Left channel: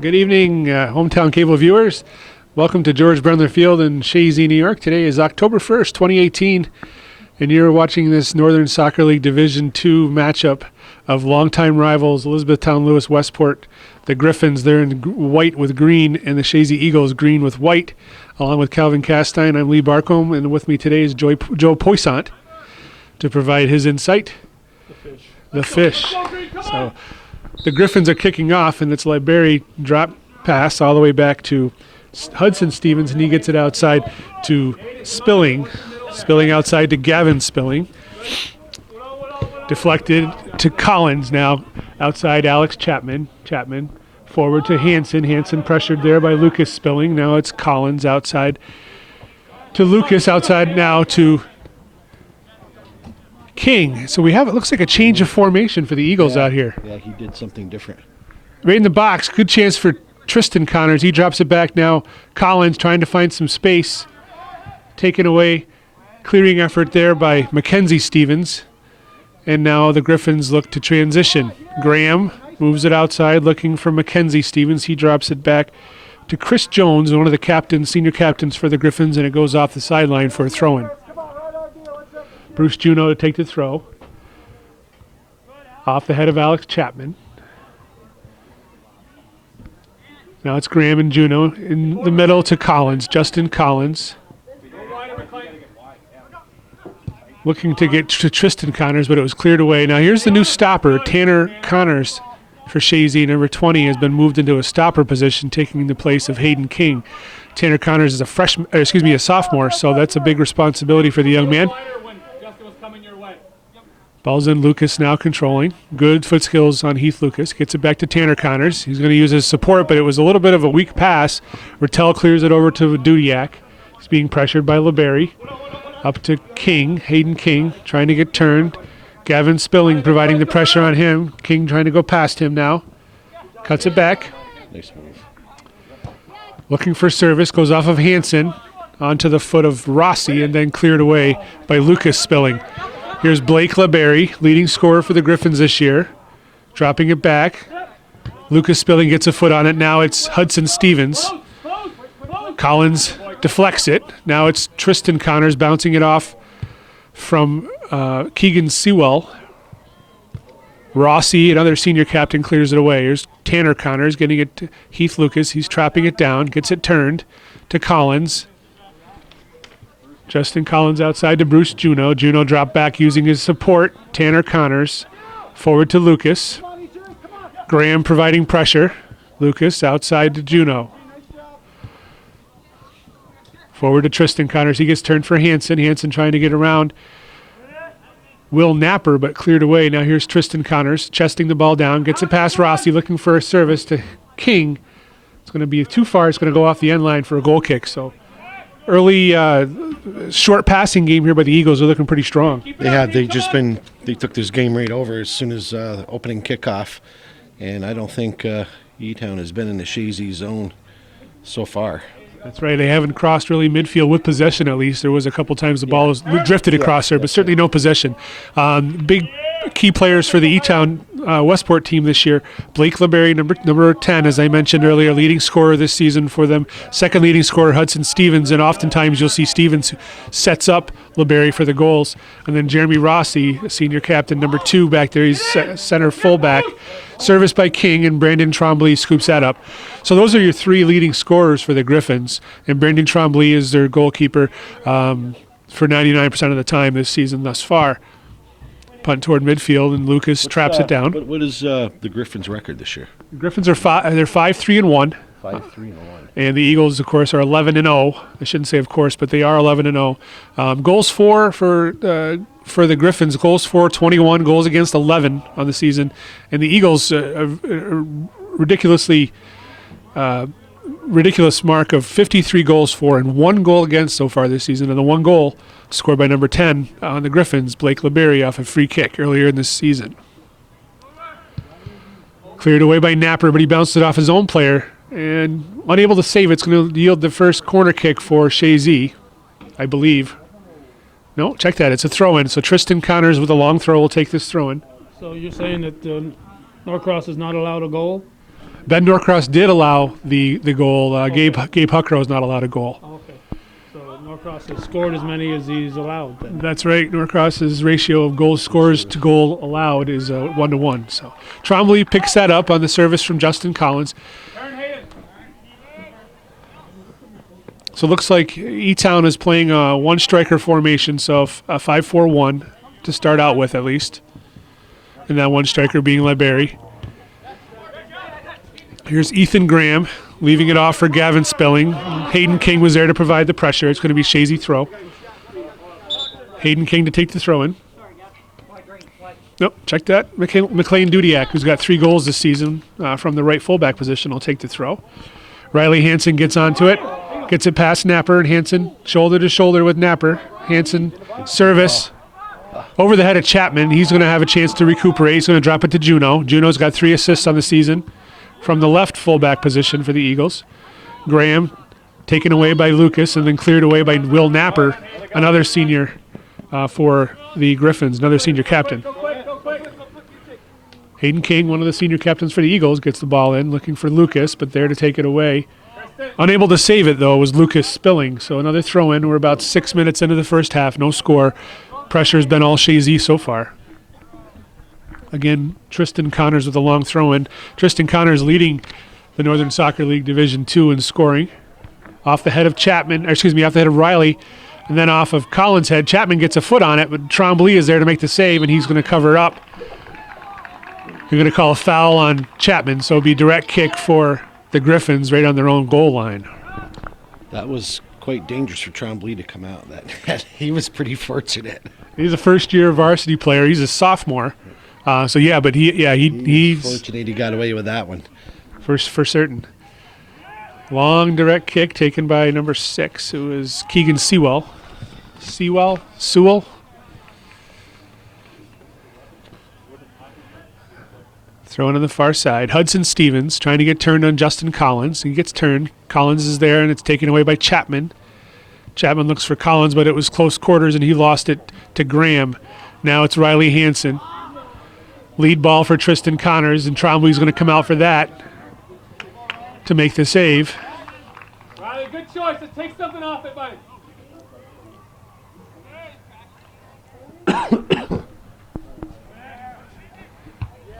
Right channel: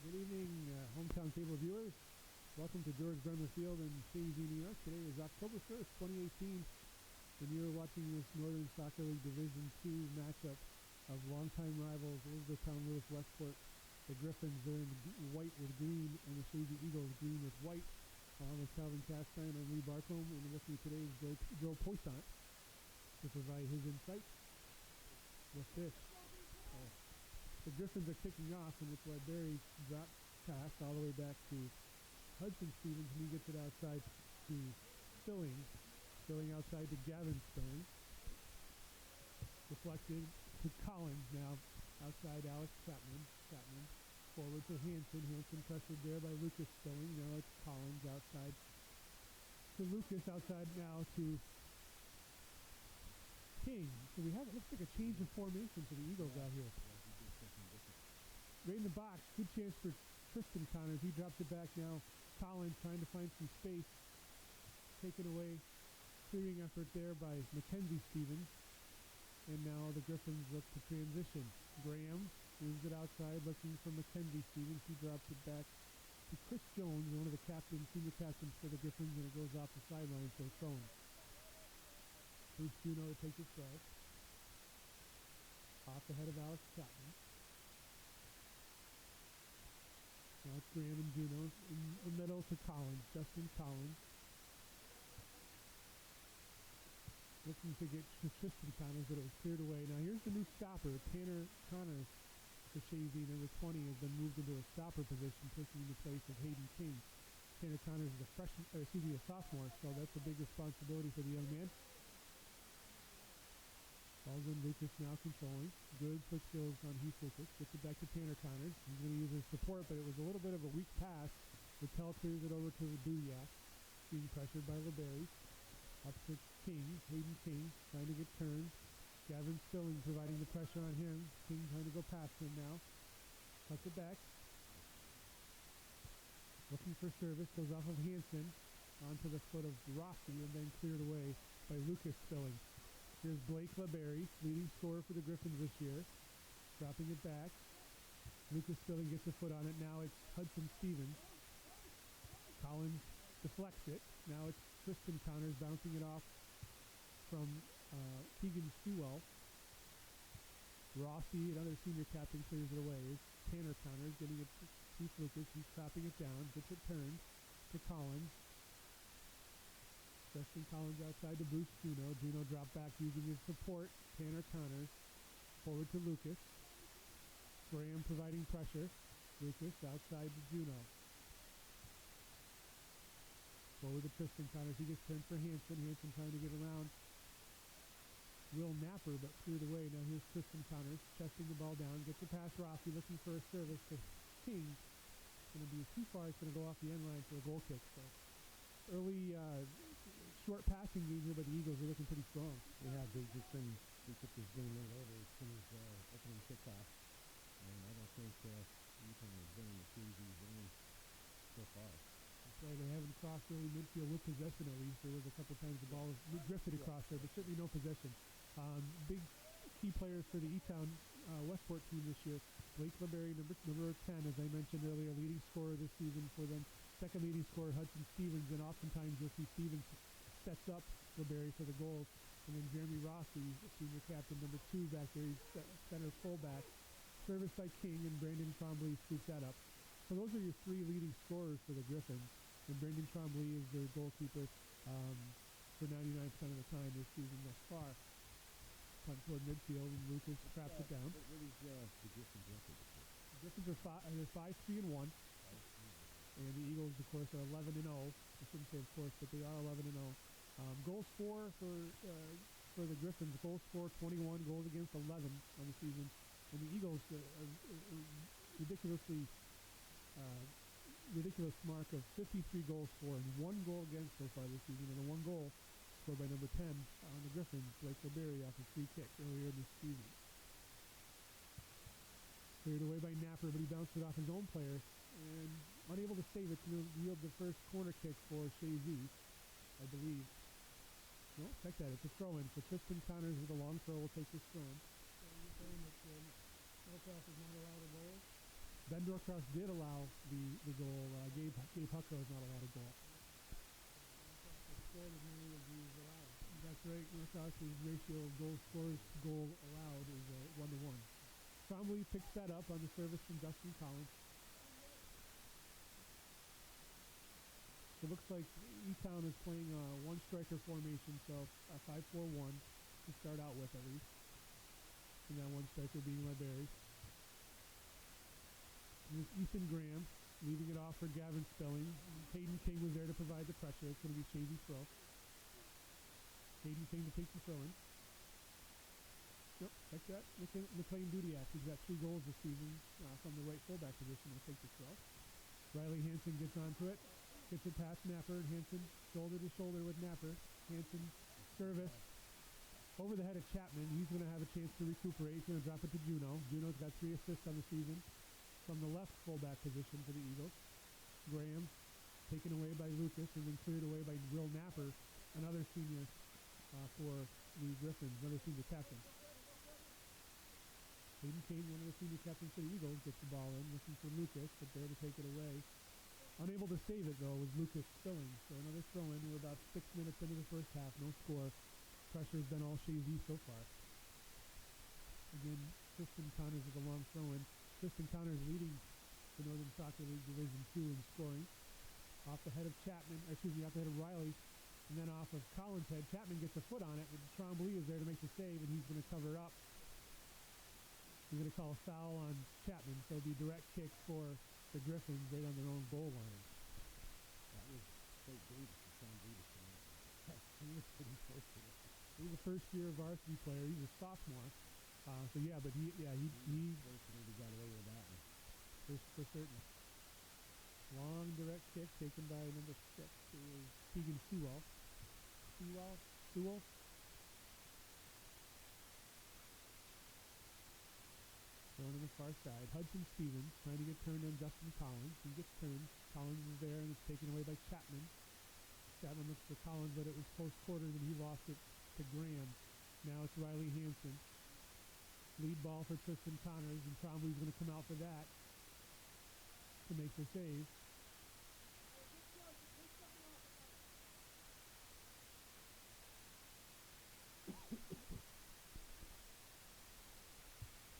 Good evening, hometown cable viewers. Welcome to George Brendler Field in Chazy, New York. Today is October 1st, 2018, and you're watching this Northern Soccer League Division II matchup of longtime rivals Elizabethtown-Lewis-Westport. The Griffins, they're in white with green, and the Chazy Eagles green with white. Along with Calvin Castine, I'm Lee Barcombe, and with me today is Joe Poissant to provide his insight. The fish. So the Griffins are kicking off, and it's Libery drop pass all the way back to Hudson Stevens, and he gets it outside to Spilling outside to Gavin Spilling. Deflected to Collins now, outside Alex Chapman forward to Hansen pressured there by Lucas Spilling. Now it's Collins outside to Lucas, outside now to King. So we have, it looks like a change of formation for the Eagles out here. Yeah, he did something different. Right in the box, good chance for Tristan Connors. He drops it back now. Collins trying to find some space. Taken away, clearing effort there by Mackenzie Stevens. And now the Griffins look to transition. Graham moves it outside looking for Mackenzie Stevens. He drops it back to Chris Jones, one of the captains, senior captains for the Griffins, and it goes off the sideline for a throw-in. Bruce Juno to take the throw. Off the head of Alex Chapman. Now it's Graham and Juno in the middle to Collins, Justin Collins. Looking to get to Tristan Connors, but it was cleared away. Now here's the new stopper, Tanner Connors for Chazy. Number 20 has been moved into a stopper position, taking the place of Hayden King. Tanner Connors is a sophomore, so that's a big responsibility for the young man. Ball's in, Lucas now controlling. Good foot skills on Heath Lucas. Gets it back to Tanner Connors. He's going to use his support, but it was a little bit of a weak pass. Rattel clears it over to Dudiak. He's being pressured by Libery. Up to King, Hayden King, trying to get turned. Gavin Spilling providing the pressure on him. King trying to go past him now. Cuts it back. Nice move. Looking for service, goes off of Hansen onto the foot of Rossi and then cleared away by Lucas Spilling. Here's Blake Libery, leading scorer for the Griffins this year. Dropping it back. Lucas Spilling gets a foot on it. Now it's Hudson Stevens. Collins deflects it. Now it's Tristan Connors bouncing it off from Keegan Sewell. Rossi, another senior captain, clears it away. Here's Tanner Connors getting it to Heath Lucas. He's trapping it down, gets it turned to Collins. Justin Collins outside to Bruce Juno. Juno dropped back using his support. Tanner Connors forward to Lucas. Graham providing pressure. Lucas outside to Juno. Forward to Tristan Connors. He gets turned for Hansen. Hansen trying to get around Will Napper, but cleared away. Now here's Tristan Connors chesting the ball down. Gets it past Rossi, looking for a service to King. It's going to be too far. It's going to go off the end line for a goal kick. So early short passing game here by the Eagles are looking pretty strong. They took this game right over as soon as the opening kickoff, and I don't think E-Town has been in the Chazy zone so far. That's right. They haven't crossed really midfield with possession, at least. There was a couple times the ball was drifted across there, but certainly no possession. Big key players for the E-Town Westport team this year. Blake Libery, number 10, as I mentioned earlier, leading scorer this season for them. Second leading scorer, Hudson Stevens, and oftentimes you'll see Stevens sets up Libery for the goals. And then Jeremy Rossi, senior captain, number 2 back there. He's center fullback. Serviced by King, and Brandon Trombley scoops that up. So those are your 3 leading scorers for the Griffins, and Brandon Trombley is their goalkeeper for 99% of the time this season thus far. Punt toward midfield, and Lucas traps it down. What is the Griffins' record this year? The Griffins are 5-3-1. 5-3-1. And the Eagles, of course, are 11-0. I shouldn't say of course, but they are 11-0. Goals for the Griffins, goals for 21, goals against 11 on the season. And the Eagles, ridiculous mark of 53 goals for and 1 goal against so far this season. And the 1 goal scored by number 10 on the Griffins, Blake Libery, off a free kick earlier in this season. Cleared away by Napper, but he bounced it off his own player. And unable to save it. It's going to yield the first corner kick for Chazy, I believe. No, check that. It's a throw-in. So Tristan Connors with a long throw will take this throw-in. So you're saying that Norcross is not allowed a goal? Ben Norcross did allow the goal. Gabe Huckrow is not allowed a goal. Okay. So Norcross has scored as many as he's allowed then. That's right. Norcross's ratio of goal scores to goal allowed is 1-to-1. So Trombley picks that up on the service from Justin Collins. So it looks like E-Town is playing a one-striker formation, so a 5-4-1 to start out with at least. And that one striker being Libery. Here's Ethan Graham leaving it off for Gavin Spelling. Hayden King was there to provide the pressure. It's going to be Chazy throw. Hayden King to take the throw in. Nope, check that. McLean Dudiak, who's got 3 goals this season from the right fullback position, will take the throw. Riley Hansen gets onto it. Gets it past Napper, and Hansen shoulder to shoulder with Napper. Hansen service over the head of Chapman. He's going to have a chance to recuperate. He's going to drop it to Juno. Juno's got 3 assists on the season from the left fullback position for the Eagles. Graham taken away by Lucas and then cleared away by Will Napper, another senior for the Griffins, another senior captain. Hayden King, one of the senior captains for the Eagles, gets the ball in, looking for Lucas, but there to take it away. Unable to save it, though, was Lucas Spilling. So another throw-in. We're about 6 minutes into the first half. No score. Pressure's been all Chazy so far. Again, Tristan Connors with a long throw-in. Tristan Connors leading the Northern Soccer League Division II in scoring. Off the head of Chapman, off the head of Riley, and then off of Collins' head. Chapman gets a foot on it, but Trombley is there to make the save, and he's going to cover it up. You're going to call a foul on Chapman, so it'll be a direct kick for the Griffins right on their own goal line. That was quite dangerous for Trombley to come out. That he was pretty fortunate. He's a first-year varsity player. He's a sophomore. He's fortunate he got away with that one. For certain. Long direct kick taken by number 6, who is Keegan Sewell. Sewell? Throwing on the far side. Hudson Stevens trying to get turned on Justin Collins. He gets turned. Collins is there, and it's taken away by Chapman. Chapman looks for Collins, but it was close quarters, and he lost it to Graham. Now it's Riley Hansen. Lead ball for Tristan Connors, and Trombley's going to come out for that to make the save. Riley, good choice. Take something off it, buddy.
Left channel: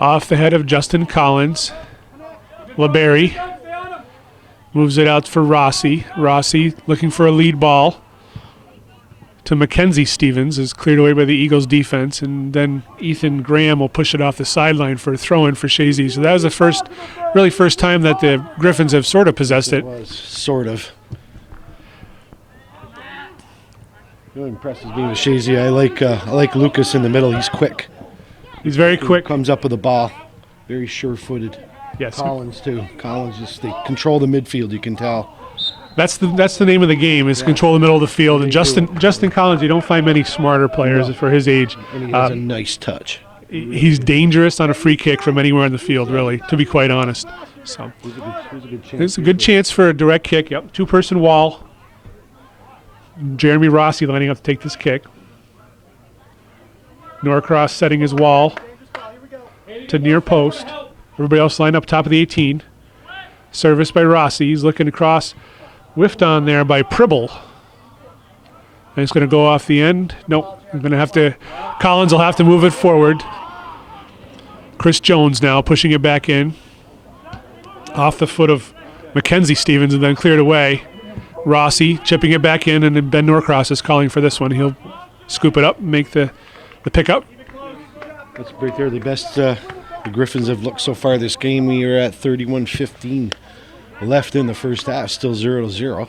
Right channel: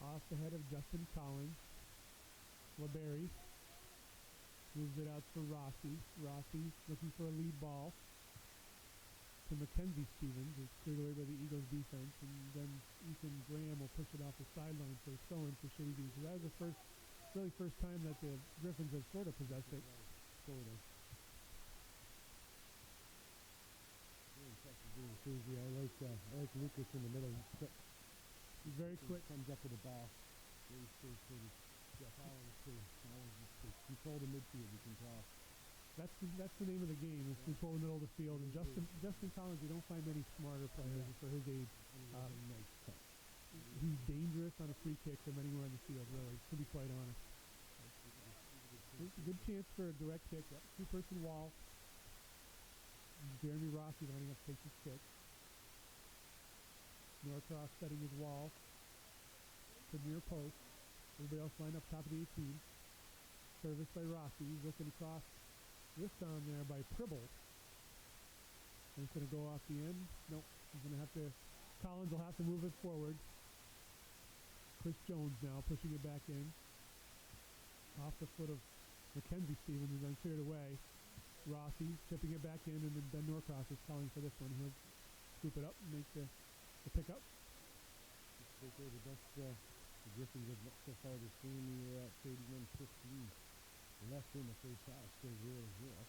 Off the head of Justin Collins. Libery moves it out for Rossi. Rossi looking for a lead ball to Mackenzie Stevens, is cleared away by the Eagles defense, and then Ethan Graham will push it off the sideline for a throw-in for Chazy. So that was the first time that the Griffins have sort of possessed it. It was, sort of. What impresses me with Chazy, I like Lucas in the middle. He's quick. He's very quick. Comes up with the ball. Very sure-footed. Yes. Collins, too. Collins, they control the midfield, you can tell. That's the name of the game, is control the middle of the field. And Justin Collins, you don't find many smarter players for his age. And he has a nice touch. He's dangerous on a free kick from anywhere on the field, really, to be quite honest. So there's a good chance for a direct kick. Yep, 2-person wall. Jeremy Rossi lining up to take this kick. Norcross setting his wall to near post. Everybody else lined up top of the 18. Service by Rossi. He's looking across. Whiffed on there by Pribble. And it's going to go off the end. Nope. Collins will have to move it forward. Chris Jones now pushing it back in. Off the foot of Mackenzie Stevens and then cleared away. Rossi chipping it back in, and then Ben Norcross is calling for this one. He'll scoop it up and make the pickup. That's right there. The best the Griffins have looked so far this game. We are at 31-15 left in the first half, still 0-0.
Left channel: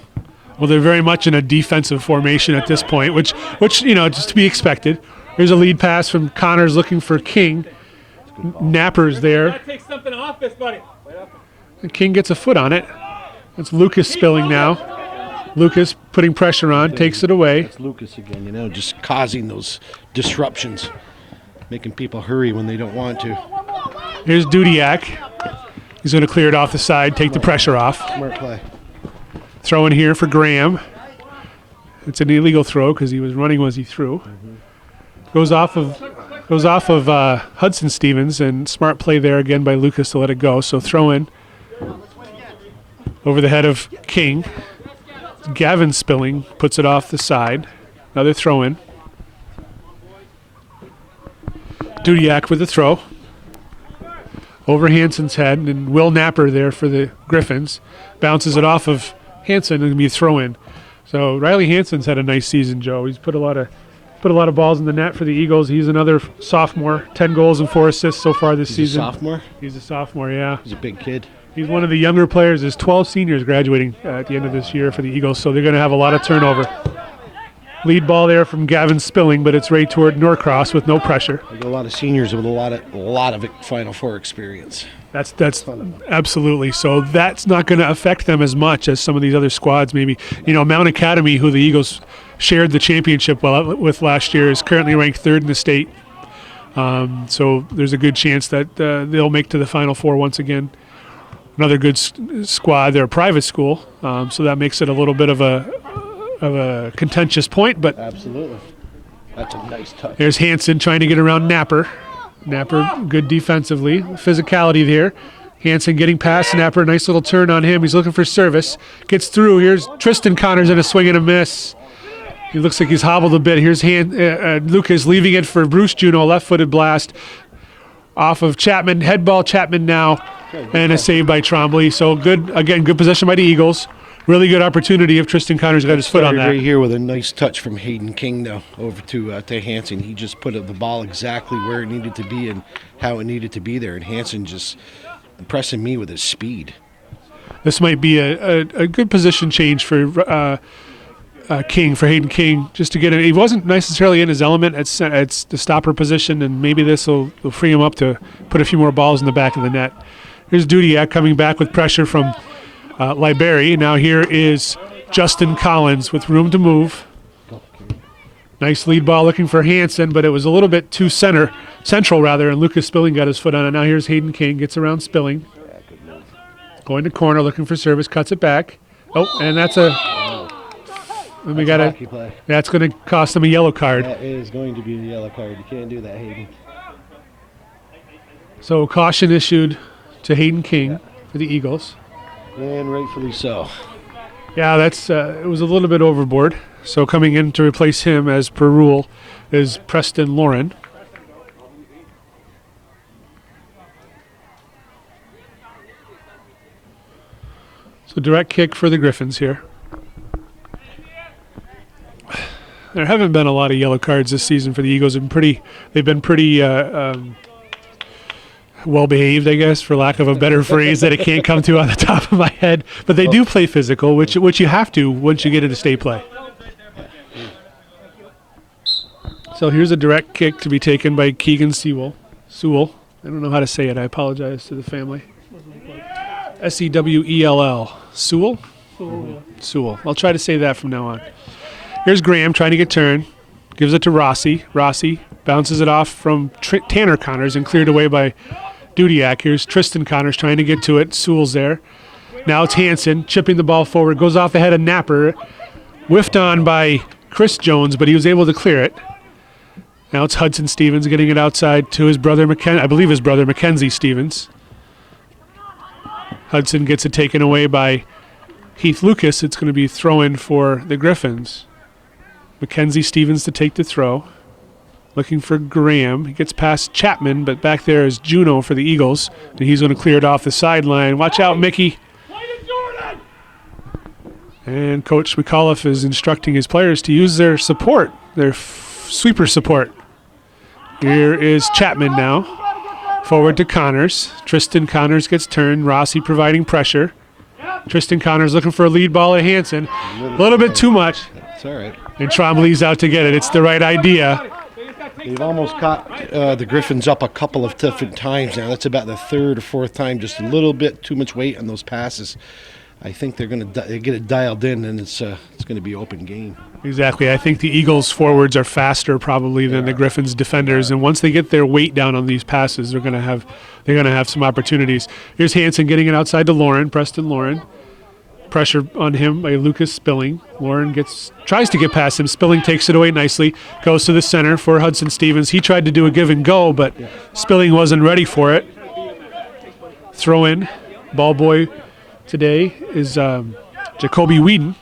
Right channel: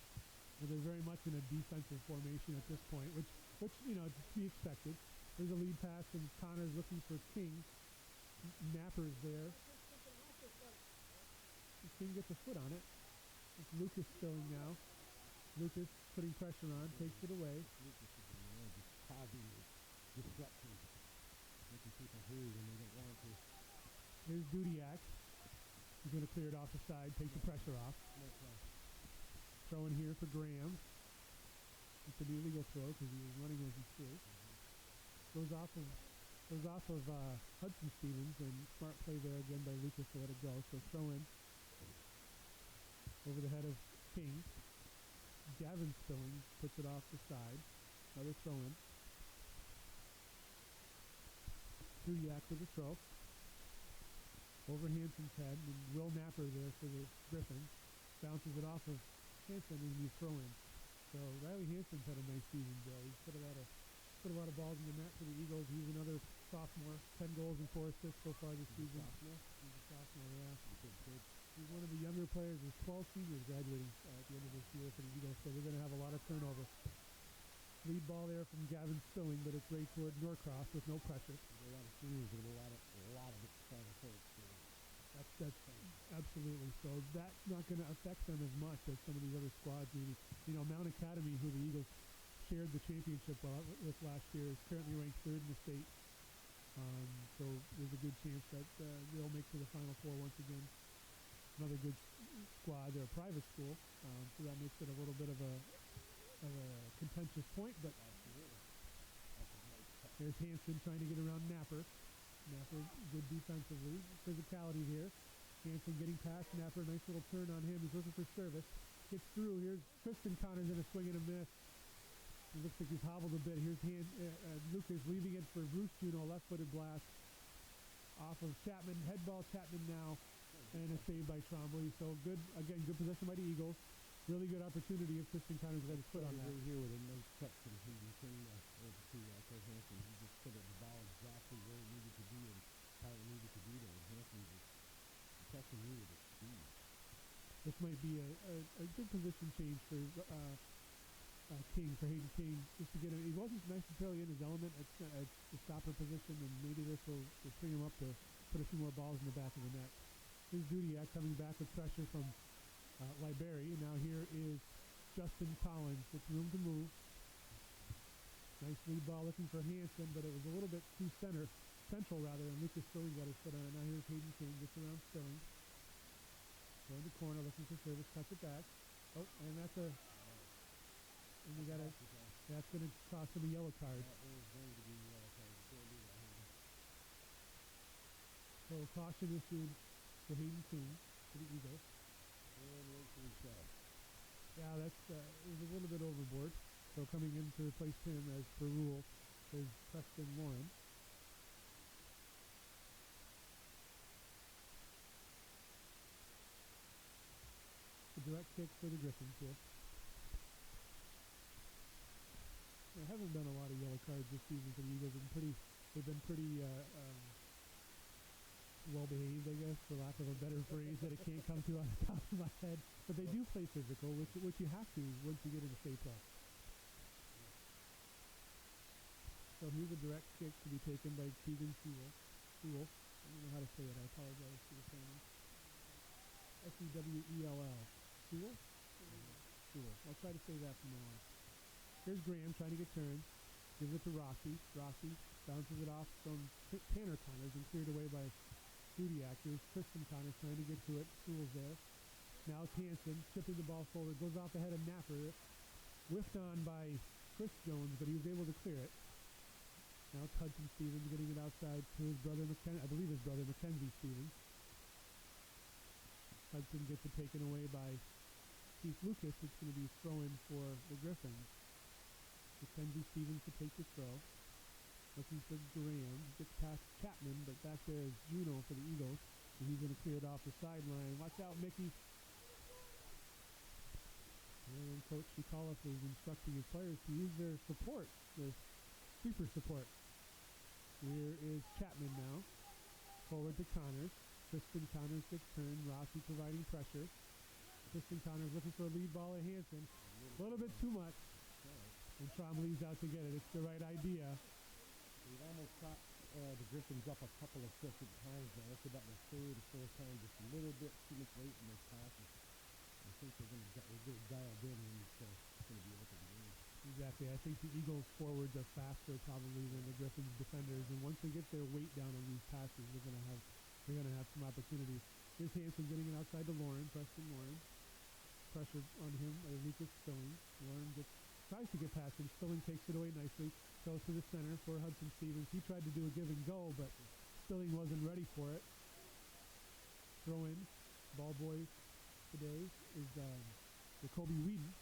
Well, they're very much in a defensive formation at this point, which just to be expected. There's a lead pass from Connors looking for King. Napper's there. Take something off this, buddy. And King gets a foot on it. It's Lucas Spilling now. Lucas putting pressure on, takes it away. That's Lucas again, just causing those disruptions, making people hurry when they don't want to. Here's Dudiak. He's going to clear it off the side, take the pressure off. Smart play. Throw in here for Graham. It's an illegal throw because he was running as he threw. Goes off of Hudson Stevens, and smart play there again by Lucas to let it go. So throw in Over the head of King. Gavin Spilling puts it off the side. Another throw in. Dudiak with the throw. Over Hansen's head, and Will Napper there for the Griffins. Bounces it off of Hansen and be a throw in. So Riley Hansen's had a nice season, Joe. He's put a lot of balls in the net for the Eagles. He's another sophomore, 10 goals and 4 assists so far this season. He's a sophomore? He's a sophomore, yeah. He's a big kid. He's one of the younger players. There's 12 seniors graduating at the end of this year for the Eagles, so they're going to have a lot of turnover. Lead ball there from Gavin Spilling, but it's right toward Norcross with no pressure. There's a lot of seniors with a lot of Final Four experience. That's absolutely. So that's not going to affect them as much as some of these other squads. Maybe, Mount Academy, who the Eagles shared the championship with last year, is currently ranked third in the state. So there's a good chance that they'll make to the Final Four once again. Another good squad. They're a private school, so that makes it a little bit of a contentious point. But absolutely, that's a nice touch. There's Hansen trying to get around Napper. Napper good defensively. Physicality there. Hansen getting past Napper. Nice little turn on him. He's looking for service. Gets through. Here's Tristan Connors in a swing and a miss. He looks like he's hobbled a bit. Here's Lucas leaving it for Bruce Juno. Left-footed blast off of Chapman. Head ball Chapman now. And a save by Trombley. So good possession by the Eagles. Really good opportunity if Tristan Connors got his foot on that. Right here with a nice touch from Hayden King now over to Hansen. He just put the ball exactly where it needed to be and how it needed to be there. And Hansen just impressing me with his speed. This might be a good position change for King, for Hayden King, just to get it. He wasn't necessarily in his element at the stopper position, and maybe this will free him up to put a few more balls in the back of the net. Here's Dudiak coming back with pressure from Libery. Now here is Justin Collins with room to move. Nice lead ball looking for Hansen, but it was a little bit too central, and Lucas Spilling got his foot on it. Now here's Hayden King, gets around Spilling. Going to corner, looking for service, cuts it back. Oh, and that's that's going to cost them a yellow card. That is going to be a yellow card. You can't do that, Hayden. So caution issued to Hayden King for the Eagles. And rightfully so. Yeah, that's it was a little bit overboard. So coming in to replace him, as per rule, is Preston Lauren. So direct kick for the Griffins here. There haven't been a lot of yellow cards this season for the Eagles. They've been pretty well behaved, I guess, for lack of a better phrase that I can't come to on the top of my head. But they do play physical, which you have to once you get into state play. So here's a direct kick to be taken by Keegan Sewell. I don't know how to say it. I apologize to the family. Sewell. Sewell? Sewell. I'll try to say that from now on. Here's Graham trying to get turned. Gives it to Rossi. Rossi bounces it off from Tanner Connors and cleared away by Dudiak. Here's Tristan Connors trying to get to it. Sewell's there. Now it's Hansen chipping the ball forward. Goes off the head of Napper. Whiffed on by Chris Jones, but he was able to clear it. Now it's Hudson Stevens getting it outside to his brother, I believe his brother, Mackenzie Stevens. Hudson gets it taken away by Heath Lucas. It's going to be throw-in for the Griffins. Mackenzie Stevens to take the throw. Looking for Graham. He gets past Chapman, but back there is Juno for the Eagles. And he's going to clear it off the sideline. Watch out, Mickey. And Coach McAuliffe is instructing his players to use their support, their sweeper support. Here is Chapman now. Forward to Connors. Tristan Connors gets turned. Rossi providing pressure. Tristan Connors looking for a lead ball at Hansen. A little bit too much. It's all right. And Trombley's out to get it. It's the right idea. They've almost caught the Griffins up a couple of different times now. That's about the third or fourth time. Just a little bit too much weight on those passes. I think they're going to get it dialed in, and it's going to be open game. Exactly. I think the Eagles forwards are faster probably than the Griffins defenders, and once they get their weight down on these passes, they're going to have some opportunities. Here's Hansen getting it outside to Lauren, Preston Lauren. Pressure on him by Lucas Spilling. Lauren tries to get past him. Spilling takes it away nicely. Goes to the center for Hudson Stevens. He tried to do a give and go, but Spilling wasn't ready for it. Throw in ball boy today is Jacoby Whedon.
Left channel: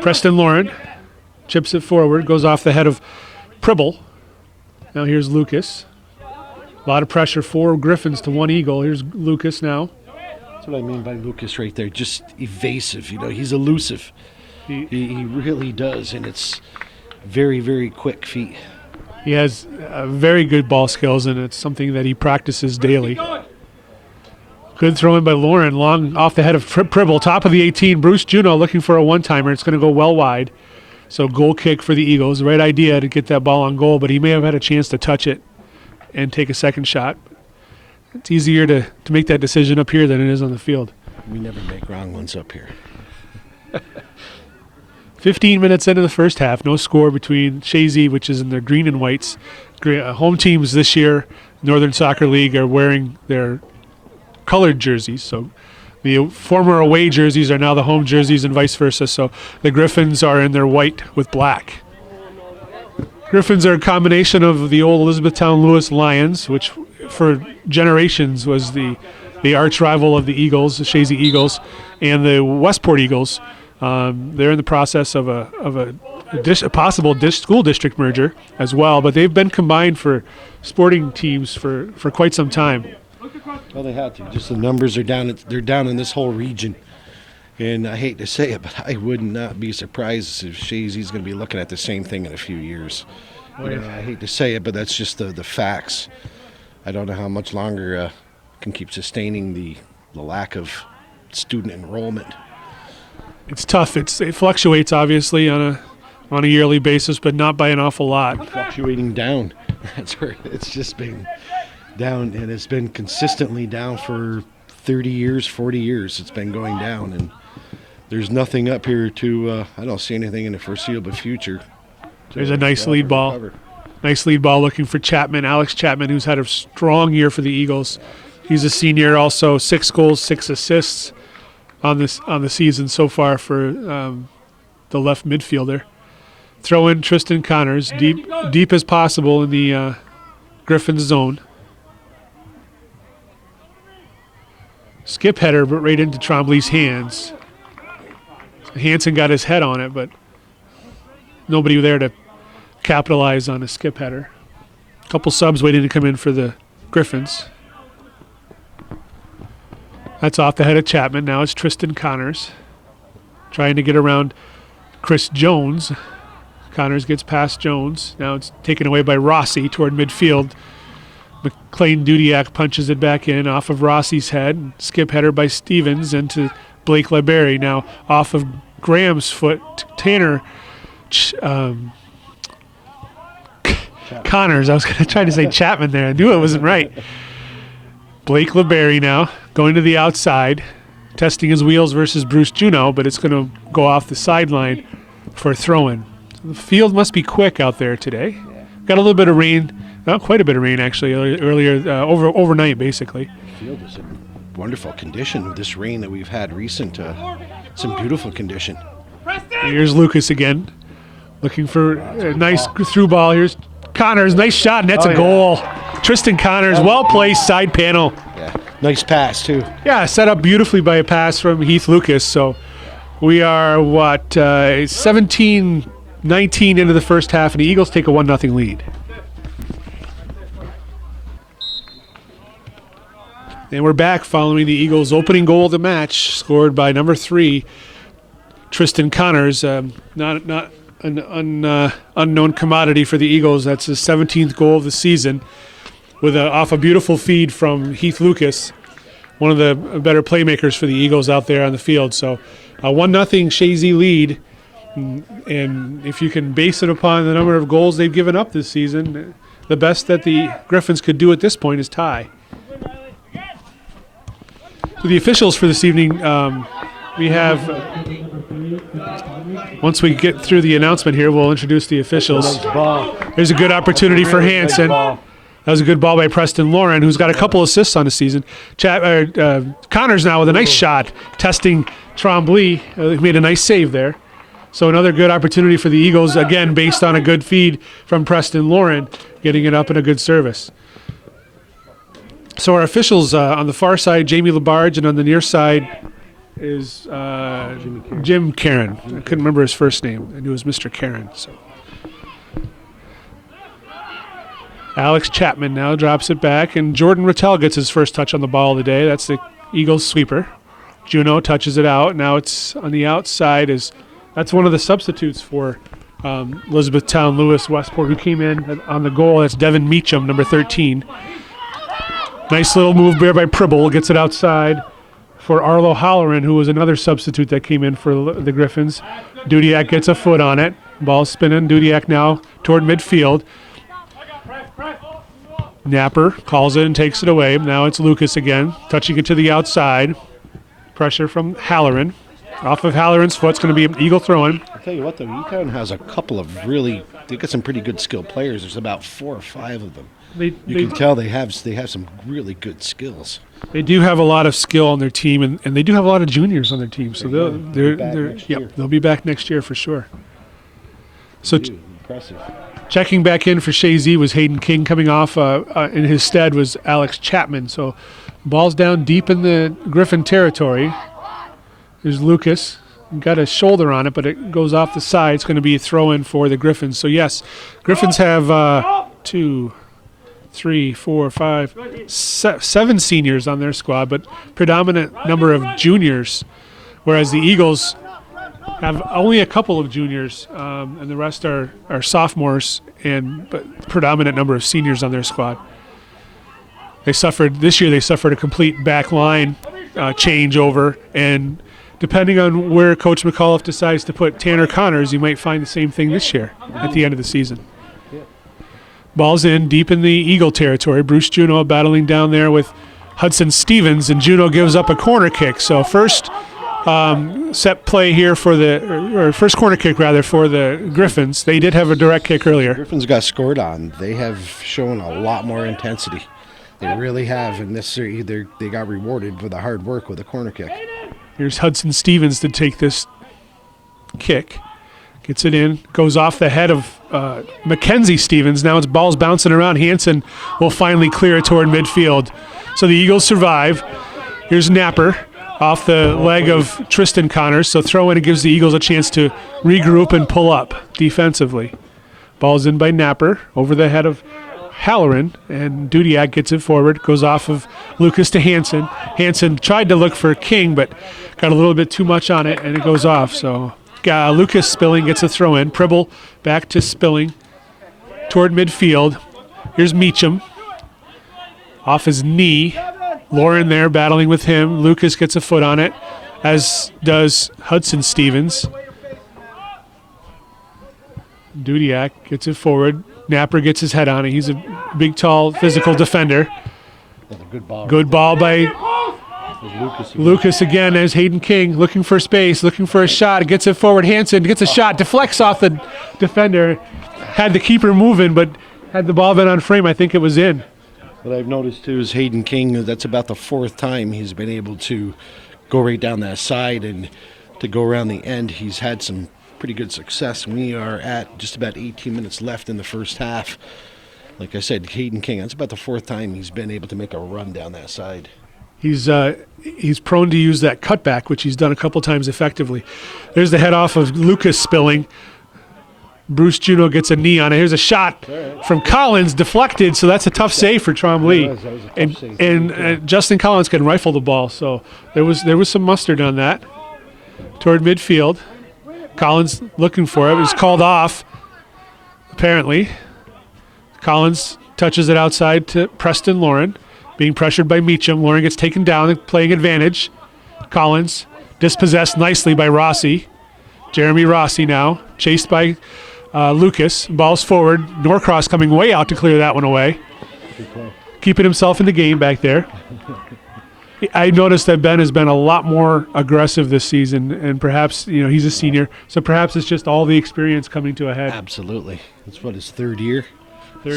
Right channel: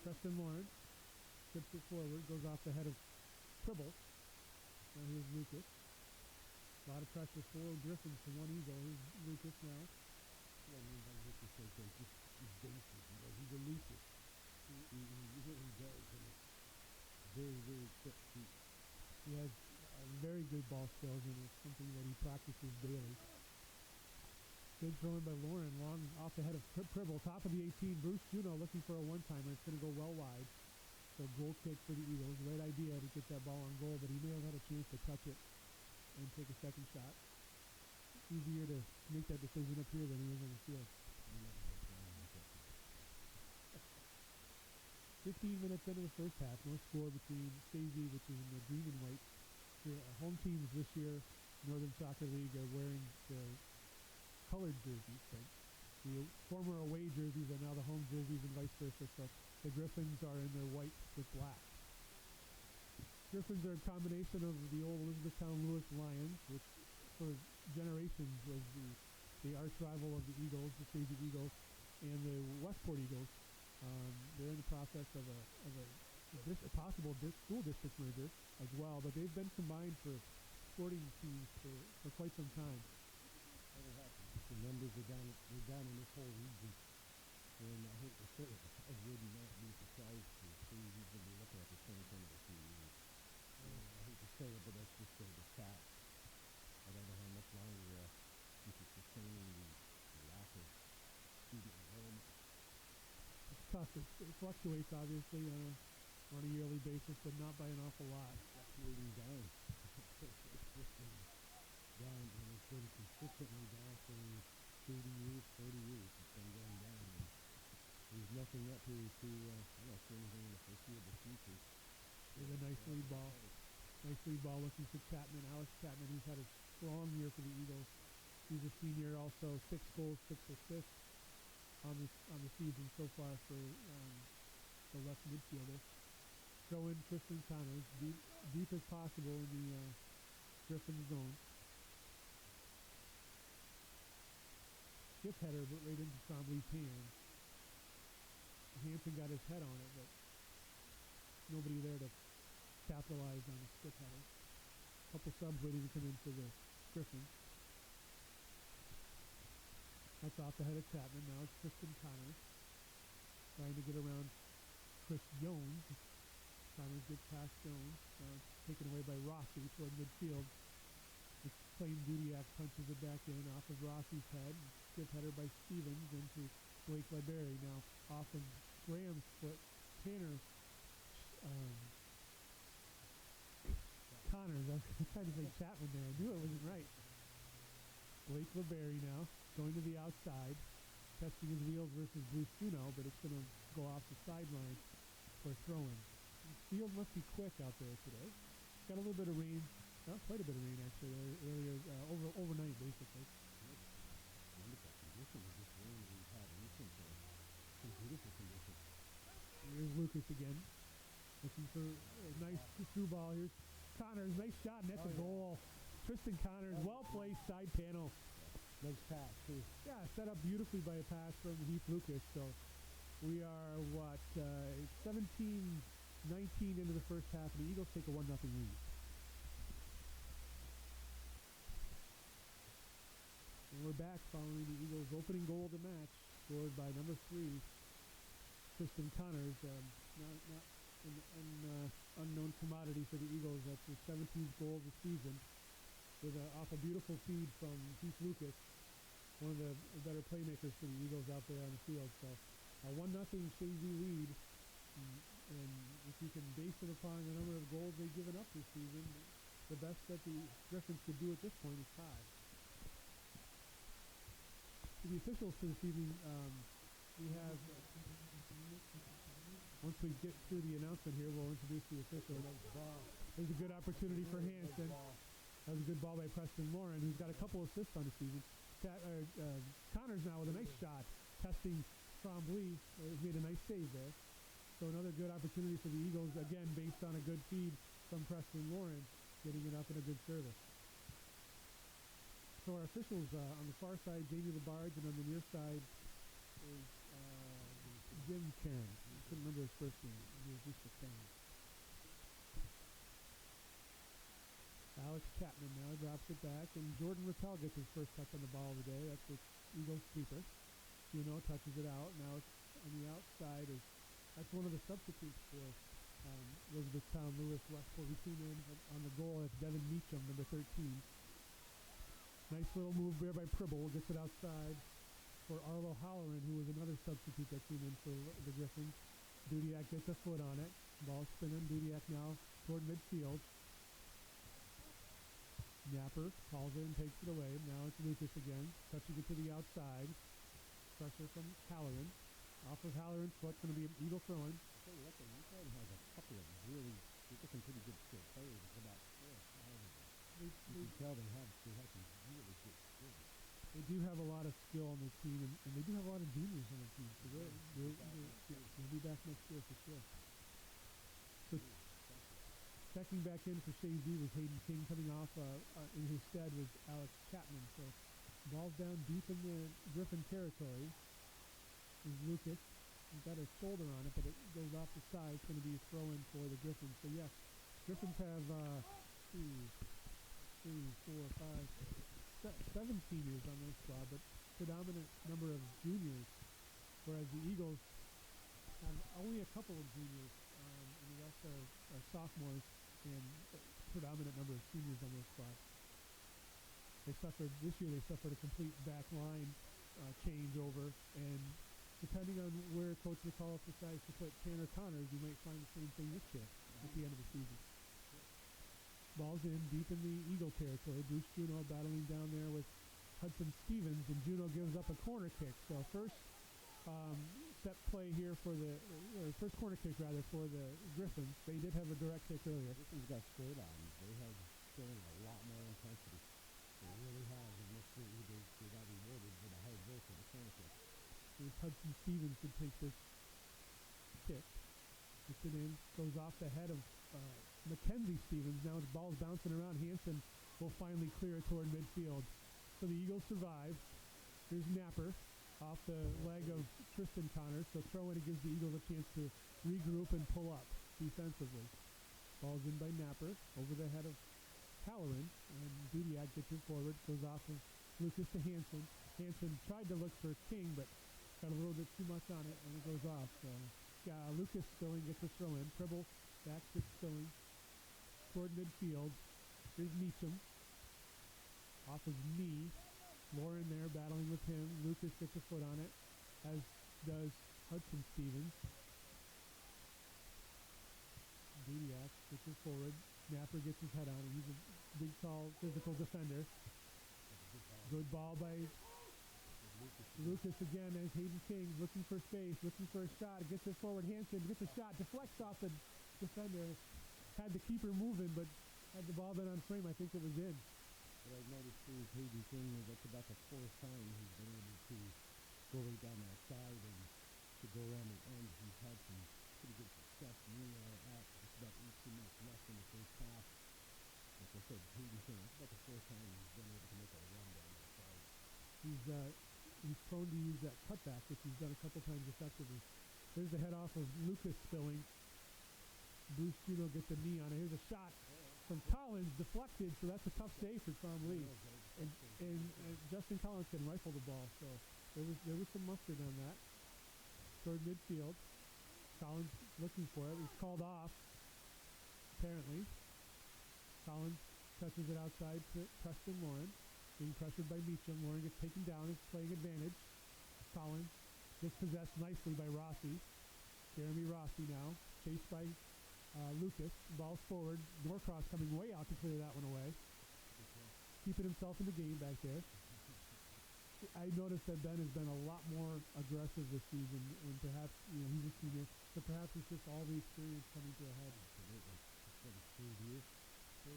Preston Lauren chips it forward, goes off the head of Pribble. Now here's Lucas. A lot of pressure, 4 Griffins to 1 Eagle. Here's Lucas now. That's what I mean by Lucas right there. Just evasive. He's elusive. He really does, and it's very, very quick feet. He has very good ball skills, and it's something that he practices daily. Good throw in by Lauren, long off the head of Pribble, top of the 18. Bruce Juno looking for a one-timer. It's going to go well wide. So goal kick for the Eagles. The right idea to get that ball on goal, but he may have had a chance to touch it and take a second shot. It's easier to make that decision up here than it is on the field. We never make wrong ones up here. 15 minutes into the first half, no score between Chazy, which is in their green and whites. Home teams this year, Northern Soccer League, are wearing their colored jerseys. So the former away jerseys are now the home jerseys and vice versa. So the Griffins are in their white with black. Griffins are a combination of the old Elizabethtown Lewis Lions, which for generations was the arch rival of the Eagles, the Chazy Eagles, and the Westport Eagles. They're in the process of a possible school district merger as well, but they've been combined for sporting teams for quite some time. Well, they had to. Just the numbers are down. They're down in this whole region. And I hate to say it, but I would not be surprised if Chazy's going to be looking at the same thing in a few years. I hate to say it, but that's just the facts. I don't know how much longer can keep sustaining the lack of student enrollment. It's tough. It fluctuates obviously on a yearly basis, but not by an awful lot. Fluctuating down. That's where it's just been down, and it's been consistently down for 30 years, 40 years. It's been going down, and there's nothing up here to, I don't see anything in the foreseeable future. There's a nice lead ball. Recover. Nice lead ball looking for Chapman, Alex Chapman, who's had a strong year for the Eagles. He's a senior, also 6 goals, 6 assists on the season so far for the left midfielder. Throw in Tristan Connors, deep as possible in the Griffins zone. Skip header, but right into Trombley's hands. Hansen got his head on it, but nobody there to capitalize on a skip header. A couple subs waiting to come in for the Griffins. That's off the head of Chapman. Now it's Tristan Connors trying to get around Chris Jones. Connors gets past Jones. Now it's taken away by Rossi toward midfield. McLean Dudiak punches it back in off of Rossi's head. Skip header by Stevens into Blake LeBerry. Now off of Graham's foot. Tanner Connors. I was going to try to say Chapman there. I knew it wasn't right. Blake LeBerry now going to the outside, testing his wheels versus Bruce Juno, but it's going to go off the sideline for a throw-in. So the field must be quick out there today. Got a little bit of rain, not quite a bit of rain actually, earlier overnight basically. The field is in wonderful condition with this rain that we've had recent. Some beautiful condition. Here's Lucas again, looking for a nice through ball. Here's Connors, nice shot, and that's a goal. Tristan Connors, well placed, side panel. Yeah, nice pass too. Yeah, set up beautifully by a pass from Heath Lucas. So we are, 17-19 into the first half, and the Eagles take a 1-0 lead. And we're back following the Eagles' opening goal of the match, scored by number 3, Tristan Connors. Not an unknown commodity for the Eagles. That's his 17th goal of the season, with off a beautiful feed from Heath Lucas, one of the better playmakers for the Eagles out there on the field. So a 1-0 Chazy lead, and if you can base it upon the number of goals they've given up this season, the best that the Griffins could do at this point is tie. So the officials for this evening, we have, once we get through the announcement here, we'll introduce the officials. There's a good opportunity for Hansen. That was a good ball by Preston Lauren, who's got a couple assists on the season. Connors now with a nice shot, testing Trombley. He made a nice save there. So another good opportunity for the Eagles, again, based on a good feed from Preston Lauren, getting it up in a good service. So our officials on the far side, Jamie Labarge, and on the near side is Jim Karen. I couldn't remember his first name. I knew it was Mr. Karen. So Alex Chapman now drops it back, and Jordan Rattel gets his first touch on the ball of the day. That's the Eagles sweeper. Juneau touches it out. Now it's on the outside. That's one of the substitutes for Elizabethtown Lewis Westport, who came in on the goal. That's Devin Meacham, number 13. Nice little move there by Pribble. Gets it outside for Arlo Halloran, who was another substitute that came in for the Griffins. Dudiak gets a foot on it. Ball spinning. Dudiak now toward midfield. Napper calls it and takes it away. Now it's Lucas again, touching it to the outside. Pressure from Halloran. Off of Halloran's foot. It's going to be an Eagle throw-in. I'll tell you what, though, Etown has a couple of they got some pretty good skilled players. There's about 4 or 5 of them. You can tell they have some really good skills. They do have a lot of skill on their team, and they do have a lot of juniors on their team. So they'll be back next year for sure. So Impressive. checking back in for Chazy was Hayden King. Coming off in his stead was Alex Chapman. So ball's down deep in the Griffin territory. There's Lucas. Got a shoulder on it, but it goes off the side. It's going to be a throw-in for the Griffins. So, yes, Griffins have 2, 3, 4, 5, 7 seniors on their squad, but predominant number of juniors, whereas the Eagles have only a couple of juniors, and the rest are sophomores, but predominant number of seniors on their squad. This year they suffered a complete back line changeover, and depending on where Coach McAuliffe decides to put Tanner Connors, you might find the same thing this year at the end of the season. Ball's in deep in the Eagle territory. Bruce Juneau battling down there with Hudson Stevens, and Juneau gives up a corner kick. So first set play here or first corner kick rather for the Griffins. They did have a direct kick earlier. Griffins got scored on. They have shown a lot more intensity. They really have, and they got rewarded for the hard work with a corner kick. Here's Hudson Stevens to take this kick. Gets it in. Goes off the head of Mackenzie Stevens. Now it's ball's bouncing around. Hansen will finally clear it toward midfield. So the Eagles survive. Here's Napper off the leg of Tristan Connors. So throw in, it gives the Eagles a chance to regroup and pull up defensively. Ball's in by Napper over the head of Halloran, and Dudiak gets it forward. Goes off of Lucas to Hansen. Hansen tried to look for King, but got a little bit too much on it, and it goes off. So Lucas Spilling gets a throw in. Pribble back to Spilling toward midfield. Here's Meacham off his knee. Lauren there battling with him. Lucas gets a foot on it, as does Hudson Stevens. Dudiak gets it forward. Napper gets his head on it. He's a big, tall, physical defender. Good ball by Lucas again as Hayden King looking for space, looking for a shot. Gets it forward. Hansen gets a shot, deflects off the defender. Had the keeper moving, but had the ball been on frame, I think it was in. What I've noticed, too, is Hayden King, that's about the 4th time he's been able to go right down that side and to go around the end. He's had some pretty good success. We are at just about 18 minutes left in the first half. Like I said, Hayden King, that's about the 4th time he's been able to make a run down that side. He's prone to use that cutback, which he's done a couple times effectively. There's the head off of Lucas Spilling. Bruce Juneau gets a knee on it. Here's a shot from Collins, deflected, so that's a tough save for Trombley. And Justin Collins can rifle the ball, so there was some mustard on that. Toward midfield. Collins looking for it. It was called off, apparently. Collins touches it outside to Preston Lauren, being pressured by Meacham. Lauren gets taken down and playing advantage. Collins dispossessed nicely by Rossi. Jeremy Rossi now, chased by Lucas. Ball's forward. Norcross coming way out to clear that one away. Keeping himself in the game back there. I noticed that Ben has been a lot more aggressive this season, and perhaps, he's a senior, so perhaps it's just all the experience coming to a head. Absolutely. It's his 3rd year?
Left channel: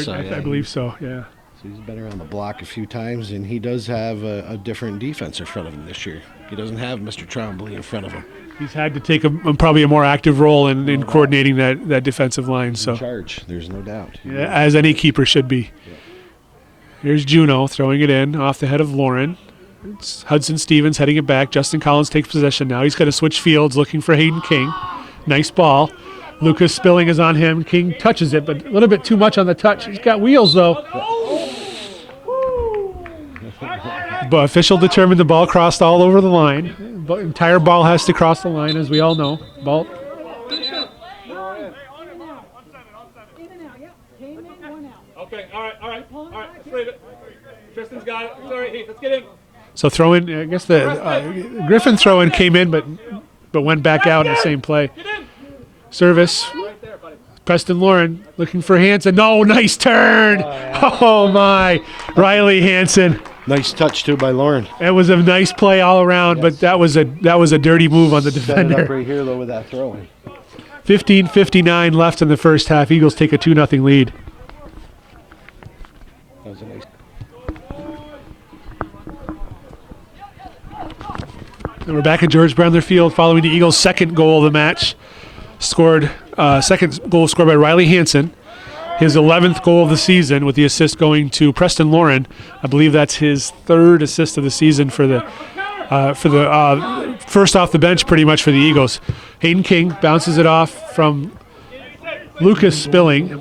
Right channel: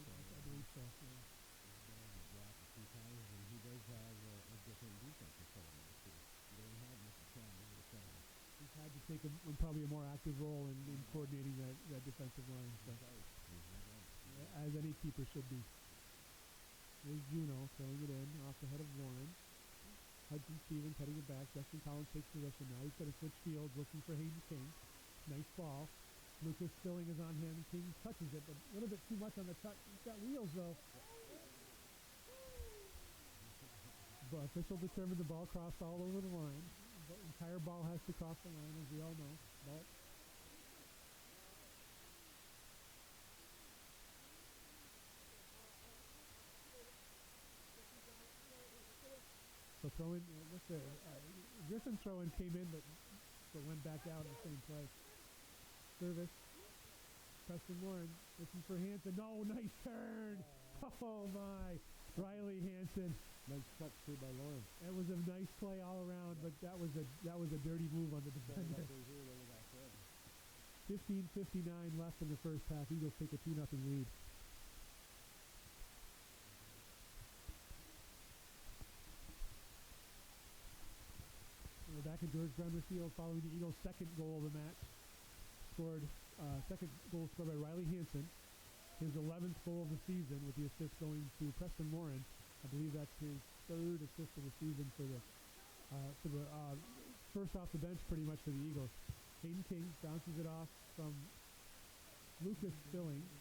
So, I believe so, yeah. So he's been around the block a few times, and he does have a different defense in front of him this year. He doesn't have Mr. Trombley in front of him. He's had to take probably a more active role in coordinating that defensive line. In charge, there's no doubt. Yeah, as any keeper should be. Here's Juno throwing it in off the head of Lauren. It's Hudson Stevens heading it back. Justin Collins takes possession now. He's going to switch fields looking for Hayden King. Nice ball. Lucas Spilling is on him. King touches it, but a little bit too much on the touch. He's got wheels, though. But official determined the ball crossed all over the line. The entire ball has to cross the line, as we all know. Ball. Okay, all right. Let's leave it. Tristan's got it. All right, let's get in. So throw in, I guess the Griffin throw in came in, but went back out in the same play. Service. Preston Lauren looking for Hanson. No, nice turn. Oh my. Riley Hanson. Nice touch too by Lauren. It was a nice play all around, but that was a dirty move on the Set it defender. up right here though with that throw in. 15:59 left in the first half. Eagles take a 2-0 lead. That was a nice. And we're back at George Brendler Field following the Eagles' second goal of the match. Second goal scored by Riley Hanson. His 11th goal of the season, with the assist going to Preston Lauren. I believe that's his third assist of the season for the first off the bench, pretty much for the Eagles. Hayden King bounces it off from Lucas Spilling.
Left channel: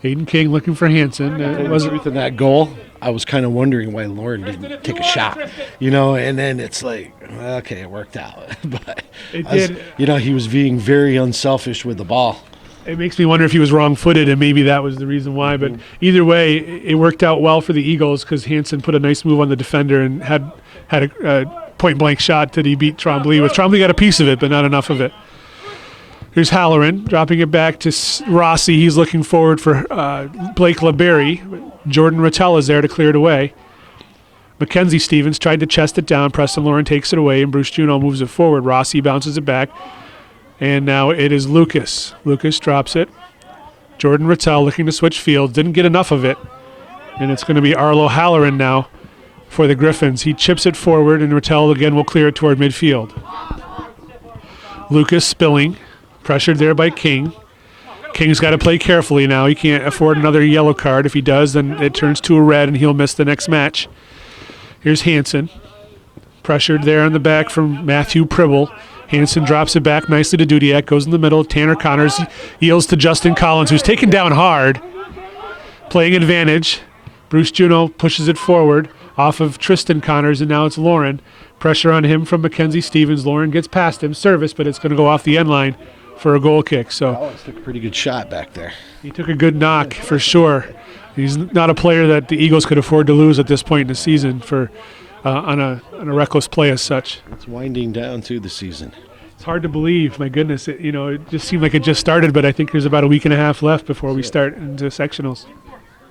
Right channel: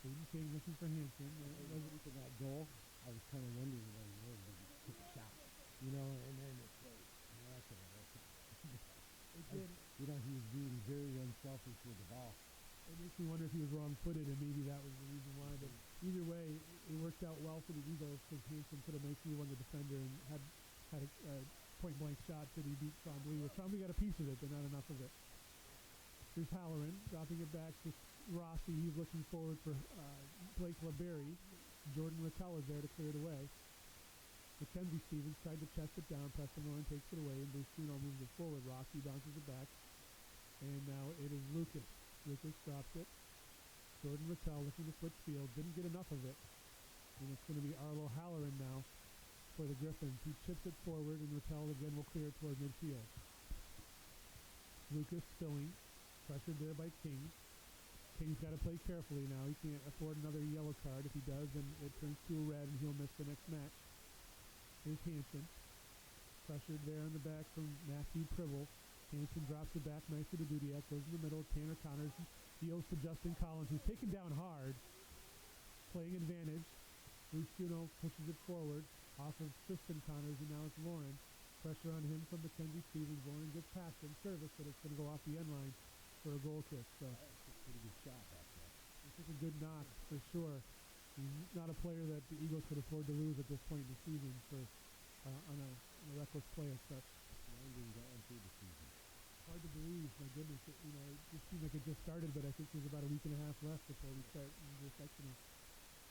Hayden King looking for Hanson. The truth in that goal, I was kind of wondering why Lauren didn't take a shot, and then it's like, okay, it worked out. But It did. He was being very unselfish with the ball. It makes me wonder if he was wrong-footed, and maybe that was the reason why. But either way, it worked out well for the Eagles because Hanson put a nice move on the defender and had a point-blank shot that he beat Trombley with. Trombley got a piece of it, but not enough of it. Here's Halloran dropping it back to Rossi. He's looking forward for Blake LeBerry. Jordan Rattell is there to clear it away. Mackenzie Stevens tried to chest it down. Preston Lauren takes it away, and Bruce Juno moves it forward. Rossi bounces it back. And now it is Lucas. Lucas drops it. Jordan Rattell looking to switch fields. Didn't get enough of it. And it's going to be Arlo Halloran now for the Griffins. He chips it forward, and Rattell again will clear it toward midfield. Lucas Spilling. Pressured there by King. King's got to play carefully now. He can't afford another yellow card. If he does, then it turns to a red, and he'll miss the next match. Here's Hanson. Pressured there on the back from Matthew Pribble. Hanson drops it back nicely to Dudiak. Goes in the middle. Tanner Connors yields to Justin Collins, who's taken down hard. Playing advantage. Bruce Juno pushes it forward off of Tristan Connors, and now it's Lauren. Pressure on him from Mackenzie Stevens. Lauren gets past him. Service, but it's going to go off the end line for a goal kick. So Alex took a pretty good shot back there. he took a good knock for sure. He's not a player that the Eagles could afford to lose at this point in the season for on a reckless play as such. It's winding down to the season. It's hard to believe. My goodness, it just seemed like it just started, but I think there's about a week and a half left before we start into sectionals.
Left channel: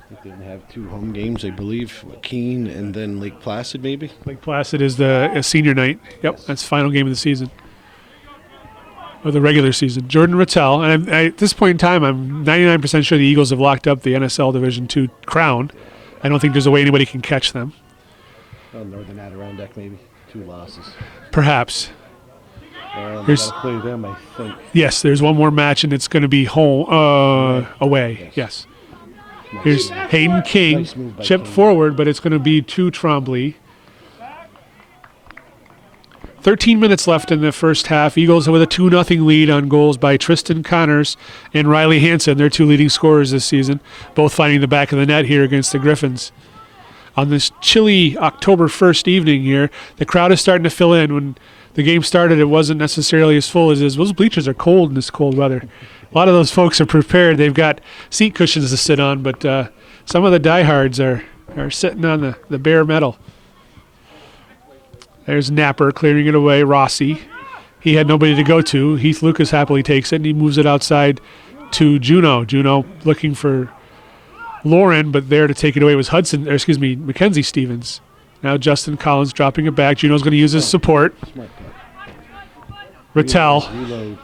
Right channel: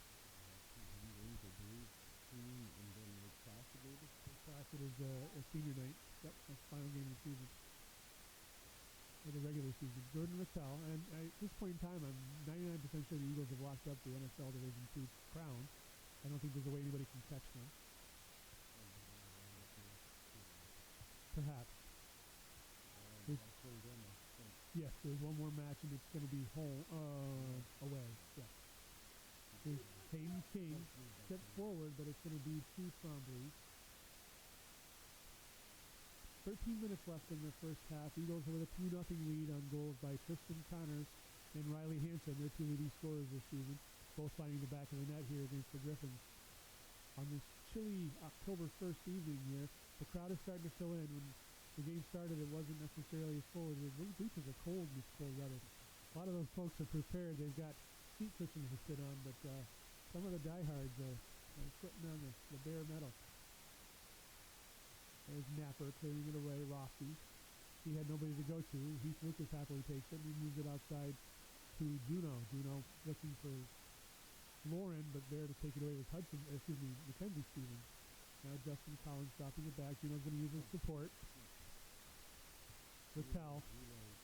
They didn't have 2 home games, I believe. Keene and then Lake Placid, maybe. Lake Placid is the senior night. Yep, that's the final game of the season. Of the regular season. Jordan Rattell, and at this point in time, I'm 99% sure the Eagles have locked up the NSL Division II crown. I don't think there's a way anybody can catch them. Well, Northern Adirondack, maybe. 2 losses. Perhaps. Here's play them, I think. Yes, there's one more match, and it's going to be home away. Yes. Here's Hayden King, Nice move by chipped King. forward, but it's going to be to Trombley. 13 minutes left in the first half. Eagles with a 2-0 lead on goals by Tristan Connors and Riley Hanson, their 2 leading scorers this season, both finding the back of the net here against the Griffins. On this chilly October 1st evening here, the crowd is starting to fill in. When the game started, it wasn't necessarily as full as it is. Those bleachers are cold in this cold weather. A lot of those folks are prepared. They've got seat cushions to sit on, but some of the diehards are sitting on the bare metal. There's Napper clearing it away. Rossi. He had nobody to go to. Heath Lucas happily takes it, and he moves it outside to Juno. Juno looking for Lauren, but there to take it away was Mackenzie Stevens. Now Justin Collins dropping it back. Juno's going to use his support. Rattell Reload.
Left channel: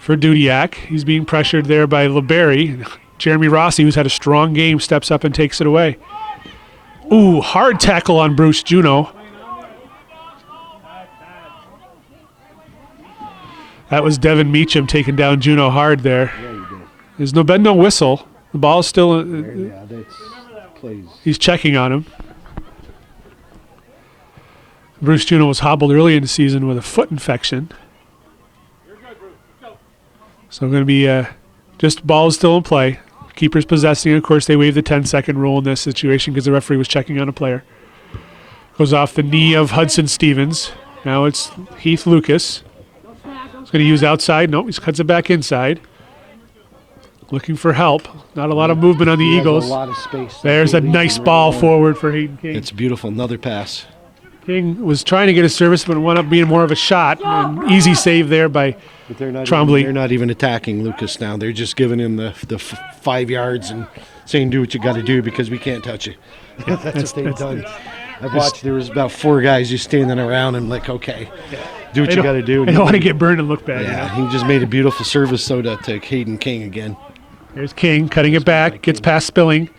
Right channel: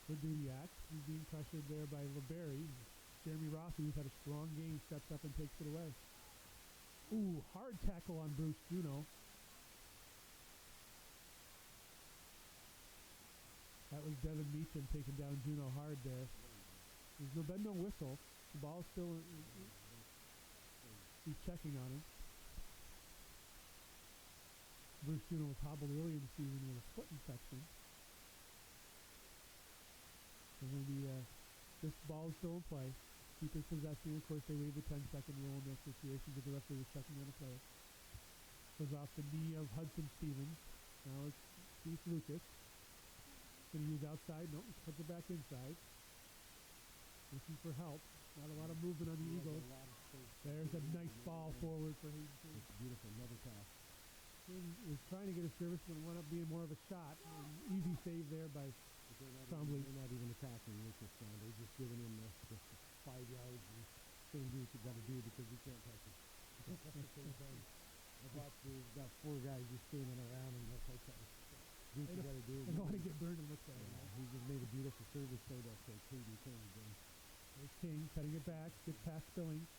for Dudiak. He's being pressured there by LeBerry. Jeremy Rossi, who's had a strong game, steps up and takes it away. Ooh, hard tackle on Bruce Juno. That was Devin Meacham taking down Juno hard there. Yeah, you did. There's been no whistle. The ball is still. Yeah, that's plays. He's checking on him. Bruce Juno was hobbled early in the season with a foot infection. So going to be just ball is still in play. Keeper's possessing. Of course, they waive the 10-second rule in this situation because the referee was checking on a player. Goes off the knee of Hudson Stevens. Now it's Heath Lucas. He's going to use outside. Nope, he cuts it back inside. Looking for help. Not a lot of movement on the He has Eagles. a lot of space. There's a nice ball forward for Hayden King. It's beautiful. Another pass. King was trying to get a service, but it wound up being more of a shot. An easy save there by But they're not Trombley. they're not even attacking Lucas now. They're just giving him the 5 yards and saying, do what you got to do because we can't touch you. That's what they've done. I've watched, there was about 4 guys just standing around and like, okay, do what you got to do. I don't want to get burned and look bad. Yeah, You know? he just made a beautiful service to Hayden King again. There's King cutting it back, gets past Spilling.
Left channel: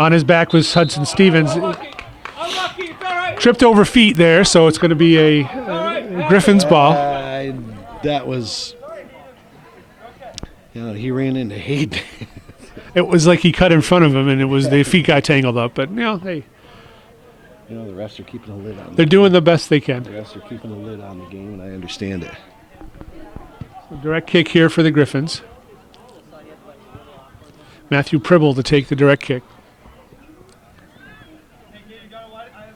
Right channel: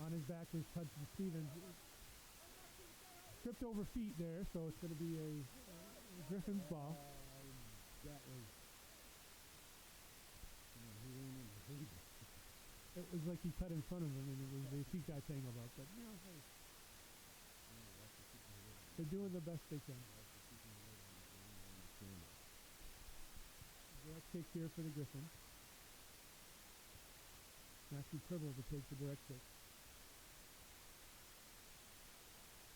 On his back was Hudson Stevens. Tripped over feet there, so it's going to be a Griffins ball. That was, he ran into Hayden. It was like he cut in front of him, and it was the feet got tangled up. But hey, The refs are keeping a lid on they're doing the best they can. The refs are keeping a lid on the game, and I understand it. Direct kick here for the Griffins. Matthew Pribble to take the direct kick.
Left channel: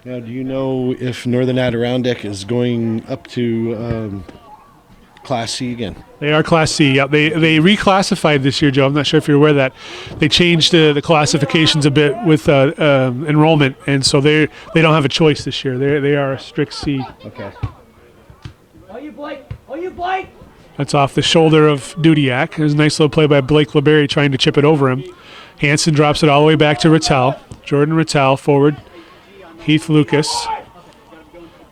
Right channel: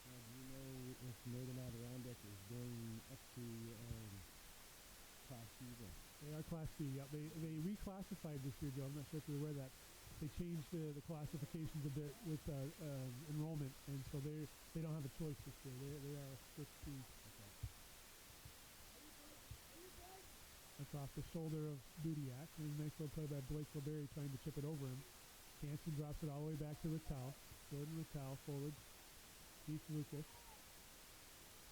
Now, do you know if Northern Adirondack is going up to Class C again? They are Class C. Yep. They reclassified this year, Joe. I'm not sure if you're aware of that. They changed the classifications a bit with enrollment, and so they don't have a choice this year. They are a strict C. Okay. Oh, you Blake! That's off the shoulder of Dudiak. There's a nice little play by Blake LeBerry trying to chip it over him. Hansen drops it all the way back to Rattel. Jordan Rattel forward. Heath Lucas.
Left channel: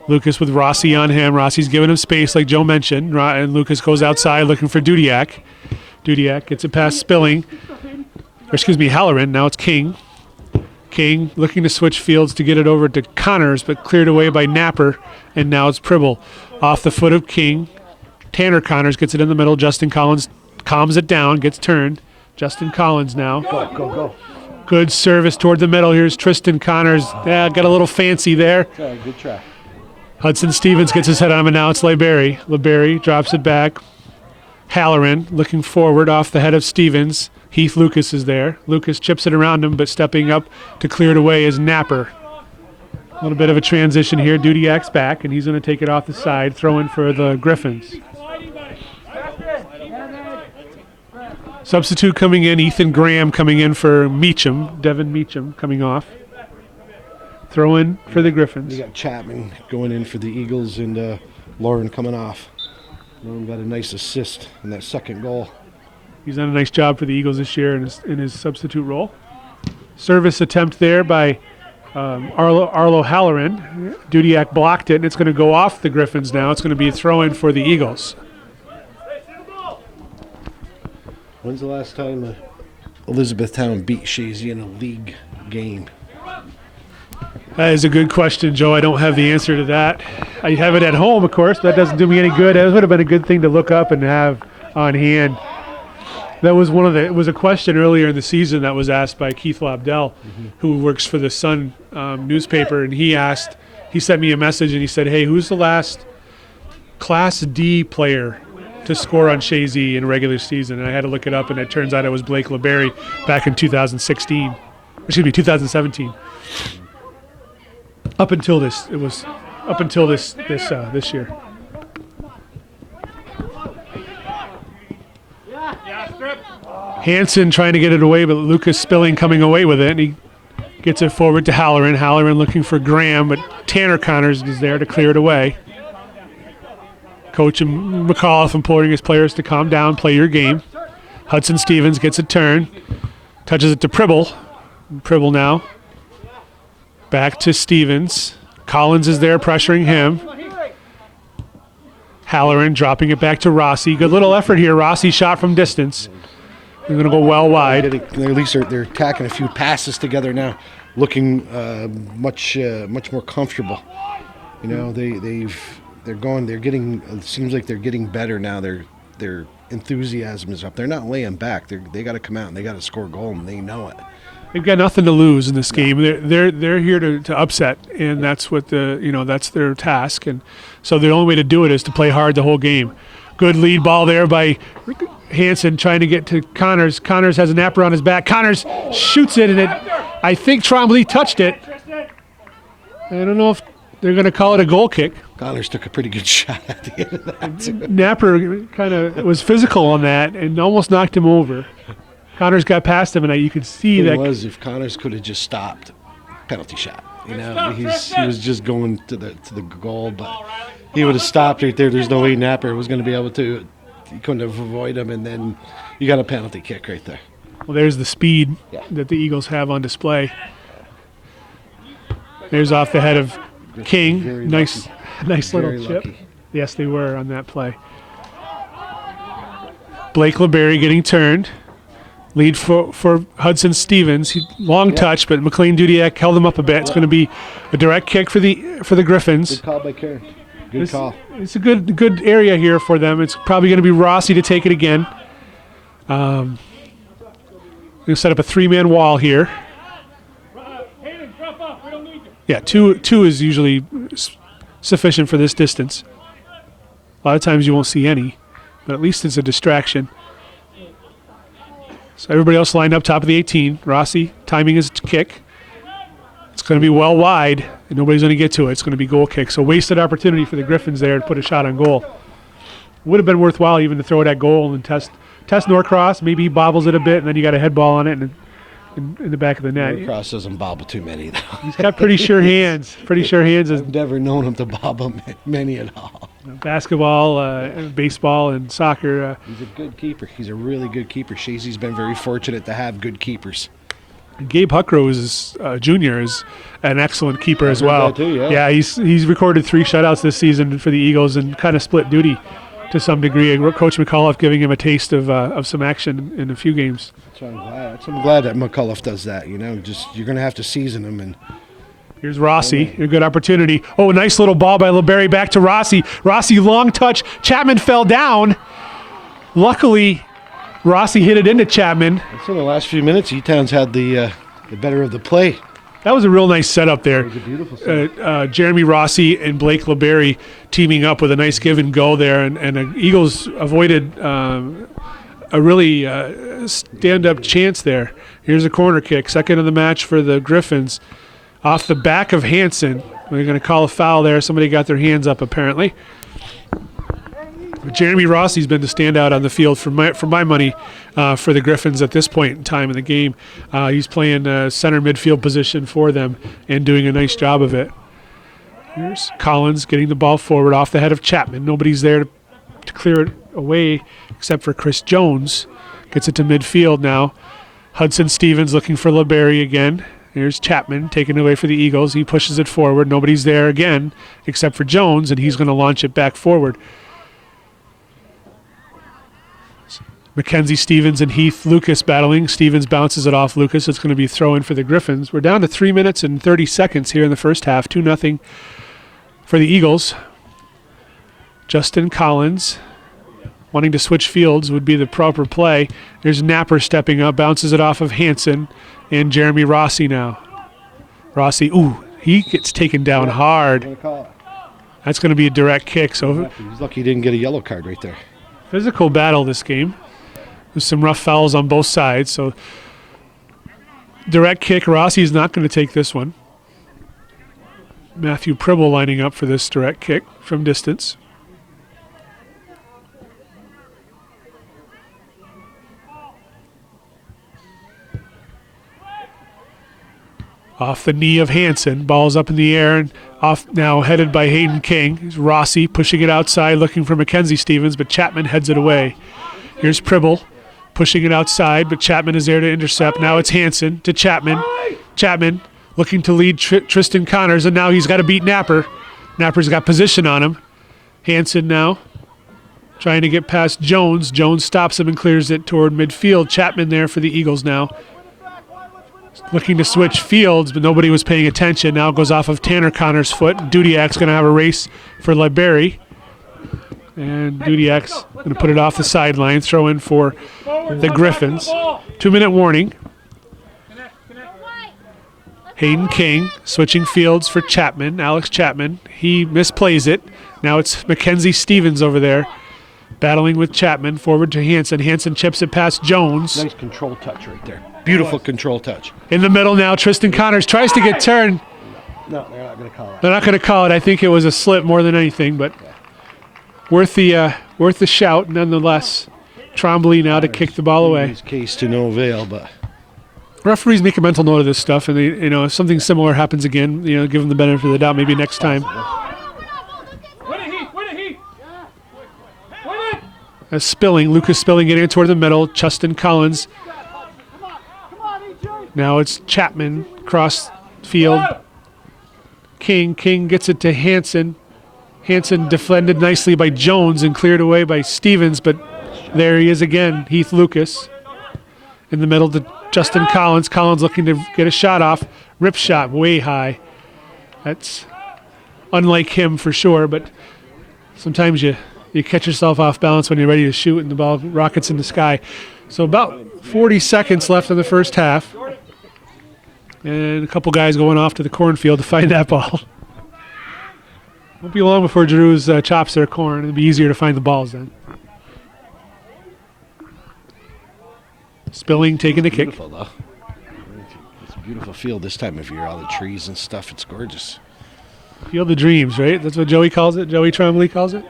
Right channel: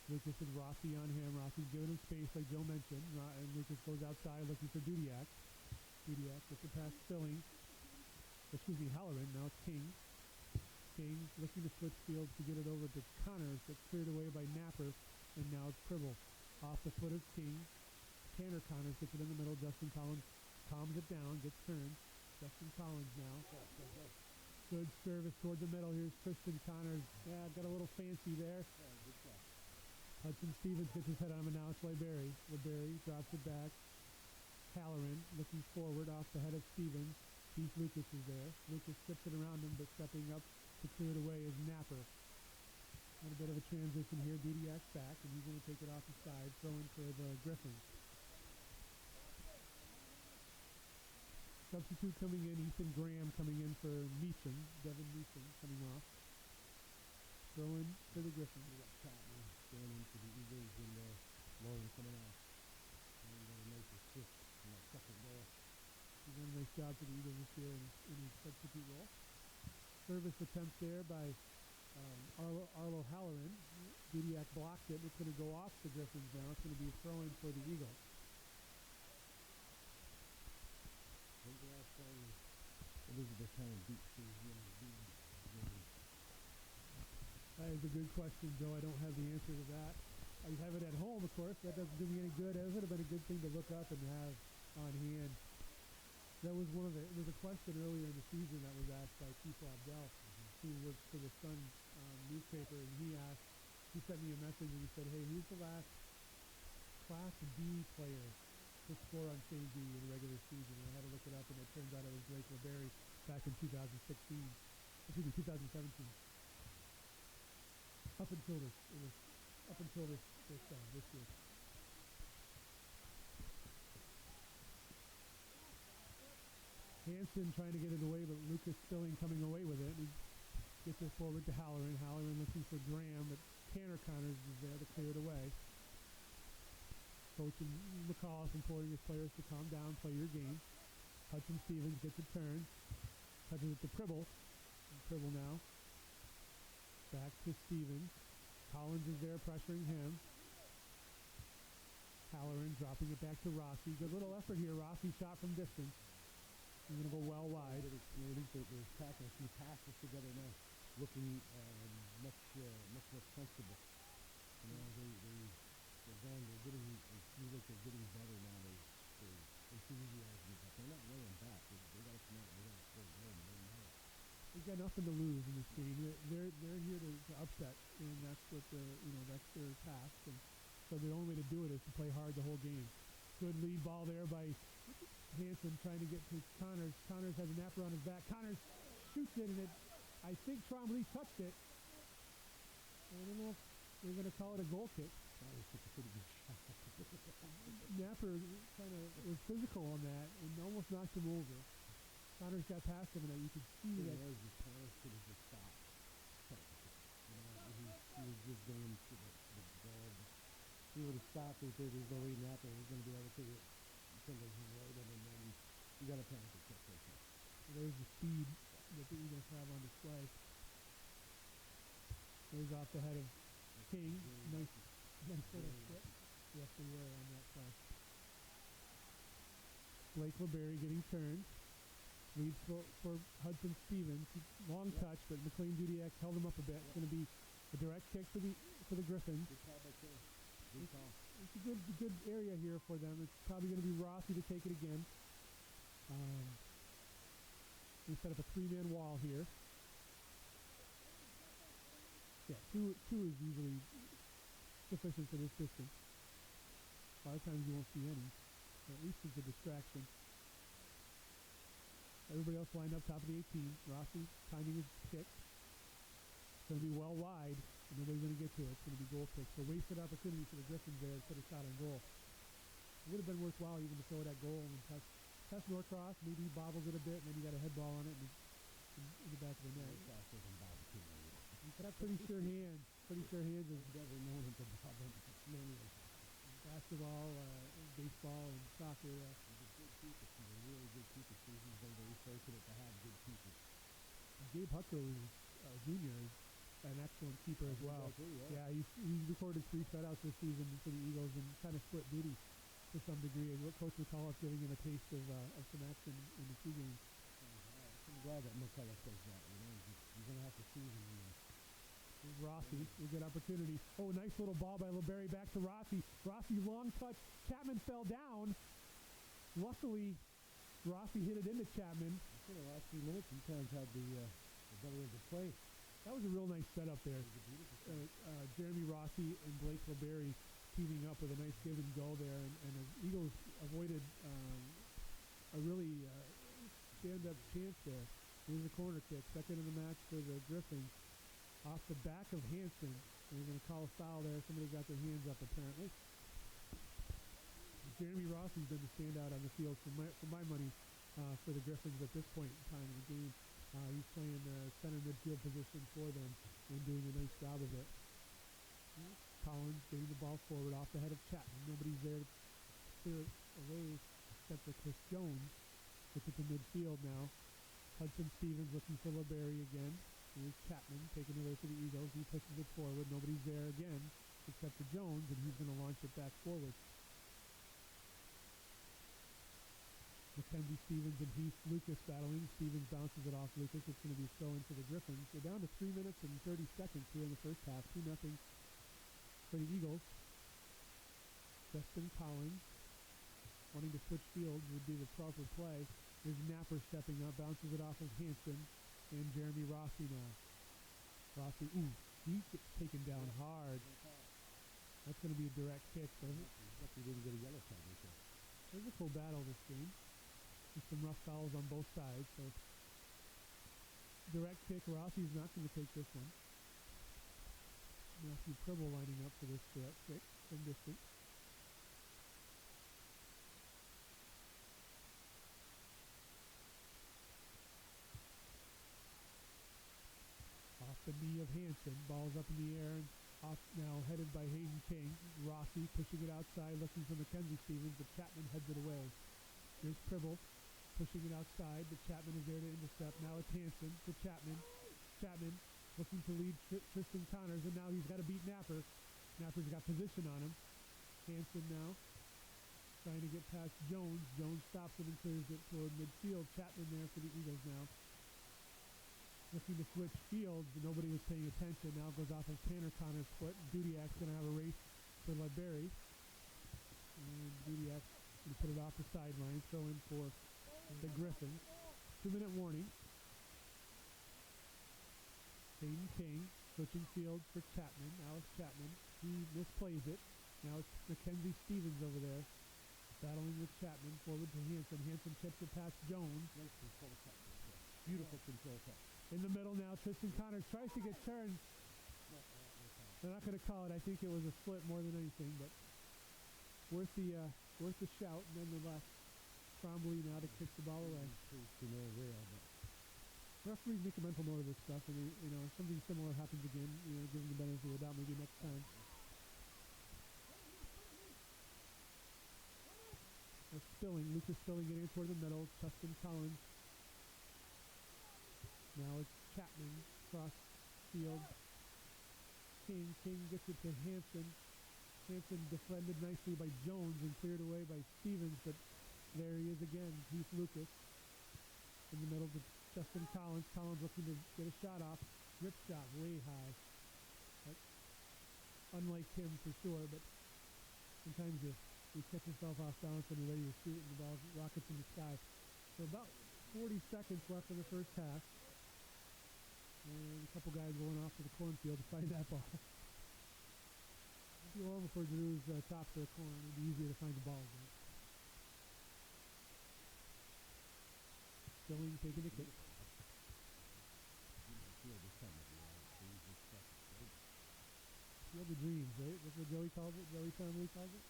Lucas with Rossi on him. Rossi's giving him space like Joe mentioned. And Lucas goes outside looking for Dudiak. Dudiak gets it past Spilling. Halloran. Now it's King. King looking to switch fields to get it over to Connors, but cleared away by Napper. And now it's Pribble. Off the foot of King. Tanner Connors gets it in the middle. Justin Collins calms it down, gets turned. Justin Collins now. Go. Good service toward the middle. Here's Tristan Connors. Yeah, got a little fancy there. Good try. Hudson Stevens gets his head on him, and now it's LeBerry. LeBerry drops it back. Halloran looking forward off the head of Stevens. Heath Lucas is there. Lucas chips it around him, but stepping up to clear it away is Napper. A little bit of a transition here. Dudiak's back, and he's going to take it off the side, throw in for the Griffins. Substitute coming in, Ethan Graham coming in for Meacham. Devin Meacham coming off. Throw in for the Griffins. You got Chapman going in for the Eagles and Lauren coming off. Lauren got a nice assist in that second goal. He's done a nice job for the Eagles this year in his substitute role. Service attempt there by Arlo Halloran. Dudiak blocked it, and it's going to go off the Griffins now. It's going to be a throw-in for the Eagles. When's the last time Elizabethtown beat Chazy in a league game? That is a good question, Joe. I don't have the answer to that. I have it at home, of course, but that doesn't do me any good. That would have been a good thing to look up and have on hand. That was it was a question earlier in the season that was asked by Keith Lobdell, who works for the Sun newspaper, and he sent me a message and he said, hey, who's the last Class D player to score on Chazy in a regular season? And I had to look it up, and it turns out it was Blake LeBerry back in 2017. Up until this year. Hansen trying to get it away, but Lucas Spilling coming away with it, and he gets it forward to Halloran. Halloran looking for Graham, but Tanner Connors is there to clear it away. Coach McAuliffe imploring his players to calm down, play your game. Hudson Stevens gets a turn, touches it to Pribble. Pribble now. Back to Stevens. Collins is there pressuring him. Halloran dropping it back to Rossi. Good little effort here. Rossi shot from distance. They're going to go well wide. At least they're attacking a few passes together now, looking much more comfortable. You know, they're getting. It seems like they're getting better now. They're enthusiasm is up. They're not laying back. They got to come out and they got to score a goal, and they know it. They've got nothing to lose in this game. They're here to upset, and that's what that's their task. And so the only way to do it is to play hard the whole game. Good lead ball there by Hansen trying to get to Connors. Connors has a napper on his back. Connors shoots it, and I think Trombley touched it. I don't know if they're going to call it a goal kick. Connors took a pretty good shot at the end of that, too. Napper kind of was physical on that and almost knocked him over. Connors got past him, and you could see It that. was if Connors could have just stopped, penalty shot. He was just going to the goal, but he would have stopped right there. There's no way Napper was going to be able to. He couldn't have avoided him, and then you got a penalty kick right there. Well, there's the speed that the Eagles have on display. There's off the head of King. Very Nice little Very chip. lucky. Yes, they were on that play. Blake LeBerry getting turned. Lead for Hudson Stevens. Long touch, but McLean Dudiak held him up a bit. It's going to be a direct kick for the Griffins. Good call by Karen. Good call. It's a good area here for them. It's probably going to be Rossi to take it again. Going to set up a 3-man wall here. Yeah, two is usually sufficient for this distance. A lot of times you won't see any, but at least it's a distraction. So everybody else lined up top of the 18. Rossi timing his kick. It's going to be well wide, and nobody's going to get to it. It's going to be goal kick. So wasted opportunity for the Griffins there to put a shot on goal. Would have been worthwhile even to throw it at goal and test Norcross. Maybe he bobbles it a bit, and then you got a head ball on it and in the back of the net. Cross doesn't bobble too many, though. He's got pretty sure hands. I've never known him to bobble many at all. Basketball, baseball, and soccer. He's a good keeper. He's a really good keeper. Chazy's been very fortunate to have good keepers. Gabe Huckrose, junior, is an excellent keeper as heard well. that too, yeah. He's recorded 3 shutouts this season for the Eagles and kind of split duty to some degree. Coach McAuliffe giving him a taste of some action in a few games. So I'm glad that McAuliffe does that. Just you're going to have to season him. And here's Rossi, a good opportunity. Oh, nice little ball by LeBerry back to Rossi. Rossi, long touch. Chapman fell down. Luckily, Rossi hit it into Chapman. so in the last few minutes, E-Town's had the better of the play. That was a real nice setup there. It was a beautiful setup. Jeremy Rossi and Blake LeBerry teaming up with a nice give and go there, and the Eagles avoided a really stand-up chance there. Here's a corner kick, second of the match for the Griffins. Off the back of Hansen. They're going to call a foul there. Somebody got their hands up apparently. But Jeremy Rossi's been the standout on the field for my money for the Griffins at this point in time in the game. He's playing center midfield position for them and doing a nice job of it. Here's Collins getting the ball forward off the head of Chapman. Nobody's there to clear it away except for Chris Jones. Gets it to midfield now. Hudson Stevens looking for LeBerry again. Here's Chapman taking it away for the Eagles. He pushes it forward. Nobody's there again except for Jones, and he's going to launch it back forward. Mackenzie, Stevens, and Heath Lucas battling. Stevens bounces it off Lucas. It's going to be throw-in for the Griffins. We're down to 3 minutes and 30 seconds here in the first half. 2-0 for the Eagles. Justin Collins wanting to switch fields would be the proper play. There's Napper stepping up, bounces it off of Hansen, and Jeremy Rossi now. Rossi, he gets taken down hard. That's going to be a direct kick. So He's lucky he didn't get a yellow card right there. Physical battle this game. There's some rough fouls on both sides. So direct kick. Rossi's not going to take this one. Matthew Pribble lining up for this direct kick from distance. Off the knee of Hansen. Ball's up in the air and off now, headed by Hayden King. Here's Rossi pushing it outside, looking for Mackenzie Stevens, but Chapman heads it away. Here's Pribble pushing it outside, but Chapman is there to intercept. Now it's Hansen to Chapman. Chapman looking to lead Tristan Connors, and now he's got to beat Napper. Napper's got position on him. Hansen now trying to get past Jones. Jones stops him and clears it toward midfield. Chapman there for the Eagles now. Looking to switch fields, but nobody was paying attention. Now it goes off of Tanner Connor's foot. Dudiak's going to have a race for LeBerry. And Dudiak's going to put it off the sideline, throw in for the Griffins. 2-minute warning. Hayden King switching fields for Chapman, Alex Chapman. He misplays it. Now it's Mackenzie Stevens over there battling with Chapman, forward to Hanson. Hanson chips it past Jones. Nice control touch right there. Beautiful control touch. In the middle now, Tristan Connors tries to get turned. No, they're not going to call it. They're not going to call it. I think it was a slip more than anything, but worth the shout nonetheless. Trombley now to kick the ball away. His case to no avail, but Referees make a mental note of this stuff, and they, if something similar happens again, give them the benefit of the doubt. Maybe next time. Lucas Spilling getting it toward the middle. Justin Collins. Now it's Chapman cross field. King gets it to Hanson. Hanson defended nicely by Jones and cleared away by Stevens, but there he is again, Heath Lucas. In the middle to Justin Collins. Collins looking to get a shot off. Rip shot way high. That's unlike him for sure, but sometimes you catch yourself off balance when you're ready to shoot and the ball rockets in the sky. So about 40 seconds left in the first half. And a couple guys going off to the cornfield to find that ball. Won't be long before Drew's chops their corn. It'll be easier to find the balls then. Spilling taking the kick. beautiful though. It's a beautiful field this time of year. All the trees and stuff. It's gorgeous. Field of Dreams, right? That's what Joey calls it. Joey Trombley calls it.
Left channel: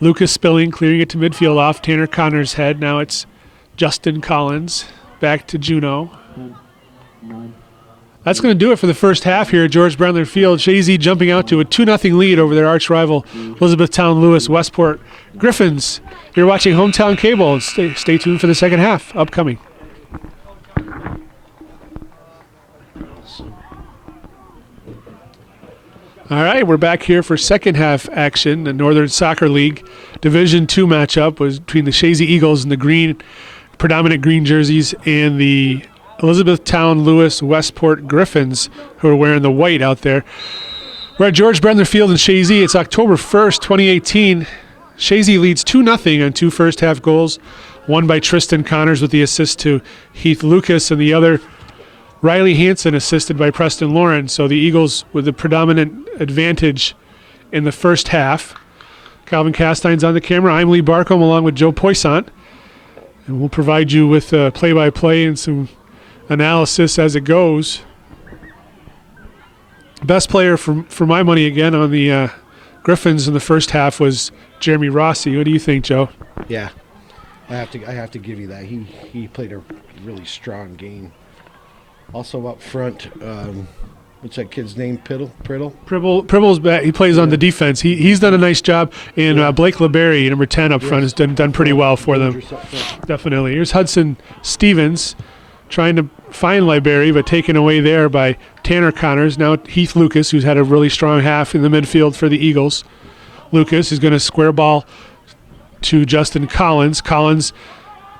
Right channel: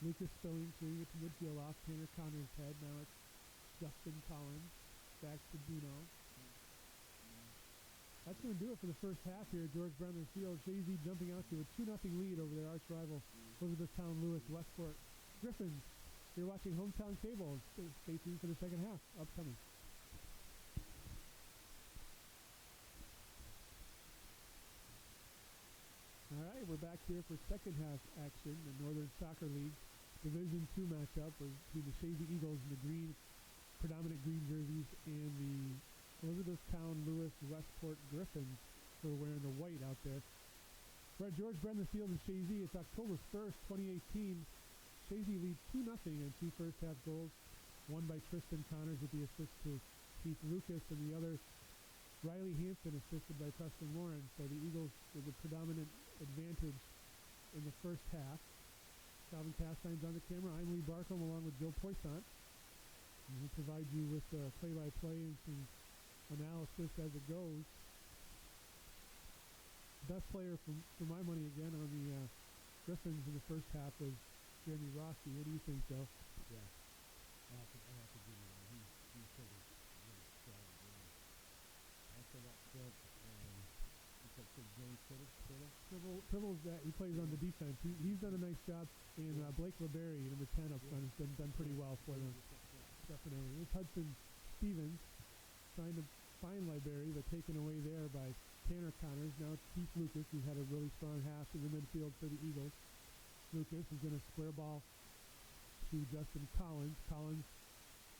Lucas Spilling clearing it to midfield off Tanner Connor's head. Now it's Justin Collins back to Juneau. That's going to do it for the first half here at George Brendler Field. Chazy jumping out to a 2-0 lead over their arch rival, Elizabethtown Lewis Westport Griffins. You're watching Hometown Cable. Stay tuned for the second half upcoming. All right, we're back here for second half action. The Northern Soccer League Division II matchup was between the Chazy Eagles and the predominant green jerseys and the Elizabethtown Lewis Westport Griffins, who are wearing the white out there. We're at George Brendler Field in Chazy. It's October 1st, 2018. Chazy leads 2-0 on two first half goals, one by Tristan Connors with the assist to Heath Lucas, and the other Riley Hanson assisted by Preston Lauren. So the Eagles with the predominant advantage in the first half. Calvin Castine's on the camera. I'm Lee Barcombe along with Joe Poissant. And we'll provide you with play-by-play and some analysis as it goes. Best player for my money again on the Griffins in the first half was Jeremy Rossi. What do you think, Joe? Yeah, I have to give you that. He played a really strong game. Also up front, what's that kid's name? Priddle? Pribble's back. He plays on the defense. He's done a nice job. And Blake LeBerry, number 10 up front, has done pretty well for them. Definitely. Here's Hudson Stevens trying to find LeBerry, but taken away there by Tanner Connors. Now Heath Lucas, who's had a really strong half in the midfield for the Eagles. Lucas is going to square ball to Justin Collins. Collins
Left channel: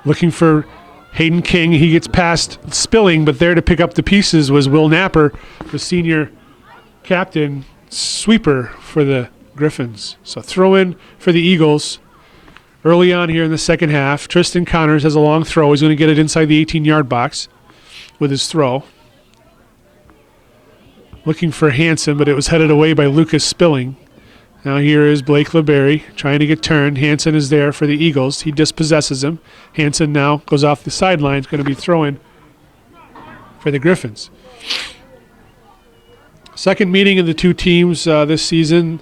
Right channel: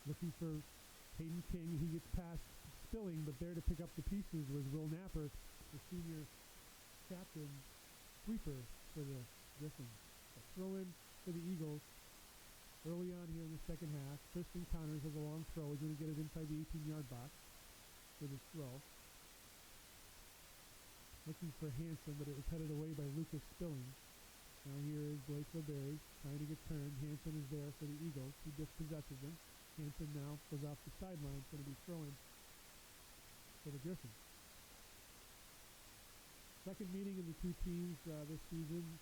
looking for Hayden King. He gets past Spilling, but there to pick up the pieces was Will Napper, the senior captain sweeper for the Griffins. So throw in for the Eagles early on here in the second half. Tristan Connors has a long throw. He's going to get it inside the 18-yard box with his throw. Looking for Hanson, but it was headed away by Lucas Spilling. Now here is Blake LeBerry trying to get turned. Hanson is there for the Eagles. He dispossesses him. Hanson now goes off the sideline. It's going to be throw-in for the Griffins. Second meeting of the two teams this season.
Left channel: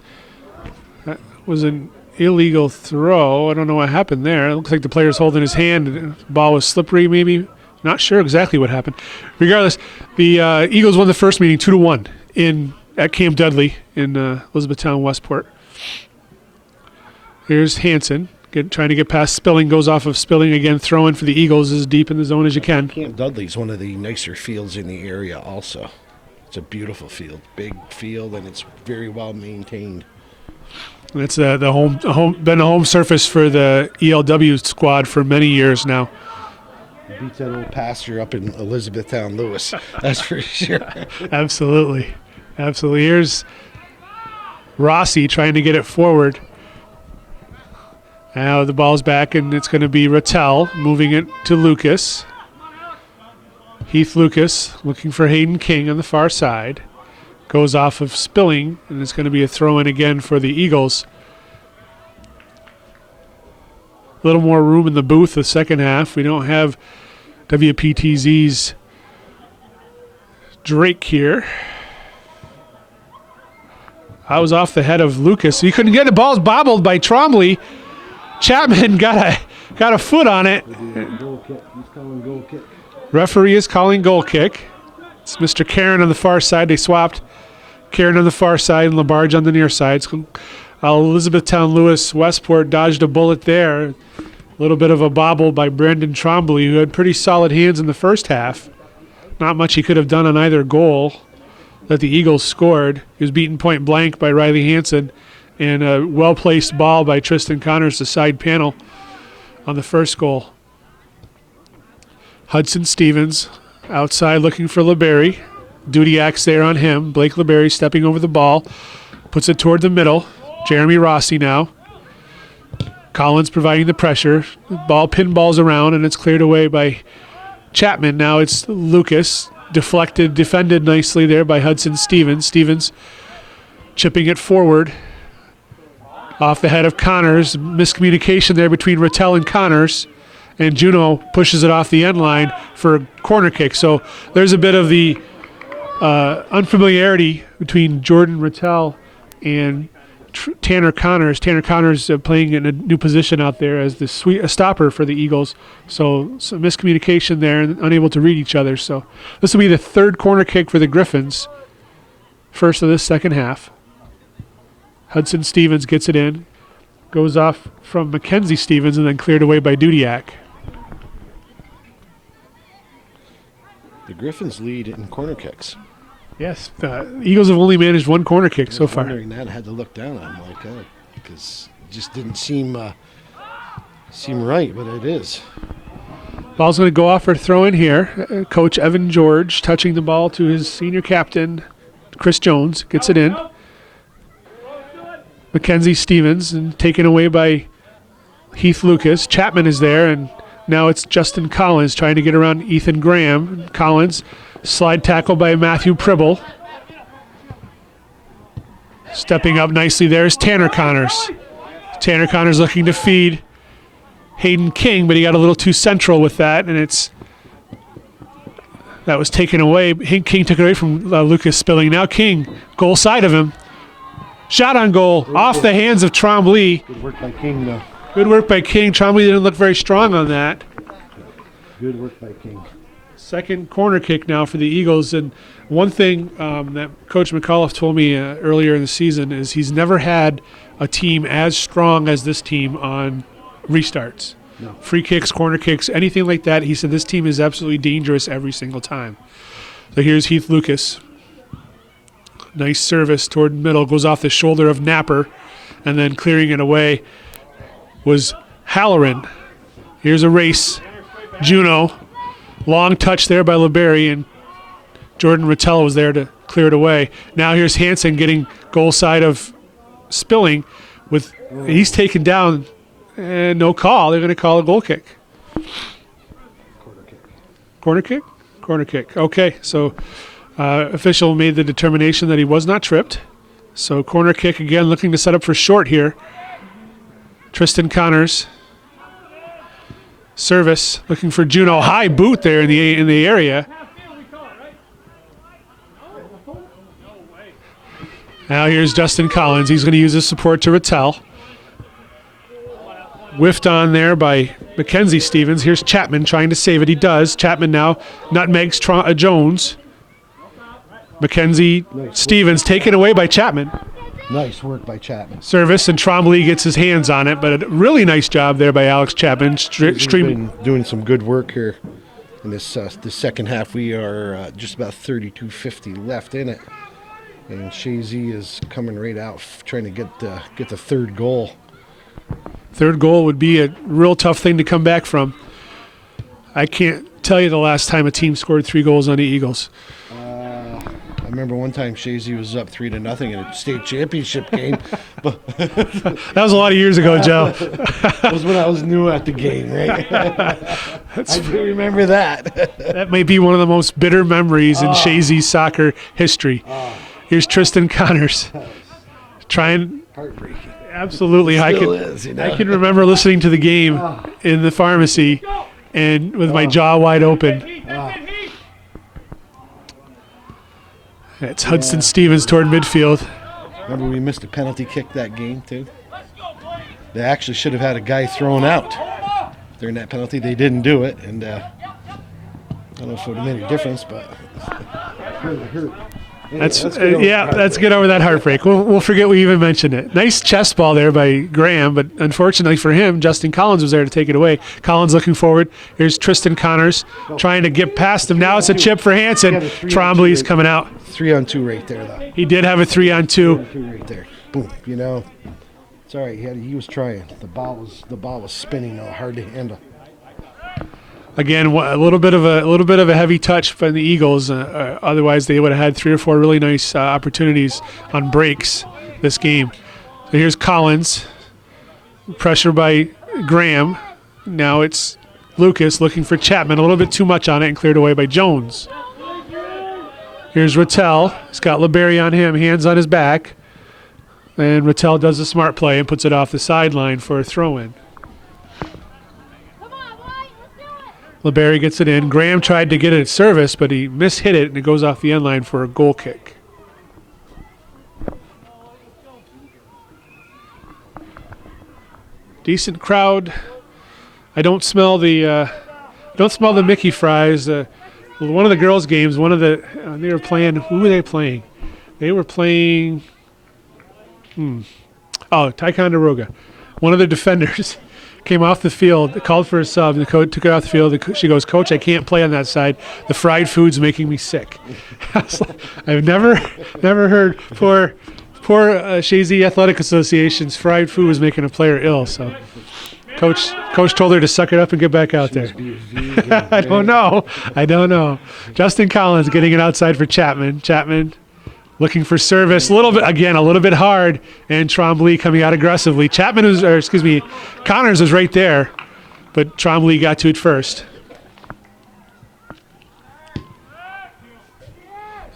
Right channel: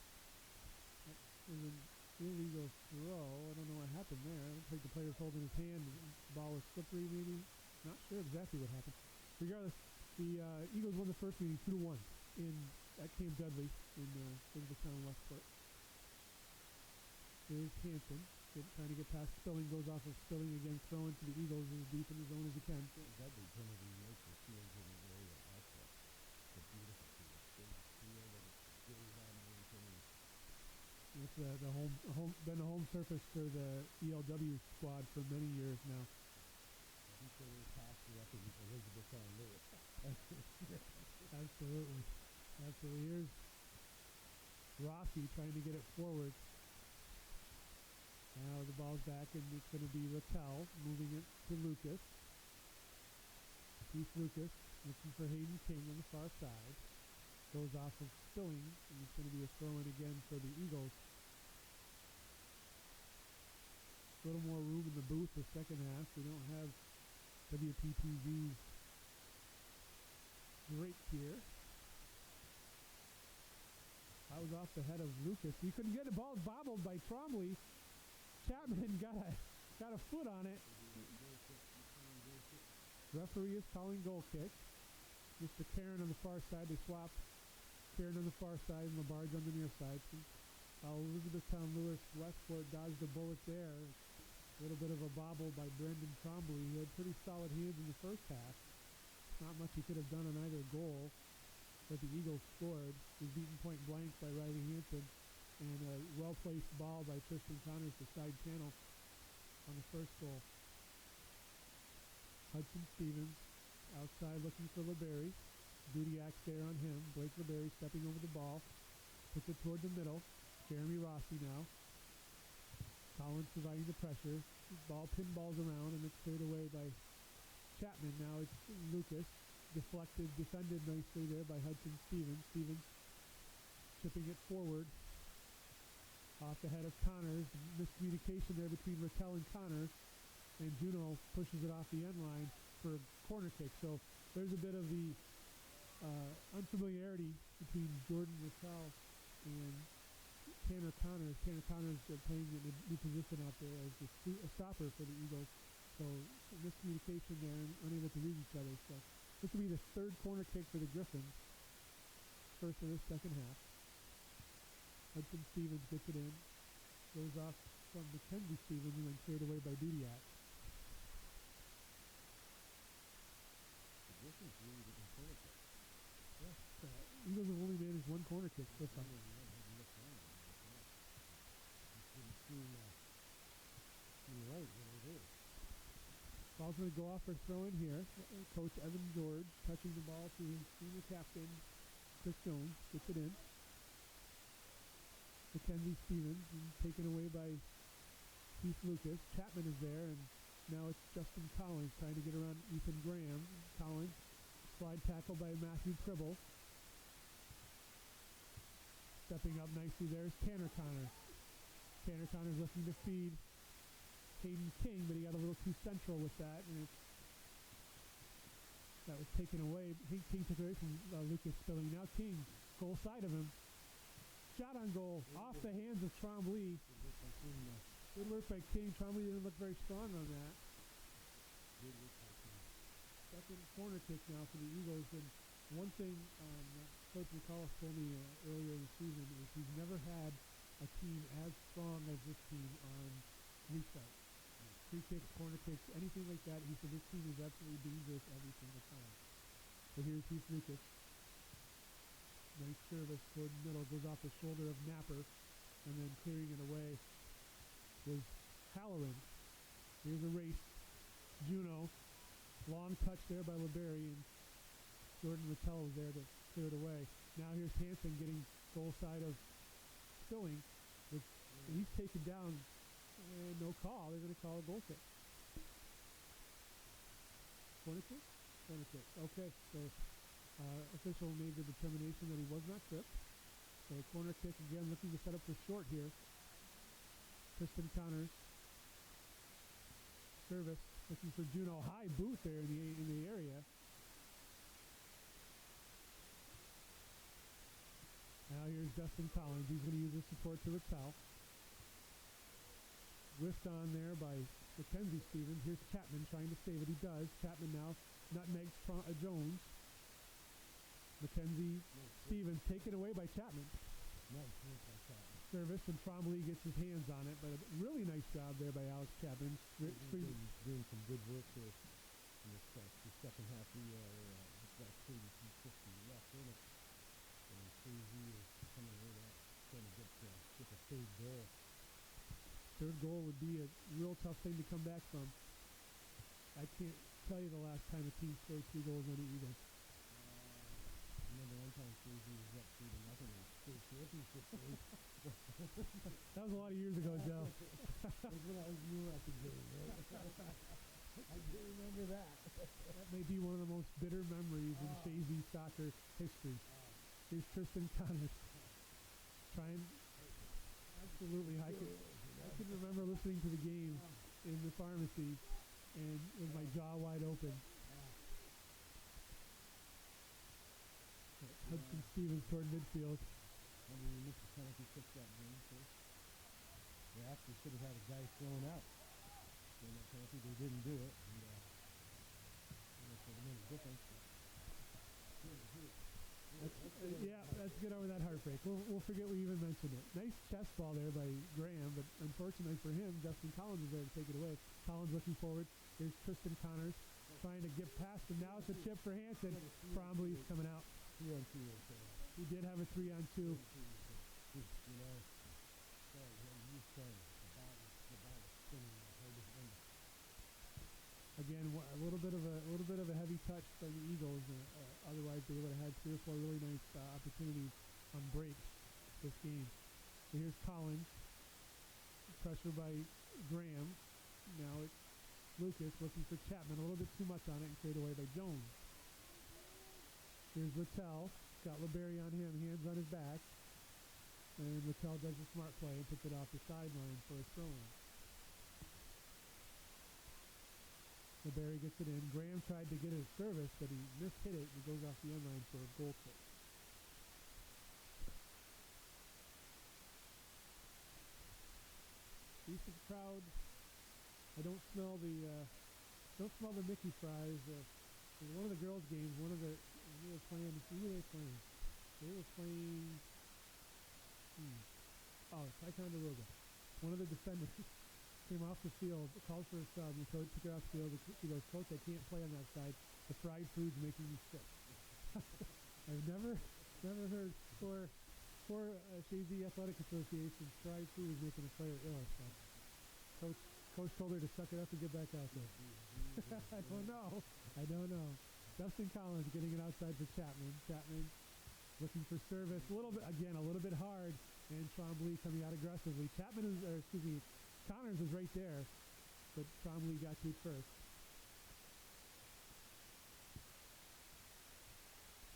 That was an illegal throw. I don't know what happened there. It looks like the player's holding his hand. The ball was slippery maybe. Not sure exactly what happened. Regardless, the Eagles won the first meeting 2-1 at Camp Dudley in Elizabethtown Westport. Here's Hanson trying to get past Spilling, goes off of Spilling again, throwing for the Eagles as deep in the zone as you can. Camp Dudley's one of the nicer fields in the area also. It's a beautiful field, big field, and it's very well maintained. It's been a home surface for the ELW squad for many years now. Beats that old pasture up in Elizabethtown Lewis, that's for sure. Absolutely. Here's Rossi trying to get it forward. Now the ball's back, and it's going to be Rattel moving it to Lucas. Heath Lucas looking for Hayden King on the far side. Goes off of Spilling, and it's going to be a throw-in again for the Eagles. A little more room in the booth the second half. We don't have WPTZ's Drake here. I was off the head of Lucas. He couldn't get it. Ball's bobbled by Trombley. Chapman got a foot on it. Goal kick. He's calling goal kick. Referee is calling goal kick. It's Mr. Karen on the far side. They swapped Karen on the far side and Labarge on the near side. Elizabethtown Lewis Westport dodged a bullet there. A little bit of a bobble by Brendan Trombley, who had pretty solid hands in the first half. Not much he could have done on either goal that the Eagles scored. He was beaten point blank by Riley Hansen, and a well-placed ball by Tristan Connors to side panel on the first goal. Hudson Stevens outside looking for LeBerry. Dudiak's there on him. Blake LeBerry stepping over the ball. Puts it toward the middle. Jeremy Rossi now. Collins providing the pressure. The ball pinballs around, and it's cleared away by Chapman. Now it's Lucas. Defended nicely there by Hudson Stevens. Stevens chipping it forward. Off the head of Connors. Miscommunication there between Rattel and Connors. And Juno pushes it off the end line for a corner kick. So there's a bit of the unfamiliarity between Jordan Rattel and Tanner Connors. Tanner Connors playing in a new position out there as the stopper for the Eagles. So some miscommunication there and unable to read each other. So this will be the third corner kick for the Griffins. First of this second half. Hudson Stevens gets it in. Goes off from Mackenzie Stevens and then cleared away by Dudiak. The Griffins lead in corner kicks. Yes, the Eagles have only managed one corner kick so far. Wondering that, I had to look down on him like that because it just didn't seem right, but it is. Ball's going to go off for a throw in here. Coach Evan George touching the ball to his senior captain, Chris Jones, gets it in. Mackenzie Stevens and taken away by Heath Lucas. Chapman is there, and now it's Justin Collins trying to get around Ethan Graham. Collins, slide tackle by Matthew Pribble. Stepping up nicely there is Tanner Connors. Tanner Connors looking to feed Hayden King, but he got a little too central with that, and that was taken away. King took it away from Lucas Spilling. Now King, goal side of him. Shot on goal, off the hands of Trombley. Good work by King, though. Good work by King. Trombley didn't look very strong on that. Good work by King. Second corner kick now for the Eagles. And one thing that Coach McAuliffe told me earlier in the season is he's never had a team as strong as this team on restarts. No. Free kicks, corner kicks, anything like that. He said this team is absolutely dangerous every single time. So here's Heath Lucas. Nice service toward middle, goes off the shoulder of Napper, and then clearing it away was Halloran. Here's a race. Juno. Long touch there by LeBerry, and Jordan Rattel was there to clear it away. Now here's Hansen getting goal side of Spilling. He's taken down, and no call. They're going to call a goal kick. Corner kick? Corner kick. Okay, so official made the determination that he was not tripped. So corner kick again, looking to set up for short here. Tristan Connors. Service, looking for Juno. High boot there in the area. Now here's Justin Collins. He's going to use his support to Rattel. Whiffed on there by Mackenzie Stevens. Here's Chapman trying to save it. He does. Chapman now nutmegs Jones. Mackenzie Stevens taken away by Chapman. Nice work by Chapman. Service, and Trombley gets his hands on it, but a really nice job there by Alex Chapman. He's been doing some good work here in this second half. We are just about 32:50 left in it, and Chazy is coming right out trying to get the third goal. Third goal would be a real tough thing to come back from. I can't tell you the last time a team scored 3 goals on the Eagles. remember one time Chazy was up 3-0 in a state championship game. But That was a lot of years ago, Joe. that was when I was new at the game, right? I do remember that. That may be one of the most bitter memories in Chazy soccer history. Here's Tristan Connors trying. Heartbreaking. Absolutely, I Still is, you know? can remember listening to the game in the pharmacy, and with my jaw wide open. It's Hudson Stevens toward midfield. Remember we missed a penalty kick that game too? They actually should have had a guy thrown out during that penalty. They didn't do it, and I don't know if it would have made a difference, but it really hurt. Anyway, Let's get over that heartbreak. We'll forget we even mentioned it. Nice chest ball there by Graham, but unfortunately for him, Justin Collins was there to take it away. Collins looking forward. Here's Tristan Connors trying to get past him. Now it's a chip for Hansen. Trombley's coming out. 3-on-2 right there, though. He did have a 3-on-2. 3-on-2 right there. Boom. You know, it's all right. He was trying. The ball was spinning, though, hard to handle. Again, a little bit of a heavy touch from the Eagles. Otherwise, they would have had 3 or 4 really nice opportunities on breaks this game. So here's Collins, pressure by Graham. Now it's Lucas looking for Chapman. A little bit too much on it and cleared away by Jones. Here's Rattel. He's got LeBerry on him, hands on his back. And Rattel does a smart play and puts it off the sideline for a throw-in. LeBerry gets it in. Graham tried to get it at service, but he mishit it, and it goes off the end line for a goal kick. Decent crowd. I don't smell the Mickey fries. One of the girls' games, they were playing. Who were they playing? They were playing. Ticonderoga. One of the defenders came off the field, called for a sub, and the coach took it off the field. She goes, "Coach, I can't play on that side. The fried food's making me sick." I've never heard poor Chazy Athletic Association's fried food was making a player ill. So, coach told her to suck it up and get back out there. I don't know. Justin Collins getting it outside for Chapman. Chapman looking for service. A little bit hard, and Trombley coming out aggressively. Connors was right there, but Trombley got to it first.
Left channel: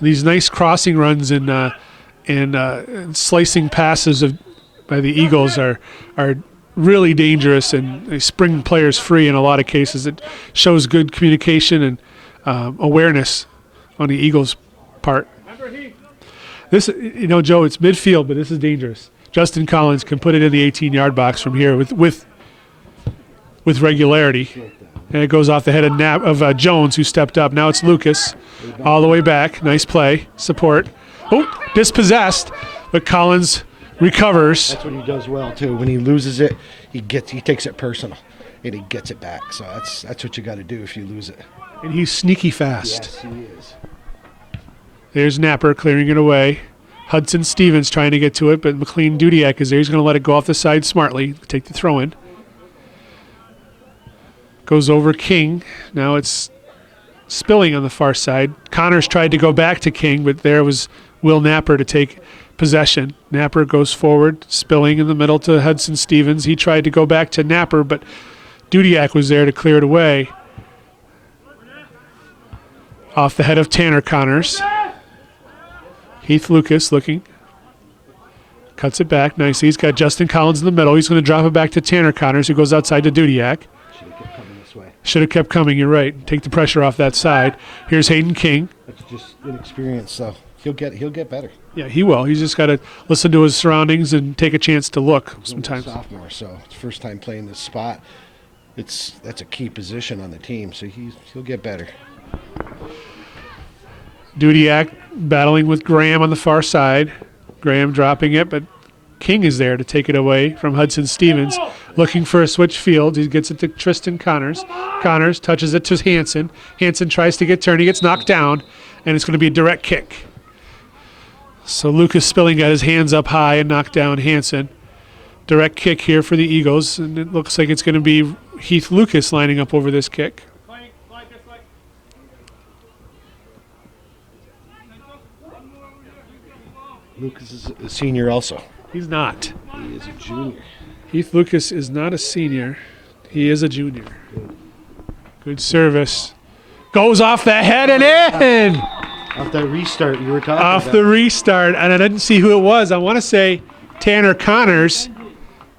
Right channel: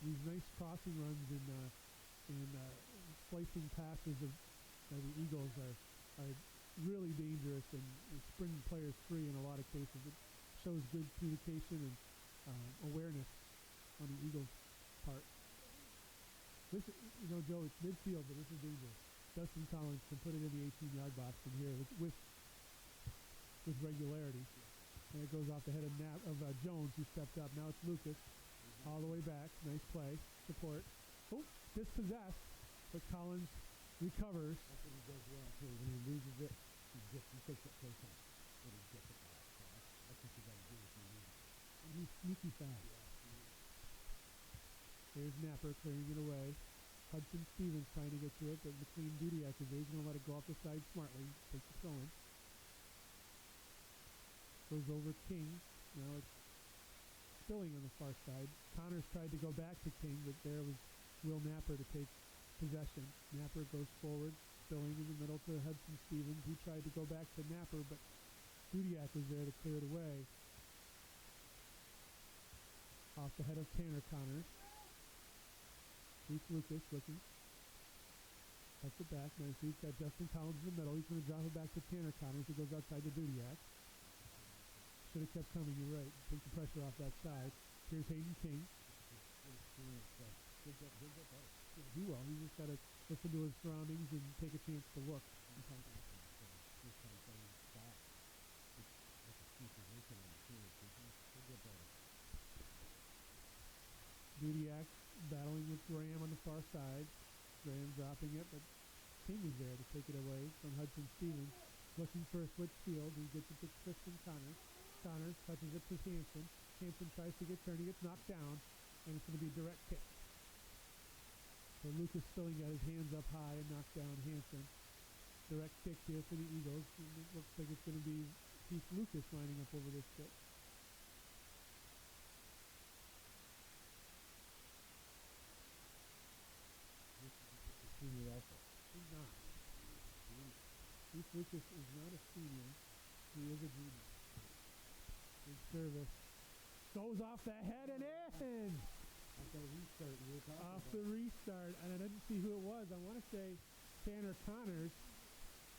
These nice crossing runs and slicing passes by the Eagles are really dangerous, and they spring players free in a lot of cases. It shows good communication and awareness on the Eagles' part. This, Joe, it's midfield, but this is dangerous. Justin Collins can put it in the 18-yard box from here with regularity, and it goes off the head of Jones, who stepped up. Now it's Lucas, all the way back. Nice play, support. Oh, dispossessed, but Collins recovers. That's what he does well too. When he loses it, he takes it personal, and he gets it back. So that's what you got to do if you lose it. And he's sneaky fast. Yes, he is. There's Napper clearing it away. Hudson Stevens trying to get to it, but McLean Dudiak is there. He's going to let it go off the side smartly, take the throw in. Goes over King. Now it's Spilling on the far side. Connors tried to go back to King, but there was Will Napper to take possession. Napper goes forward, Spilling in the middle to Hudson Stevens. He tried to go back to Napper, but Dudiak was there to clear it away. Off the head of Tanner Connors. Heath Lucas looking. Cuts it back nicely. He's got Justin Collins in the middle. He's going to drop it back to Tanner Connors, who goes outside to Dudiak. Should have kept coming this way. Should have kept coming, you're right. Take the pressure off that side. Here's Hayden King. That's just inexperience, so he'll get better. Yeah, he will. He's just got to listen to his surroundings and take a chance to look sometimes. He's a sophomore, so it's first time playing this spot. That's a key position on the team, so he'll get better. Dudiak battling with Graham on the far side. Graham dropping it, but King is there to take it away from Hudson Stevens. Looking for a switch field. He gets it to Tristan Connors. Connors touches it to Hansen. Hansen tries to get turned. He gets knocked down, and it's going to be a direct kick. So Lucas Spilling got his hands up high and knocked down Hansen. Direct kick here for the Eagles, and it looks like it's going to be Heath Lucas lining up over this kick. Lucas is a senior also. He's not. He is a junior. Heath Lucas is not a senior. He is a junior. Good service. Goes off the head and in! Off that restart you were talking about. Off the restart, and I didn't see who it was. I want to say Tanner Connors,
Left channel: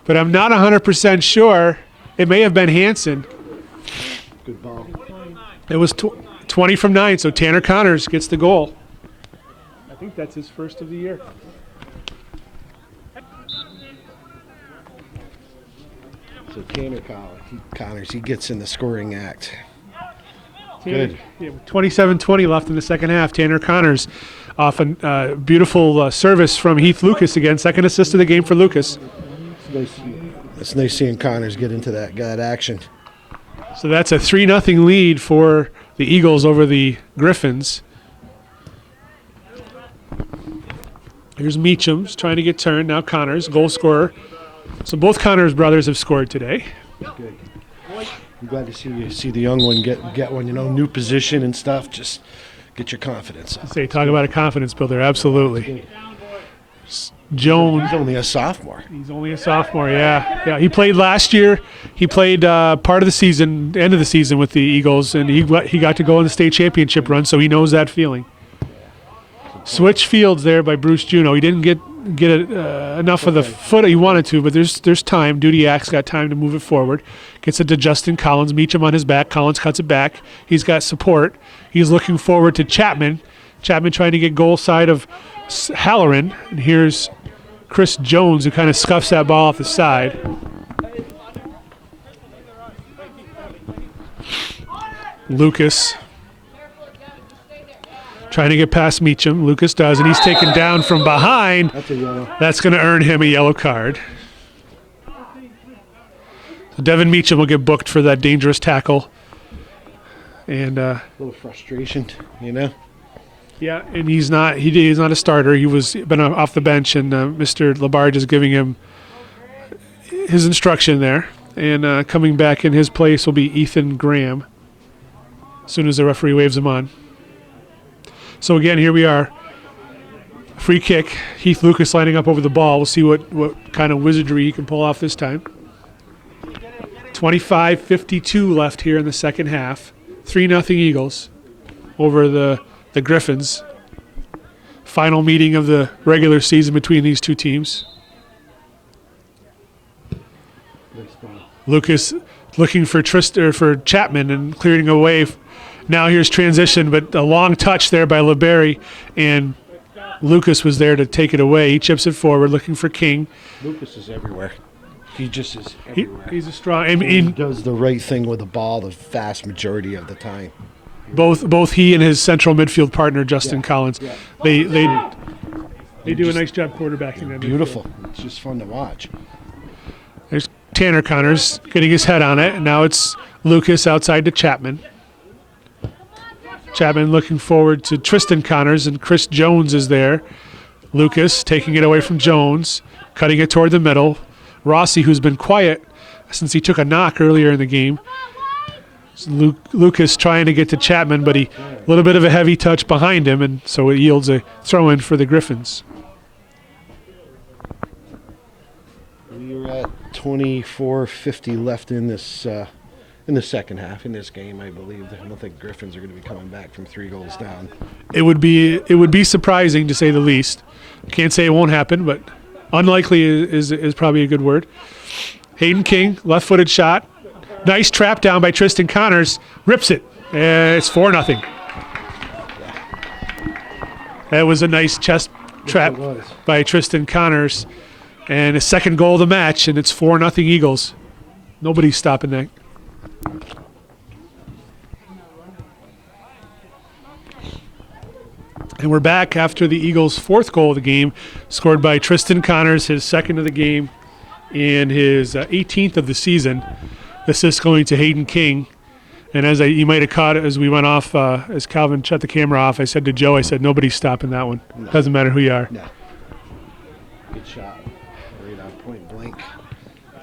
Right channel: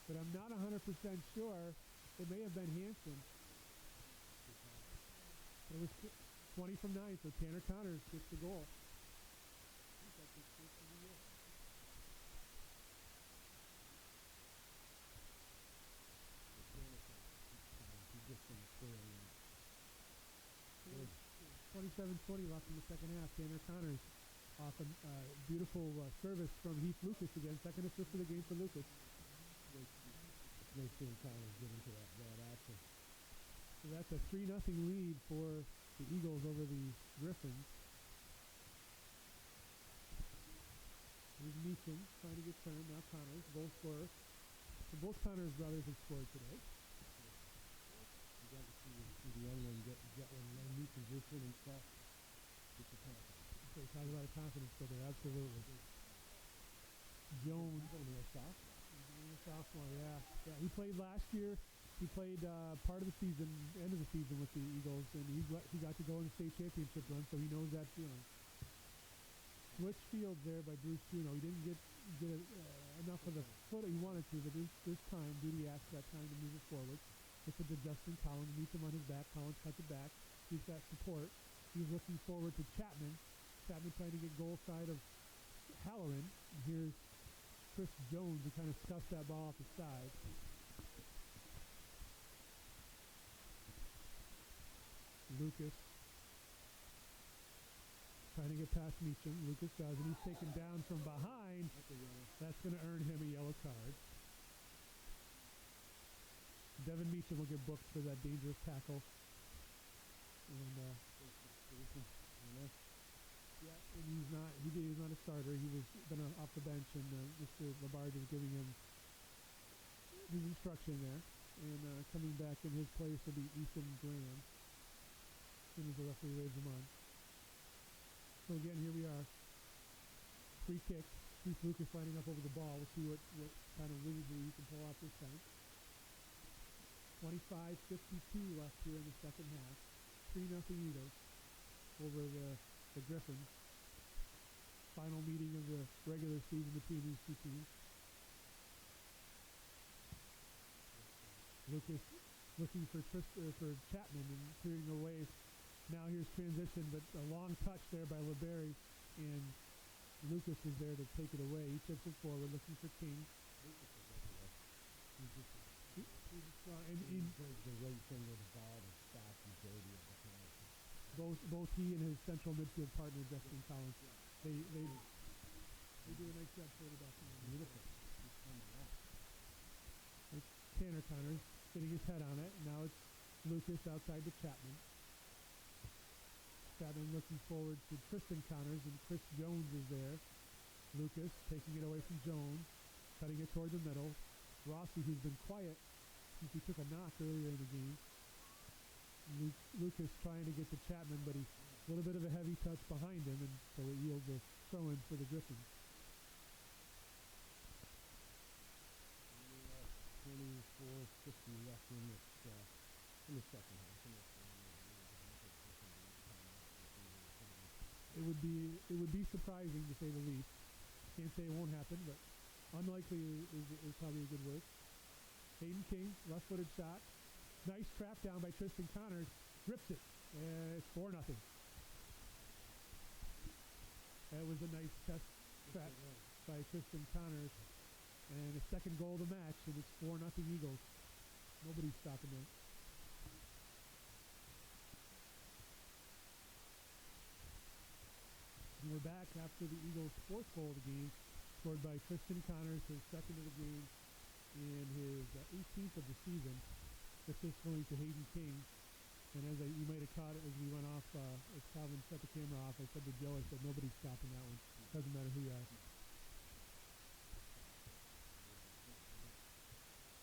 but I'm not 100% sure. It may have been Hansen. Good ball. It was 20 from 9, so Tanner Connors gets the goal. I think that's his first of the year. So Tanner Connors, he gets in the scoring act. Good. 27-20 left in the second half. Tanner Connors off a beautiful service from Heath Lucas again. Second assist of the game for Lucas. It's nice seeing Connors get into that action. So that's a 3-0 lead for the Eagles over the Griffins. Here's Meacham's trying to get turned. Now Connors, goal scorer. So both Connors brothers have scored today. Good. I'm glad to see the young one get one, new position and stuff. Just get your confidence up. Talk about a confidence builder. Absolutely. Jones. He's only a sophomore. He's only a sophomore, yeah. He played last year. He played part of the season, end of the season with the Eagles, and he got to go on the state championship run, so he knows that feeling. Switch fields there by Bruce Juno. He didn't get enough of the foot he wanted to, but there's time. Dudiak's got time to move it forward. Gets it to Justin Collins. Meacham on his back. Collins cuts it back. He's got support. He's looking forward to Chapman. Chapman trying to get goal side of Halloran. And here's Chris Jones, who kind of scuffs that ball off the side. Lucas trying to get past Meacham. Lucas does, and he's taken down from behind. That's a yellow. That's going to earn him a yellow card. So Devin Meacham will get booked for that dangerous tackle. And A little frustration, yeah, and he's not a starter. He was been off the bench, and Mr. Labarge is giving him his instruction there. And coming back in his place will be Ethan Graham as soon as the referee waves him on. So again, here we are. Free kick. Heath Lucas lining up over the ball. We'll see what kind of wizardry he can pull off this time. 25:52 left here in the second half. 3-0 Eagles over the Griffins. Final meeting of the regular season between these two teams. Lucas looking for Chapman and clearing away. Now here's transition, but a long touch there by LeBerry, and Lucas was there to take it away. He chips it forward, looking for King. Lucas is everywhere. He just is everywhere. He's a strong. He does the right thing with the ball the vast majority of the time. Both he and his central midfield partner Justin Collins, they do a nice job quarterbacking that. Beautiful. Midfield. It's just fun to watch. There's Tanner Connors getting his head on it, and now it's Lucas outside to Chapman. Chapman looking forward to Tristan Connors, and Chris Jones is there. Lucas taking it away from Jones, cutting it toward the middle. Rossi, who's been quiet since he took a knock earlier in the game. Lucas trying to get to Chapman, but a little bit of a heavy touch behind him, and so it yields a throw-in for the Griffins. We're at 24:50 left in this in the second half in this game. I believe I don't think Griffins are going to be coming back from 3 goals down. It would be surprising, to say the least. Can't say it won't happen, but unlikely is probably a good word. Hayden King, left-footed shot. Nice trap down by Tristan Connors. Rips it. It's 4-0. That was a nice chest trap by Tristan Connors. And his second goal of the match, and it's 4-0 Eagles. Nobody's stopping that. And we're back after the Eagles' 4th goal of the game, scored by Tristan Connors, his 2nd of the game, and his 18th of the season. Assist going to Hayden King. And as you might have caught as we went off, as Calvin shut the camera off, I said to Joe, nobody's stopping that one. No. Doesn't matter who you are. No. Good shot. Right on point blank.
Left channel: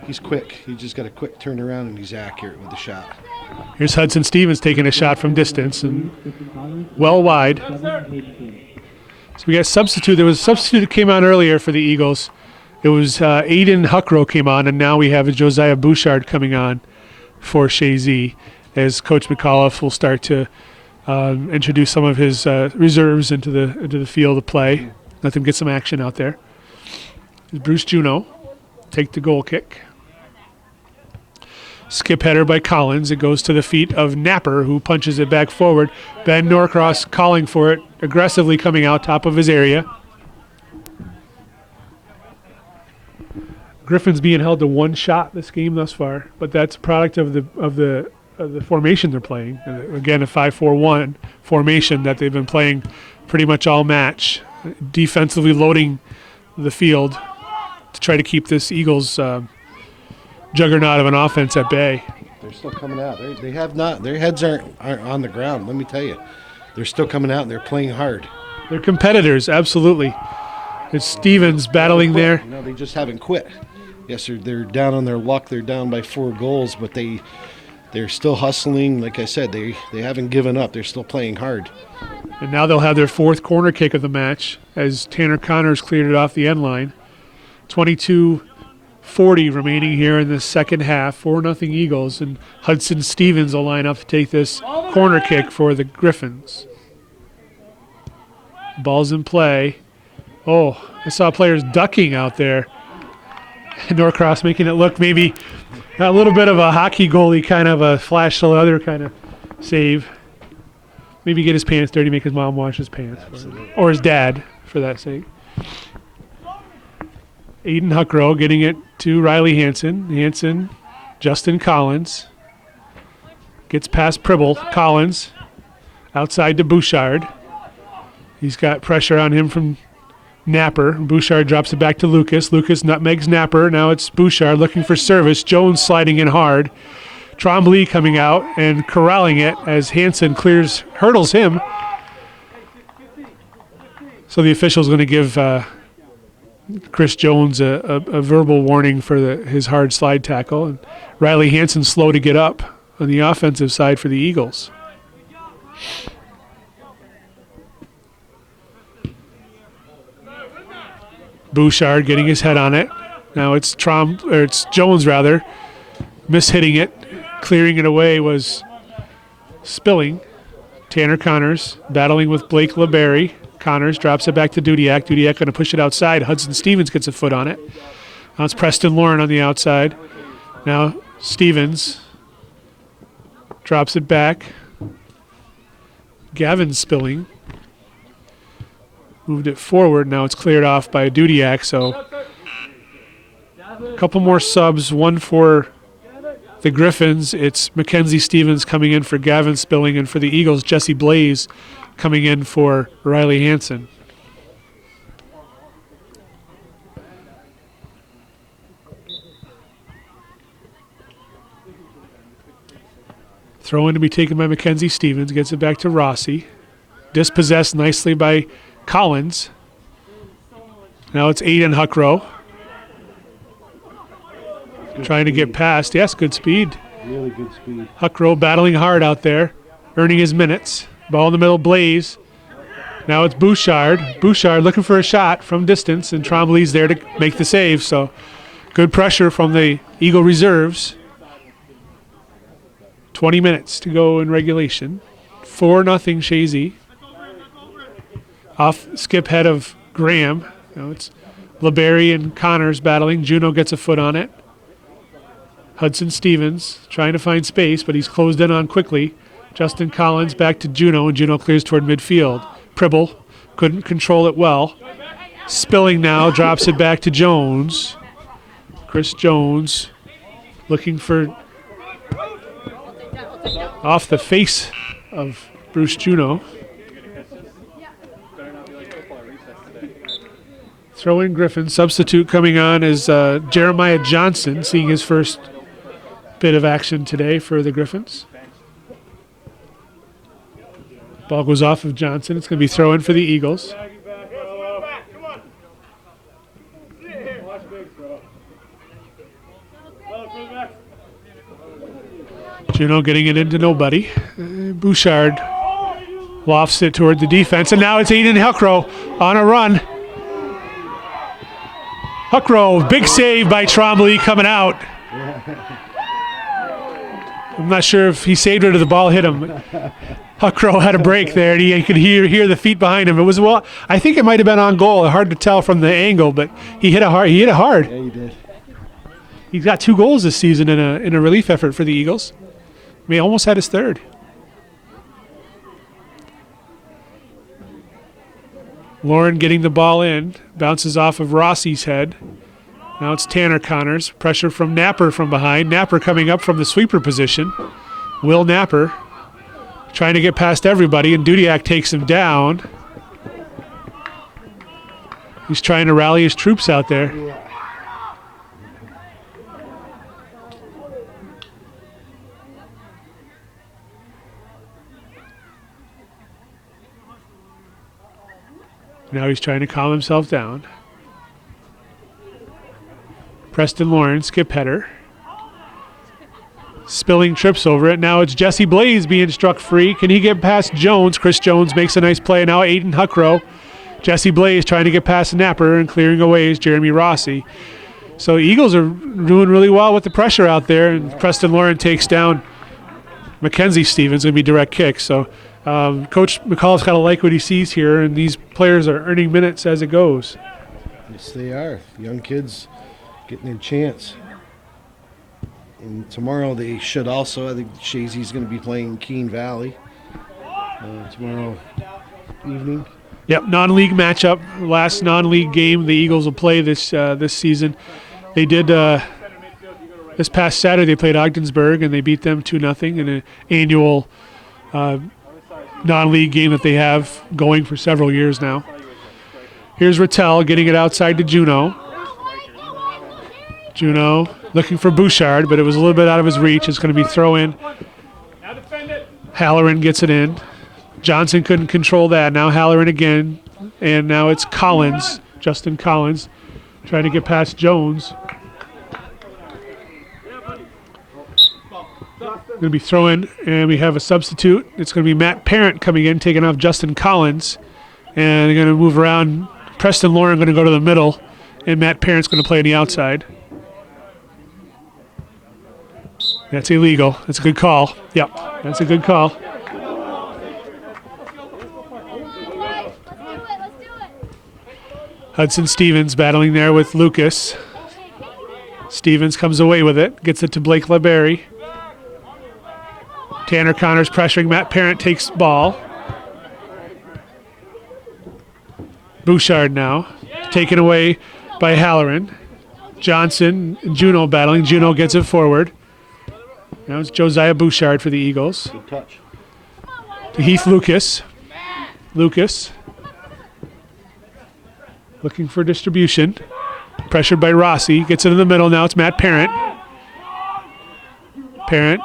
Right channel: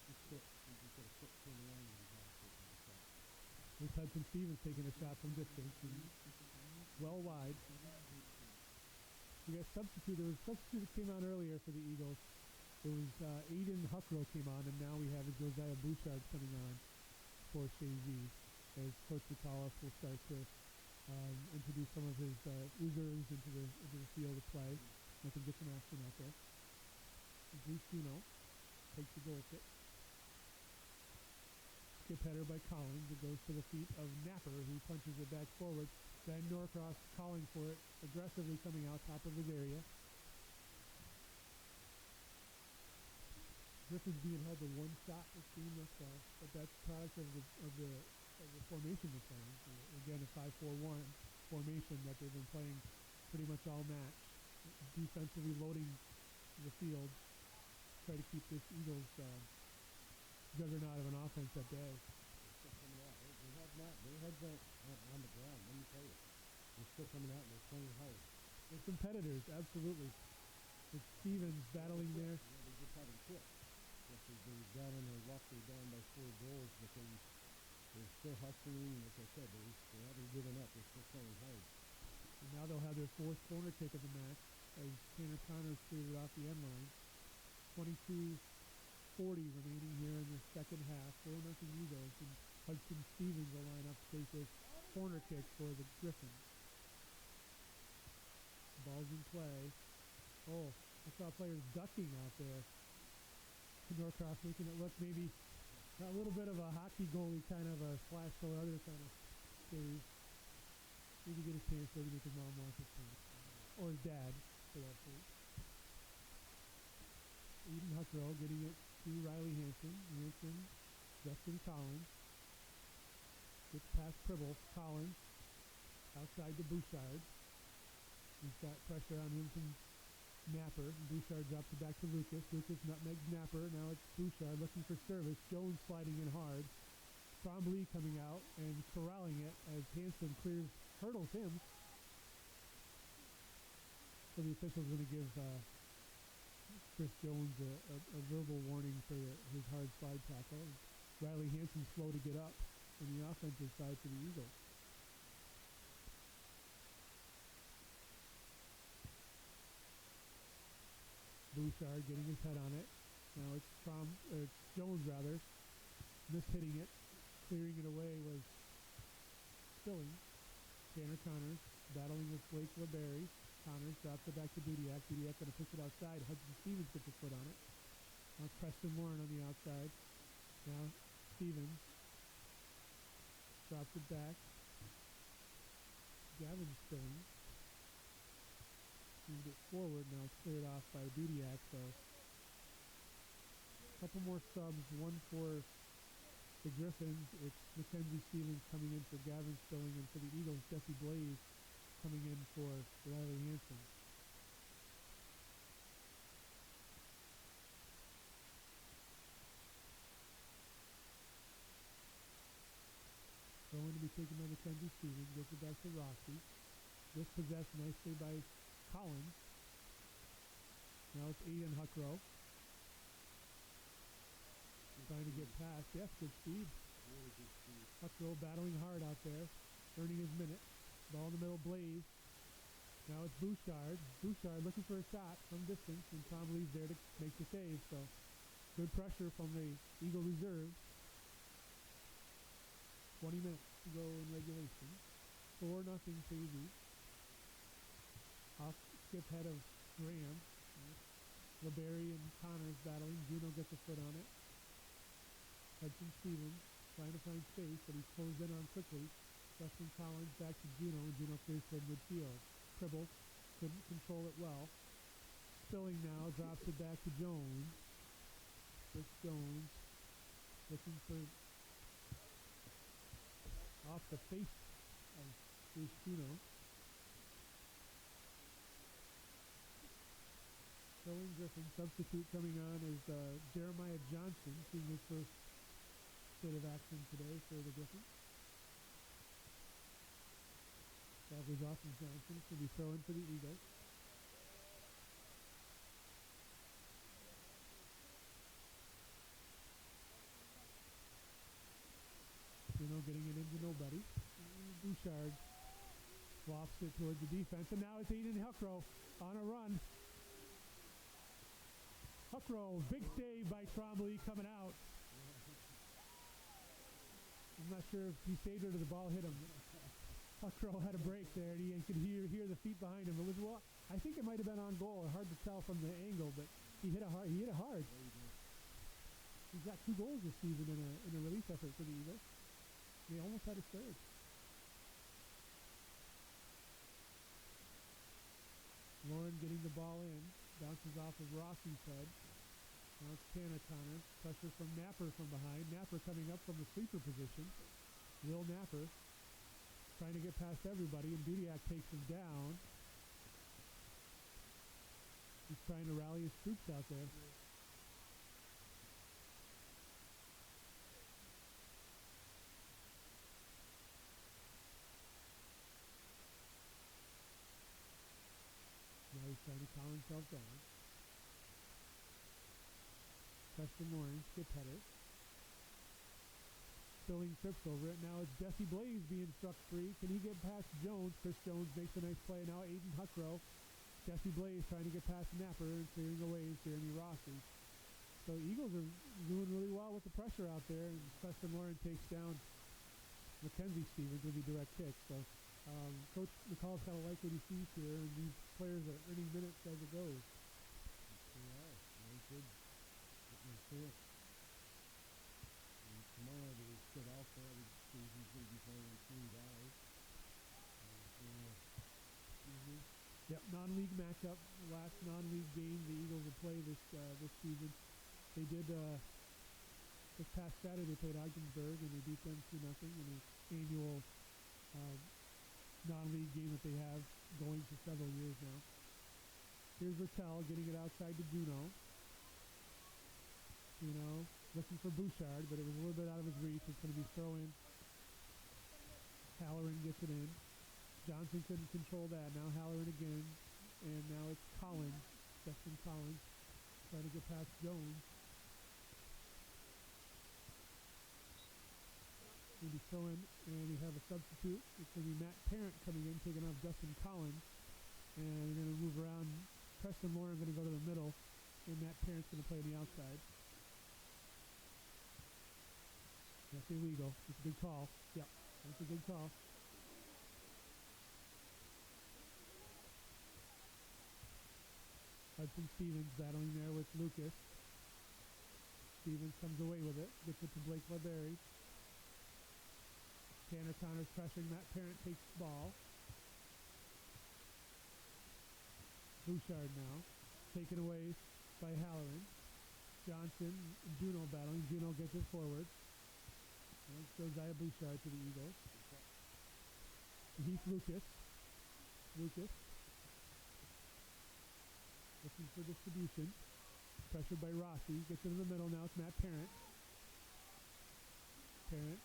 He's quick. He just got a quick turnaround, and he's accurate with the shot. Here's Hudson Stevens taking a shot from distance and well wide. So we got substitute. There was a substitute that came on earlier for the Eagles. It was Aiden Huckrow came on, and now we have a Josiah Bouchard coming on for Chazy, as Coach McAuliffe will start to introduce some of his reserves into the field of play. Let them get some action out there. Bruce Juneau take the goal kick. Skip header by Collins. It goes to the feet of Napper, who punches it back forward. Ben Norcross calling for it, aggressively coming out top of his area. Griffins being held to one shot this game thus far, but that's a product of the formation they're playing. Again, a 5-4-1 formation that they've been playing pretty much all match, defensively loading the field to try to keep this Eagles juggernaut of an offense at bay. They're still coming out. They have not. Their heads aren't on the ground. Let me tell you, they're still coming out and they're playing hard. They're competitors, absolutely. It's Stevens battling there. No, they just haven't quit. Yes, they're down on their luck. They're down by 4 goals, but they're still hustling. Like I said, they haven't given up. They're still playing hard. And now they'll have their 4th corner kick of the match as Tanner Connors cleared it off the end line. 22:40 remaining here in the second half. 4-0 Eagles, and Hudson Stevens will line up to take this corner kick for the Griffins. Ball's in play. Oh, I saw players ducking out there. Norcross making it look maybe a little bit of a hockey goalie kind of a flash to the other kind of save. Maybe get his pants dirty, make his mom wash his pants. Or his dad, for that sake. Aiden Huckrow getting it to Riley Hansen. Hansen, Justin Collins. Gets past Pribble. Collins outside to Bouchard. He's got pressure on him from Napper. Bouchard drops it back to Lucas. Lucas nutmegs Napper. Now it's Bouchard looking for service. Jones sliding in hard. Trombley coming out and corralling it as Hansen hurdles him. So the official's going to give Chris Jones a verbal warning for his hard slide tackle. And Riley Hansen slow to get up on the offensive side for the Eagles. Bouchard getting his head on it. Now it's Jones rather, mishitting it. Clearing it away was Spilling. Tanner Connors battling with Blake LeBerry. Connors drops it back to Dudiak. Dudiak going to push it outside. Hudson Stevens gets a foot on it. Now it's Preston Lauren on the outside. Now Stevens drops it back. Gavin Spilling moved it forward. Now it's cleared off by Dudiak. So a couple more subs. One for the Griffins. It's Mackenzie Stevens coming in for Gavin Spilling, and for the Eagles, Jesse Blaze coming in for Riley Hansen. Throw in to be taken by Mackenzie Stevens. Gets it back to Rossi. Dispossessed nicely by Collins. Now it's Aiden Huckrow. Trying to get past. Yes, good speed. Really good speed. Huckrow battling hard out there, earning his minutes. Ball in the middle, Blaze. Now it's Bouchard. Bouchard looking for a shot from distance, and Trombley's there to make the save. So good pressure from the Eagle reserves. 20 minutes to go in regulation. 4-0 Chazy. Off skip head of Graham. Now it's LeBerry and Connors battling. Juneau gets a foot on it. Hudson Stevens trying to find space, but he's closed in on quickly. Justin Collins back to Juneau, and Juneau clears toward midfield. Pribble couldn't control it well. Spilling now, drops it back to Jones. Chris Jones looking for off the face of Bruce Juneau. Throw in Griffin. Substitute coming on is Jeremiah Johnson, seeing his first bit of action today for the Griffins. Ball goes off of Johnson. It's going to be throw in for the Eagles. Juneau getting it into nobody. Bouchard Lofts it toward the defense, and now it's Aiden Huckrow on a run. Huckrow, big save by Trombley coming out. I'm not sure if he saved it or the ball hit him. Huckrow had a break there, and he could hear the feet behind him. It was, well, I think it might have been on goal. Hard to tell from the angle, but he hit it hard. Yeah, he did. He's got 2 goals this season in a relief effort for the Eagles. I mean, he almost had his 3rd. Lauren getting the ball in, bounces off of Rossi's head. Now it's Tanner Connors. Pressure from Napper from behind. Napper coming up from the sweeper position. Will Napper trying to get past everybody, and Dudiak takes him down. He's trying to rally his troops out there. Now he's trying to calm himself down. Preston Lawrence, skip header. Spilling trips over it. Now it's Jesse Blaze being struck free. Can he get past Jones? Chris Jones makes a nice play. Now Aiden Huckrow. Jesse Blaze trying to get past Napper, and clearing away is Jeremy Rossi. So Eagles are doing really well with the pressure out there, and Preston Lawrence takes down Mackenzie Stevens. Going to be direct kick. So Coach McCall's got to like what he sees here, and these players are earning minutes as it goes. Yes, they are. Young kids getting a chance. And tomorrow they should also. I think Chazy's going to be playing Keene Valley tomorrow evening. Yep, non-league matchup. Last non-league game the Eagles will play this season. They did this past Saturday. They played Ogdensburg and they beat them 2-0 in an annual non-league game that they have going for several years now. Here's Rattel getting it outside to Juno. Juno looking for Bouchard, but it was a little bit out of his reach. It's going to be throw in. Halloran gets it in. Johnson couldn't control that. Now Halloran again, and now it's Collins, Justin Collins, trying to get past Jones. Going to be throw-in, and we have a substitute. It's going to be Matt Parent coming in, taking off Justin Collins, and they're going to move around. Preston Lauren going to go to the middle, and Matt Parent's going to play on the outside. That's illegal. That's a good call. Yep, that's a good call. Hudson Stevens battling there with Lucas. Stevens comes away with it, gets it to Blake LeBerry. Tanner Connors pressuring Matt Parent, takes ball. Bouchard now, taken away by Halloran. Johnson and Juno battling. Juno gets it forward. Now it's Josiah Bouchard for the Eagles. Good touch. To Heath Lucas. Lucas looking for distribution. Pressured by Rossi. Gets it in the middle. Now it's Matt Parent. Parent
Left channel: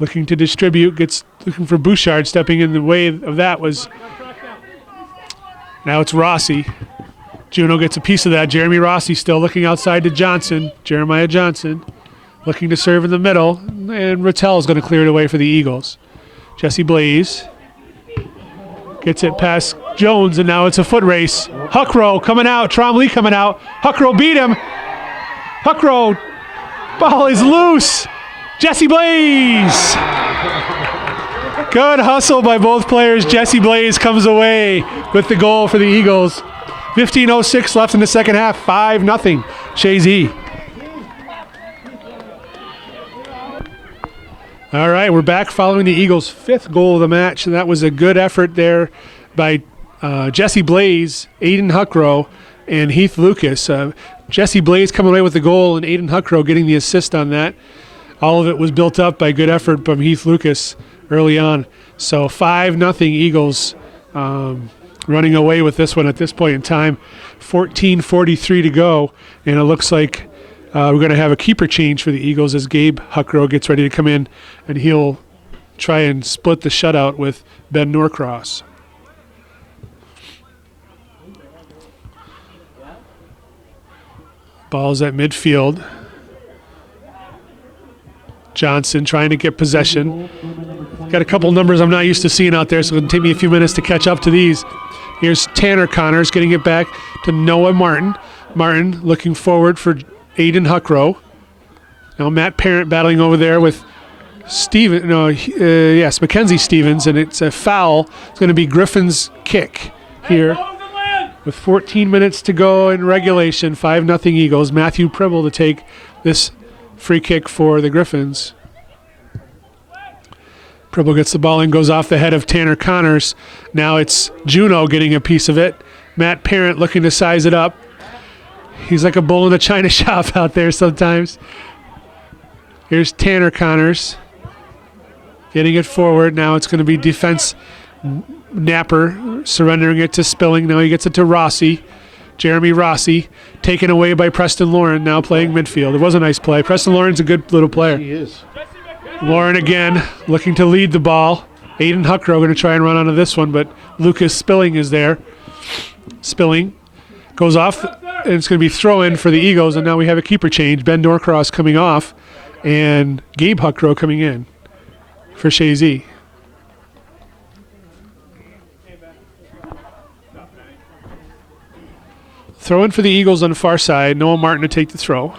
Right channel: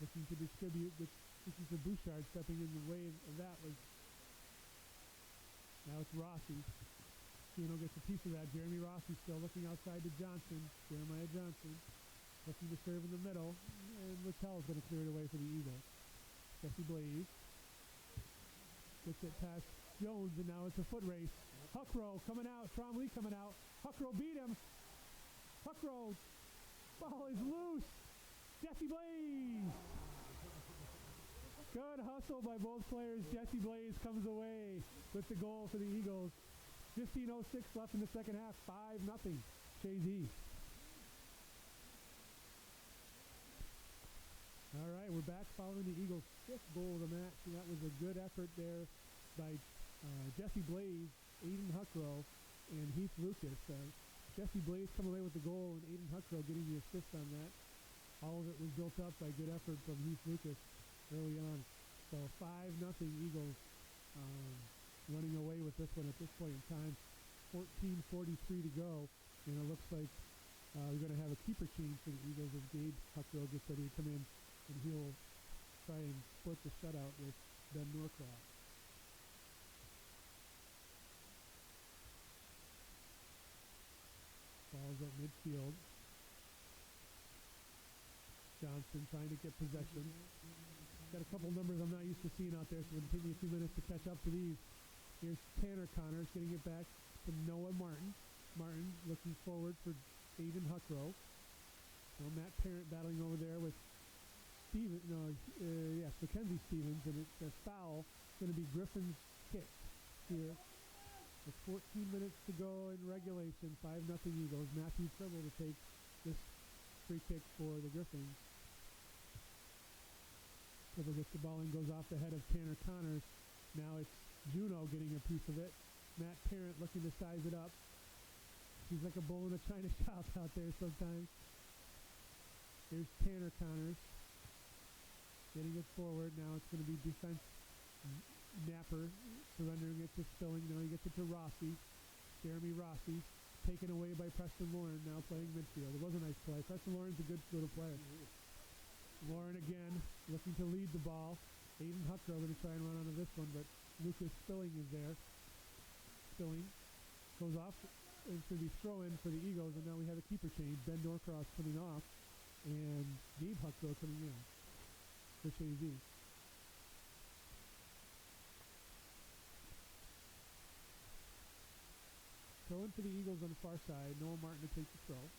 looking to distribute. Looking for Bouchard. Stepping in the way of that was... Now it's Rossi. Juno gets a piece of that. Jeremy Rossi still looking outside to Johnson. Jeremiah Johnson looking to serve in the middle. And Rattel is going to clear it away for the Eagles. Jesse Blaze gets it past Jones, and now it's a foot race. Huckrow coming out. Trombley coming out. Huckrow beat him. Huckrow. Ball is loose. Jesse Blaze. Good hustle by both players. Jesse Blaze comes away with the goal for the Eagles. 15:06 left in the second half. 5-0. Chazy. All right, we're back following the Eagles' fifth goal of the match, and that was a good effort there by Jesse Blaze, Aiden Huckrow, and Heath Lucas. Jesse Blaze coming away with the goal, and Aiden Huckrow getting the assist on that. All of it was built up by good effort from Heath Lucas early on. So 5-0 Eagles running away with this one at this point in time. 14:43 to go, and it looks like we're going to have a keeper change for the Eagles as Gabe Huckrow gets ready to come in, and he'll try and split the shutout with Ben Norcross. Ball's at midfield. Johnson trying to get possession. Got a couple numbers I'm not used to seeing out there, so it'll take me a few minutes to catch up to these. Here's Tanner Connors getting it back to Noah Martin. Martin looking forward for Aiden Huckrow. Now Matt Parent battling over there with Mackenzie Stevens, and it's a foul. It's going to be Griffins' kick here. With 14 minutes to go in regulation, 5-0 Eagles. Matthew Pribble to take this free kick for the Griffins. Pribble gets the ball and goes off the head of Tanner Connors. Now it's Juno getting a piece of it. Matt Parent looking to size it up. He's like a bull in a china shop out there sometimes. Here's Tanner Connors getting it forward. Now it's going to be defense Napper surrendering it to Spilling. Now he gets it to Rossi. Jeremy Rossi taken away by Preston Lauren, now playing midfield. It was a nice play. Preston Lauren's a good little player. He is. Lauren again looking to lead the ball. Aiden Huckrow going to try and run onto this one, but Lucas Spilling is there. Spilling goes off, and it's going to be throw-in for the Eagles, and now we have a keeper change. Ben Norcross coming off, and Gabe Huckrow coming in for Chazy. Throw in for the Eagles on the far side. Noah Martin to take the throw.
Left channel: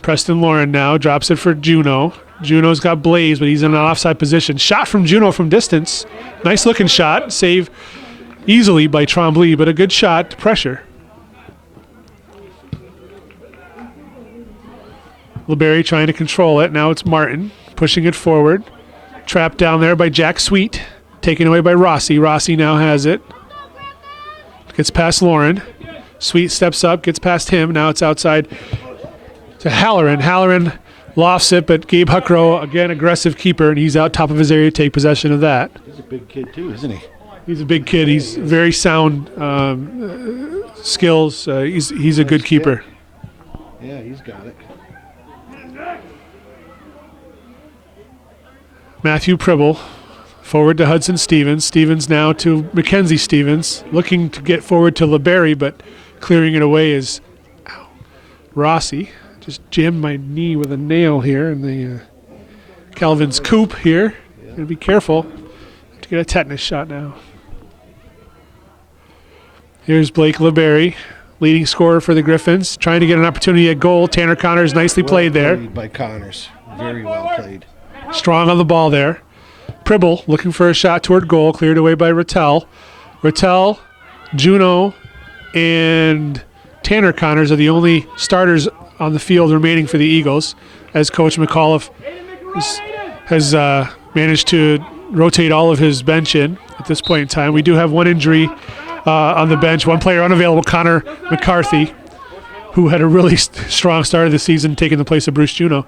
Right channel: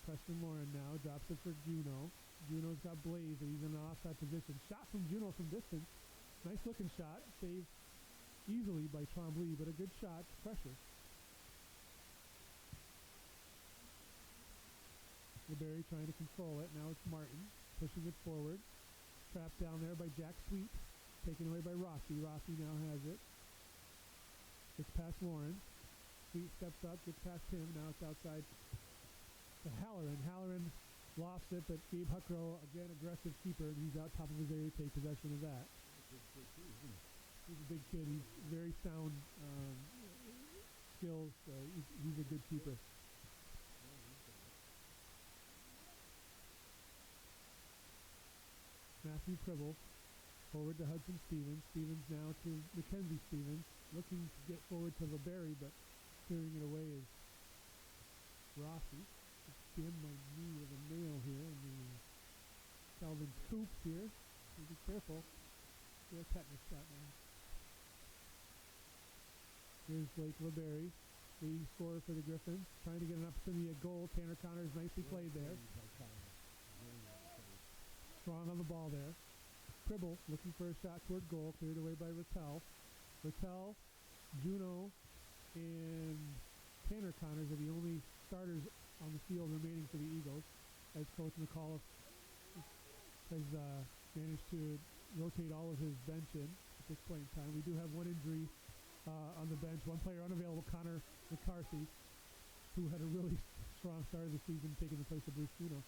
Preston Lauren now drops it for Juno. Juno's got Blaze, but he's in an offside position. Shot from Juno from distance. Nice looking shot. Save easily by Trombley, but a good shot to pressure. LeBerry trying to control it. Now it's Martin pushing it forward. Trapped down there by Jack Sweet. Taken away by Rossi. Rossi now has it. Gets past Lauren. Sweet steps up, gets past him. Now it's outside to Halloran. Halloran lofts it, but Gabe Huckrow, again, aggressive keeper, and he's out top of his area to take possession of that. He's a big kid too, isn't he? He's a big kid. He's very sound skills. He's a good keeper. Yeah, he's got it. Matthew Pribble forward to Hudson Stevens. Stevens now to Mackenzie Stevens. Looking to get forward to LeBerry, but clearing it away is Rossi. Just jammed my knee with a nail here in the Calvin's coop here. Gotta be careful to get a tetanus shot now. Here's Blake LeBerry, leading scorer for the Griffins, trying to get an opportunity at goal. Tanner Connors nicely played there. Played by Connors. Very well played. Strong on the ball there. Pribble looking for a shot toward goal, cleared away by Rattel. Rattel, Juno, and Tanner Connors are the only starters on the field remaining for the Eagles, as Coach McAuliffe has managed to rotate all of his bench in at this point in time. We do have one injury on the bench, one player unavailable, Connor McCarthy, who had a really strong start of the season, taking the place of Bruce Juno.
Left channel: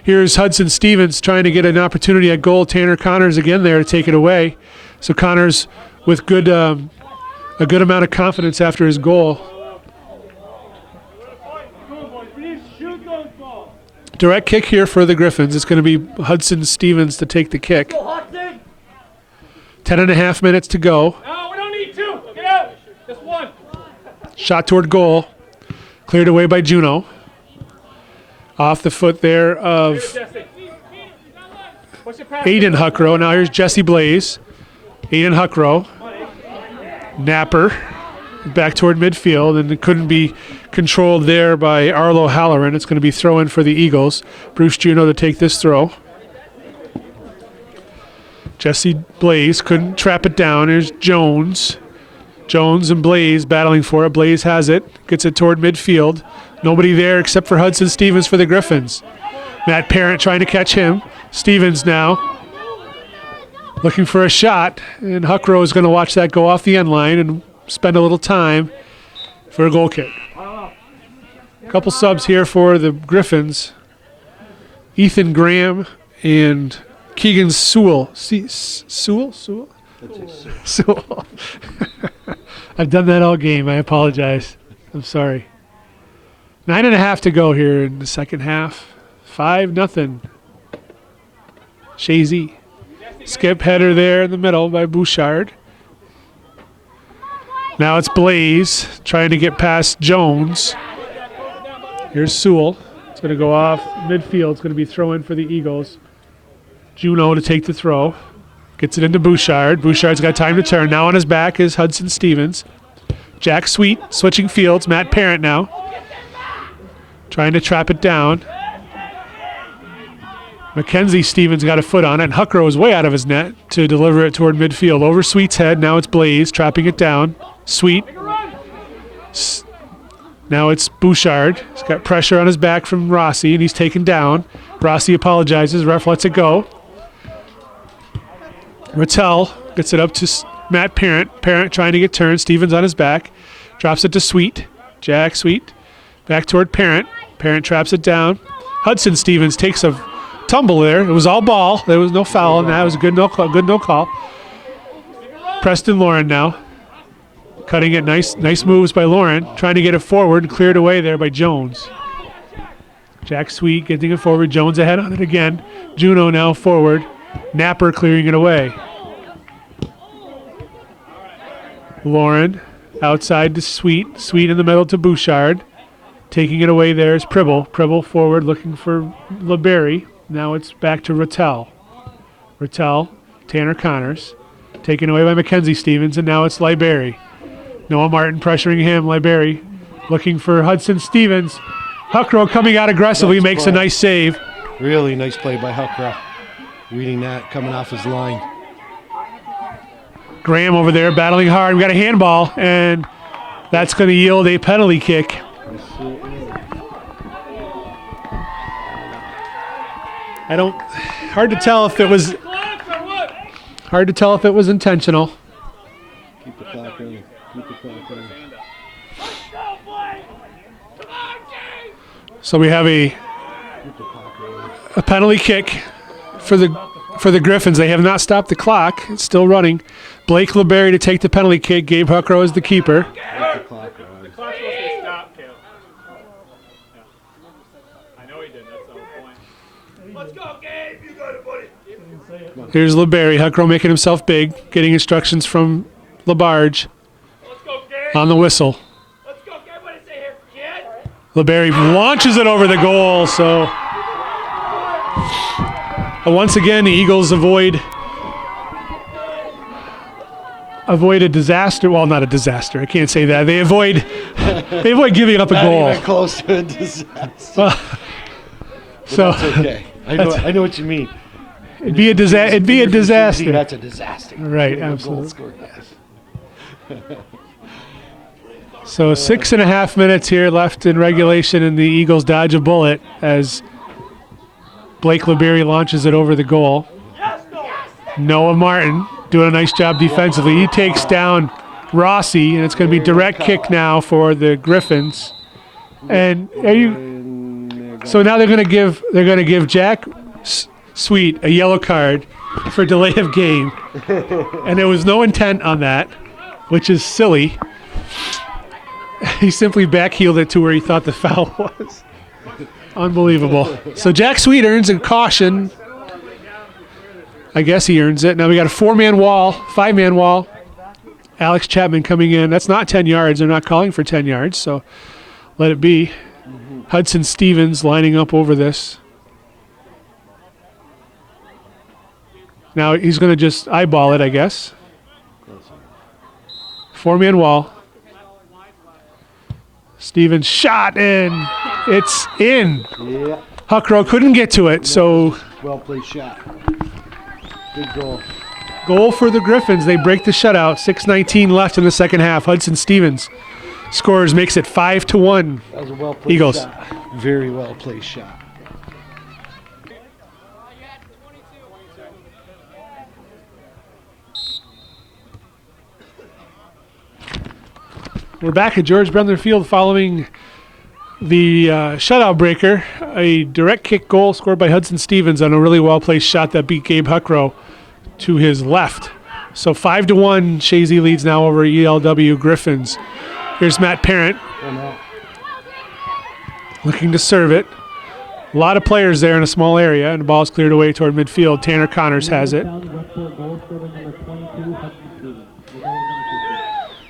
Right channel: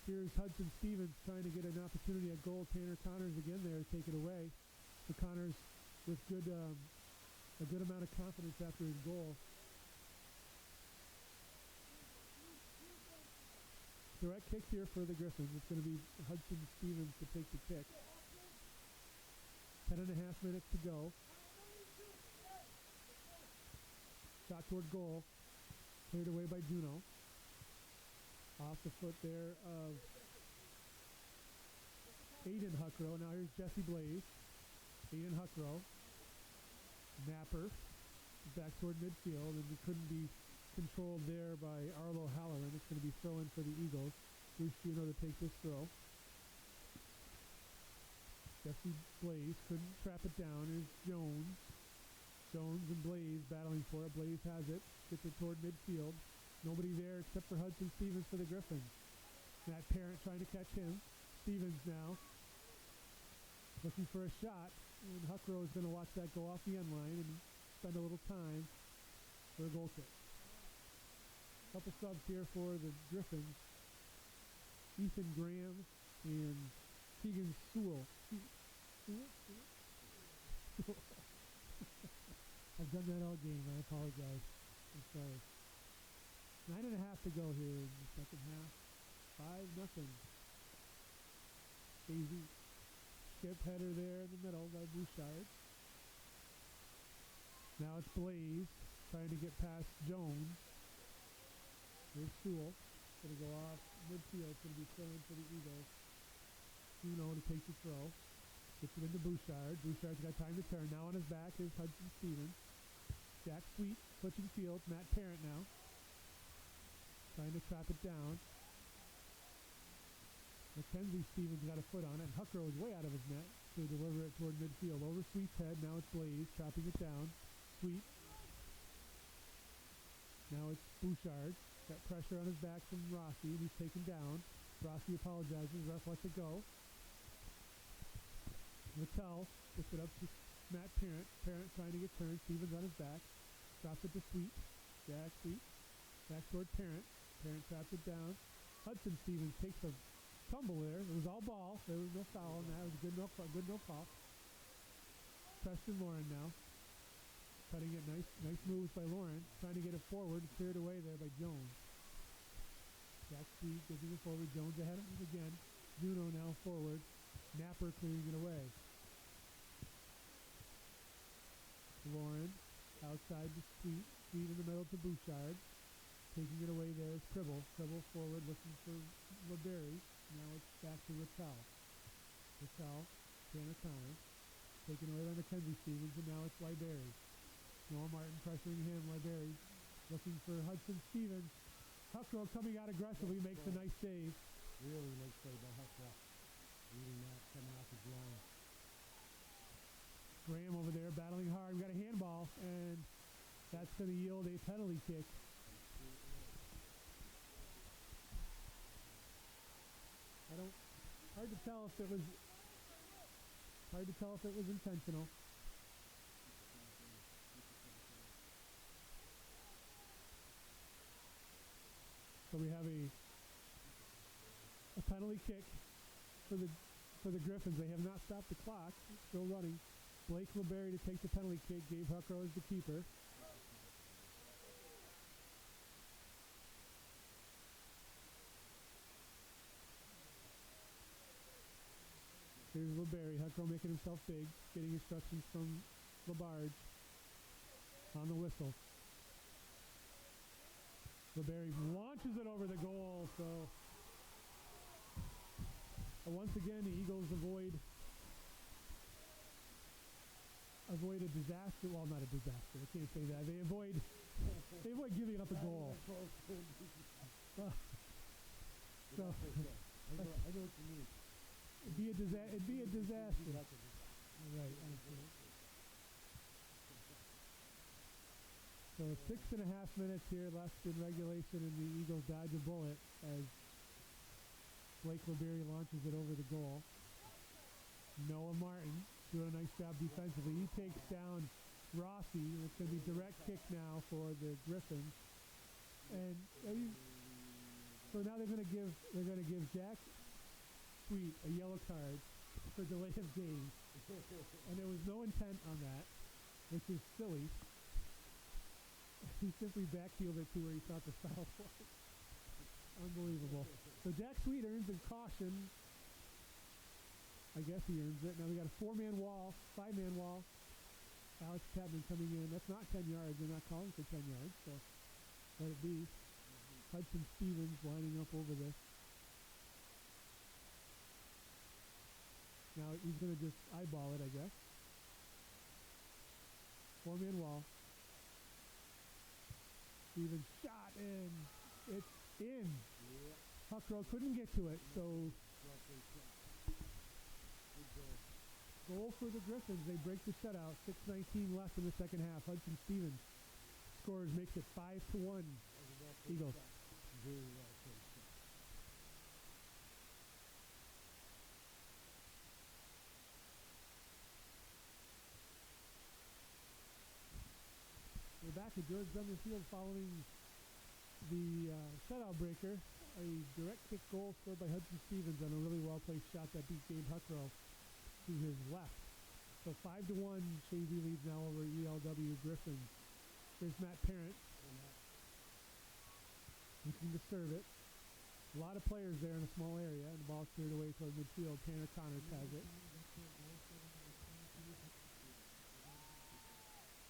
Here's Hudson Stevens trying to get an opportunity at goal. Tanner Connors again there to take it away. So Connors with a good amount of confidence after his goal. Direct kick here for the Griffins. It's going to be Hudson Stevens to take the kick. 10.5 minutes to go. No, we don't need two. Get out. Just one. Shot toward goal. Cleared away by Juno. Off the foot there of Aiden Huckrow. Now here's Jesse Blaze. Aiden Huckrow. Napper. Back toward midfield, and it couldn't be controlled there by Arlo Halloran. It's going to be throw in for the Eagles. Bruce Juno to take this throw. Jesse Blaze couldn't trap it down. Here's Jones. Jones and Blaze battling for it. Blaze has it. Gets it toward midfield. Nobody there except for Hudson Stevens for the Griffins. Matt Parent trying to catch him. Stevens now looking for a shot, and Huckrow is going to watch that go off the end line and spend a little time for a goal kick. A couple subs here for the Griffins. Ethan Graham and Keegan Sewell. Sewell? Sewell. I've done that all game. I apologize. I'm sorry. 9.5 to go here in the second half. 5-0. Chazy. Skip header there in the middle by Bouchard. Now it's Blaze trying to get past Jones. Here's Sewell. It's going to go off midfield. It's going to be throw in for the Eagles. Juno to take the throw. Gets it into Bouchard. Bouchard's got time to turn. Now on his back is Hudson Stevens. Jack Sweet switching fields. Matt Parent now. Trying to trap it down. Mackenzie Stevens got a foot on it, and Huckrow is way out of his net to deliver it toward midfield. Over Sweet's head. Now it's Blaze trapping it down. Sweet. Now it's Bouchard. He's got pressure on his back from Rossi, and he's taken down. Rossi apologizes. Ref lets it go. Rattel gets it up to Matt Parent. Parent trying to get turned. Stevens on his back. Drops it to Sweet. Jack Sweet. Back toward Parent. Parent traps it down. Hudson Stevens takes a tumble there. It was all ball. There was no foul, and that was a good no call. Preston Lauren now. Cutting it. Nice moves by Lauren. Trying to get it forward and cleared away there by Jones. Jack Sweet getting it forward. Jones ahead on it again. Juno now forward. Napper clearing it away. Lauren outside to Sweet. Sweet in the middle to Bouchard. Taking it away there is Pribble. Pribble forward looking for LeBerry. Now it's back to Rattel. Rattel, Tanner Connors. Taken away by Mackenzie Stevens, and now it's Libery. Noah Martin pressuring him. Libery looking for Hudson Stevens. Huckrow coming out aggressively, makes a nice save. Really nice play by Huckrow. Reading that, coming off his line. Graham over there battling hard. We got a handball, and that's going to yield a penalty kick. Hard to tell if it was intentional. Keep the clock running. Keep the clock running. So we have a penalty kick for the Griffins. They have not stopped the clock. It's still running. Blake LeBerry to take the penalty kick. Gabe Huckrow is the keeper. Keep the clock running. The clock's supposed to stop, Caleb. Yeah. I know he did. That's the whole point. Let's go, Gabe. You got it, buddy. Here's LeBerry. Huckrow making himself big, getting instructions from LaBarge Let's go, Gabe. on the whistle. Let's go, Gabe. What do you say here, kid? LeBerry launches it over the goal. So once again, the Eagles avoid a disaster. Well, not a disaster. I can't say that. They avoid giving up a goal. Not even close to a disaster. So That's okay. I know what you mean. it'd be a disaster. That's a disaster. Right, Getting a goal absolutely. scored, yes. So 6.5 minutes here left in regulation, and the Eagles dodge a bullet as Blake LeBerry launches it over the goal. Noah Martin doing a nice job defensively. He takes down Rossi, and it's going to be direct kick now for the Griffins. And so now they're going to give Jack Sweet a yellow card for delay of game, and there was no intent on that, which is silly. He simply backheeled it to where he thought the foul was. Unbelievable. So Jack Sweet earns a caution. I guess he earns it. Now we got a 5-man wall. Alex Chapman coming in. That's not 10 yards. They're not calling for 10 yards, so let it be. Hudson Stevens lining up over this. Now he's going to just eyeball it, I guess. 4-man wall. Stevens shot, and it's in. Yeah. Huckrow couldn't get to it, so Well played shot. Good goal. goal for the Griffins. They break the shutout. 6:19 left in the second half. Hudson Stevens scores, makes it 5-1. That was a well played Eagles. shot. Very well played shot. We're back at George Brendler Field following the shutout breaker. A direct kick goal scored by Hudson Stevens on a really well-placed shot that beat Gabe Huckrow to his left. So 5-1, Chazy leads now over ELW Griffins. Here's Matt Parent looking to serve it. A lot of players there in a small area, and the ball's cleared away toward midfield. Tanner Connors has it.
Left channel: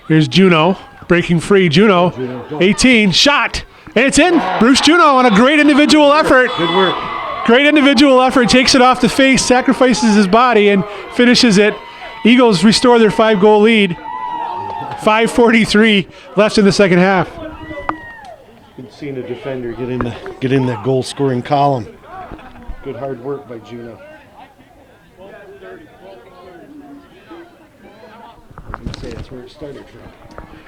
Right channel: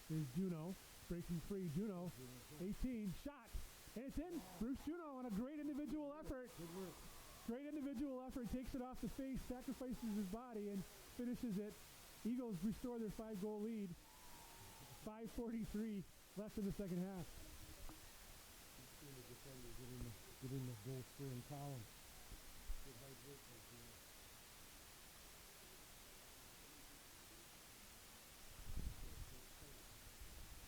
Here's Juno breaking free. Juno, 18, shot. And it's in. Bruce Juno on a great individual effort. Good work. Great individual effort. Takes it off the face, sacrifices his body, and finishes it. Eagles restore their 5-goal lead. 5:43 left in the second half. Good seeing a defender get in the goal scoring column. Good hard work by Juno. I was going to say that's where it started from.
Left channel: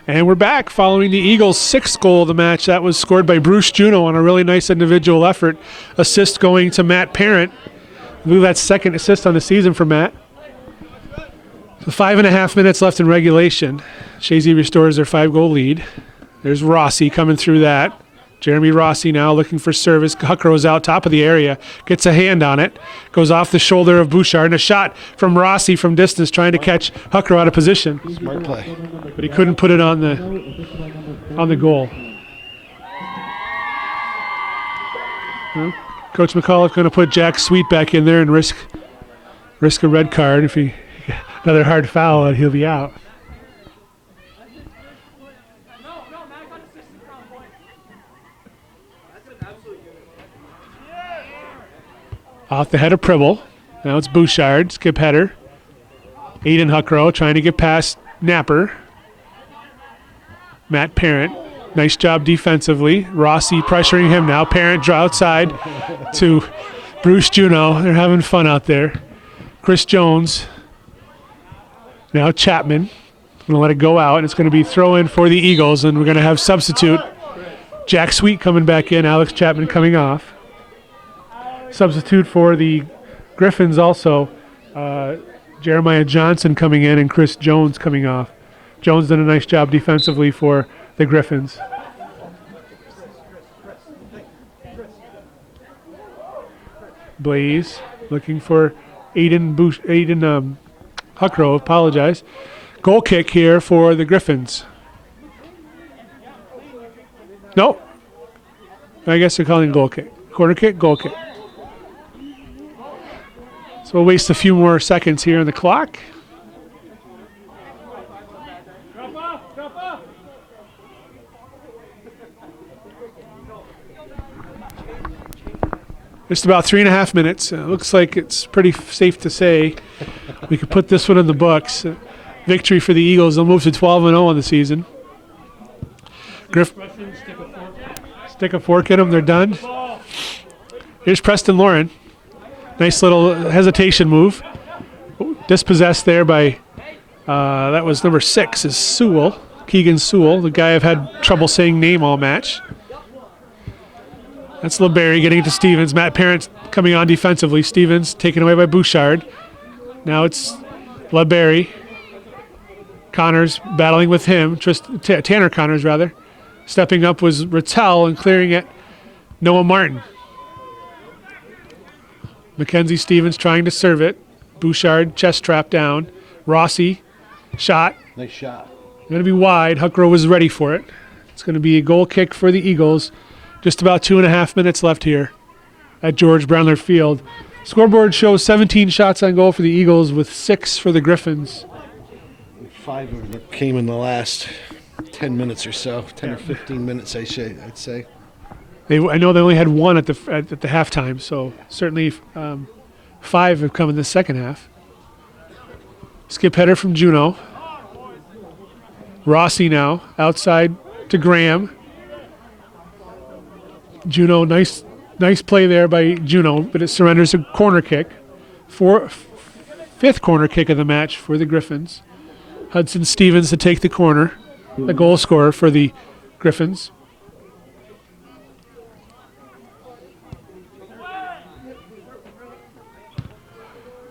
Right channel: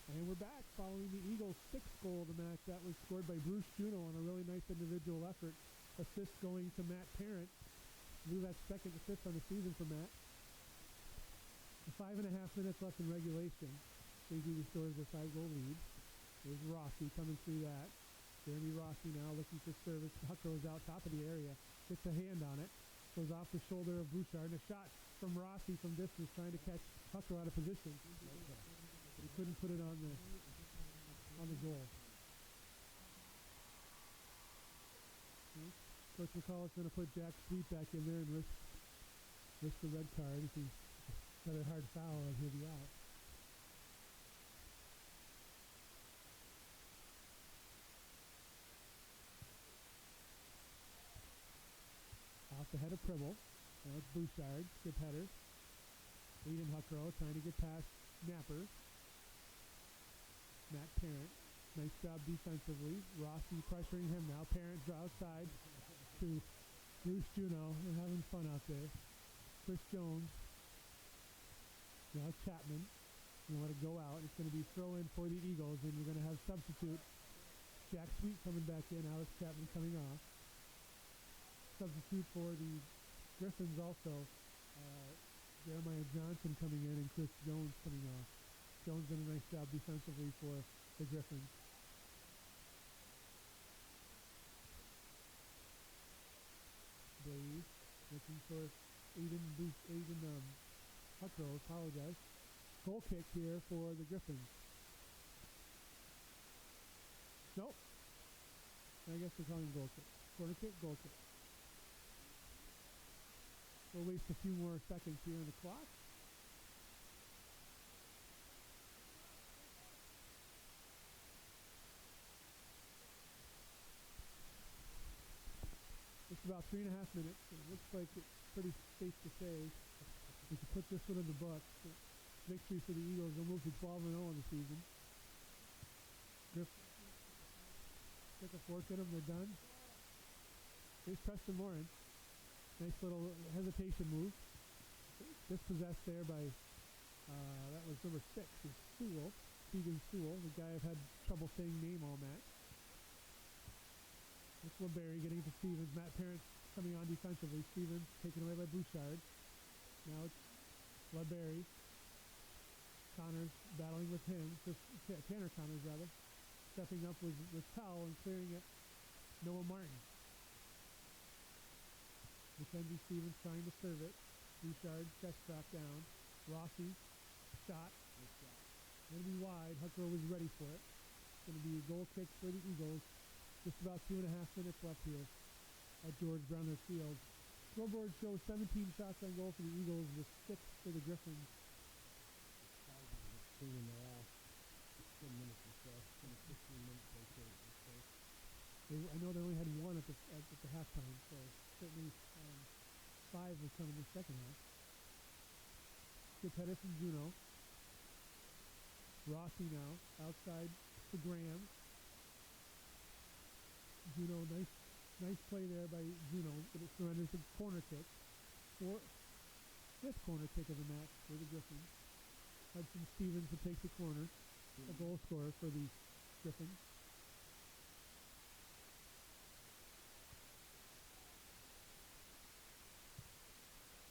And we're back following the Eagles' 6th goal of the match. That was scored by Bruce Juno on a really nice individual effort. Assist going to Matt Parent. I believe that's second assist on the season for Matt. So 5.5 minutes left in regulation. Chazy restores their 5-goal lead. There's Rossi coming through that. Jeremy Rossi now looking for service. Huckro's out top of the area. Gets a hand on it. Goes off the shoulder of Bouchard. And a shot from Rossi from distance trying to catch Huckro out of position. Smart play. But he couldn't put it on the goal. Well, Coach McAuliffe going to put Jack Sweet back in there and risk a red card. If he another hard foul, and he'll be out. Off the head of Pribble. Now it's Bouchard, skip header. Aiden Huckrow trying to get past Napper. Matt Parent, nice job defensively. Rossi pressuring him now. Parent draw outside to Bruce Juno. They're having fun out there. Chris Jones. Now Chapman. Going to let it go out, and it's going to be throw in for the Eagles, and we're going to have substitute. Jack Sweet coming back in, Alex Chapman coming off. Substitute for the Griffins also, Jeremiah Johnson coming in and Chris Jones coming off. Jones did a nice job defensively for the Griffins. Blaze looking for Aiden Huckrow, apologize. Goal kick here for the Griffins. Nope. I guess they're calling it goal kick. Corner kick, goal kick. So we'll waste a few more seconds here on the clock. Just about 3.5 minutes. Looks like it's pretty safe to say we could put this one in the books. Victory for the Eagles. They'll move to 12-0 on the season. Stick a fork in them. They're done. Here's Preston Lauren. Nice little hesitation move. Dispossessed there by, that was number 6, is Sewell. Keegan Sewell, the guy I've had trouble saying name all match. That's LeBerry getting it to Stevens. Matt Parent coming on defensively. Stevens taken away by Bouchard. Now it's LeBerry. Connors battling with him. Tanner Connors, rather. Stepping up was Rattel and clearing it. Noah Martin. Mackenzie Stevens trying to serve it. Bouchard chest trap down. Rossi shot. Nice shot. Going to be wide. Huckrow was ready for it. It's going to be a goal kick for the Eagles. Just about 2.5 minutes left here at George Brendler Field. Scoreboard shows 17 shots on goal for the Eagles with 6 for the Griffins. 5 of them came in the last 10 minutes or so, 10 or 15 minutes, I'd say. I know they only had 1 at the halftime, so certainly 5 have come in the second half. Skip header from Juno. Rossi now outside to Graham. Juno, nice play there by Juno, but it surrenders a corner kick. 5th corner kick of the match for the Griffins. Hudson Stevens to take the corner, the goal scorer for the Griffins.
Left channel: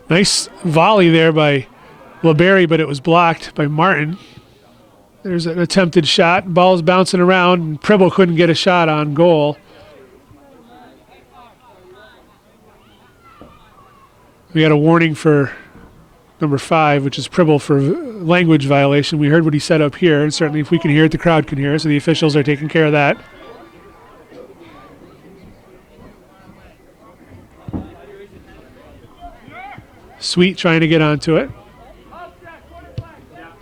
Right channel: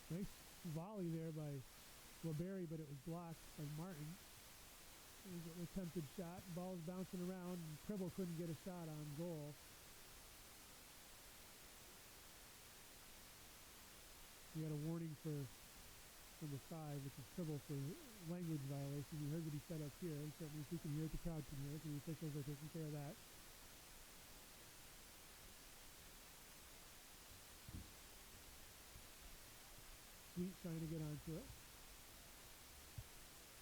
Nice volley there by LeBerry, but it was blocked by Martin. There's an attempted shot. Ball's bouncing around, and Pribble couldn't get a shot on goal. We got a warning for number 5, which is Pribble for language violation. We heard what he said up here, and certainly if we can hear it, the crowd can hear it, so the officials are taking care of that. Sweet trying to get onto it.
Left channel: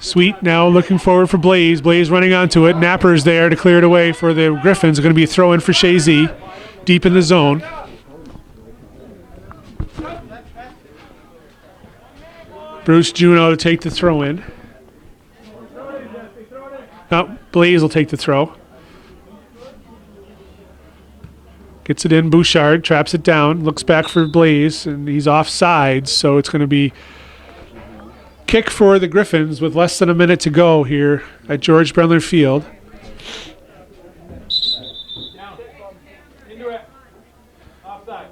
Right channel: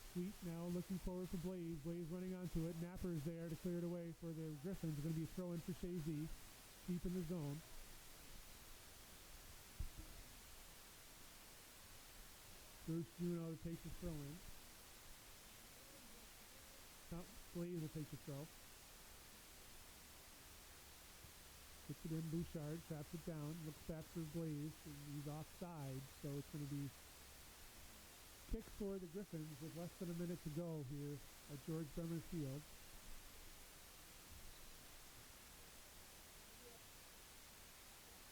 Sweet now looking forward for Blaze. Blaze running onto it. Napper's there to clear it away for the Griffins. Going to be a throw in for Chazy, deep in the zone. Bruce Juno to take the throw in. No, Blaze will take the throw. Gets it in. Bouchard traps it down. Looks back for Blaze, and he's offside. So it's going to be kick for the Griffins with less than a minute to go here at George Brendler Field. Down. Indirect. Offside.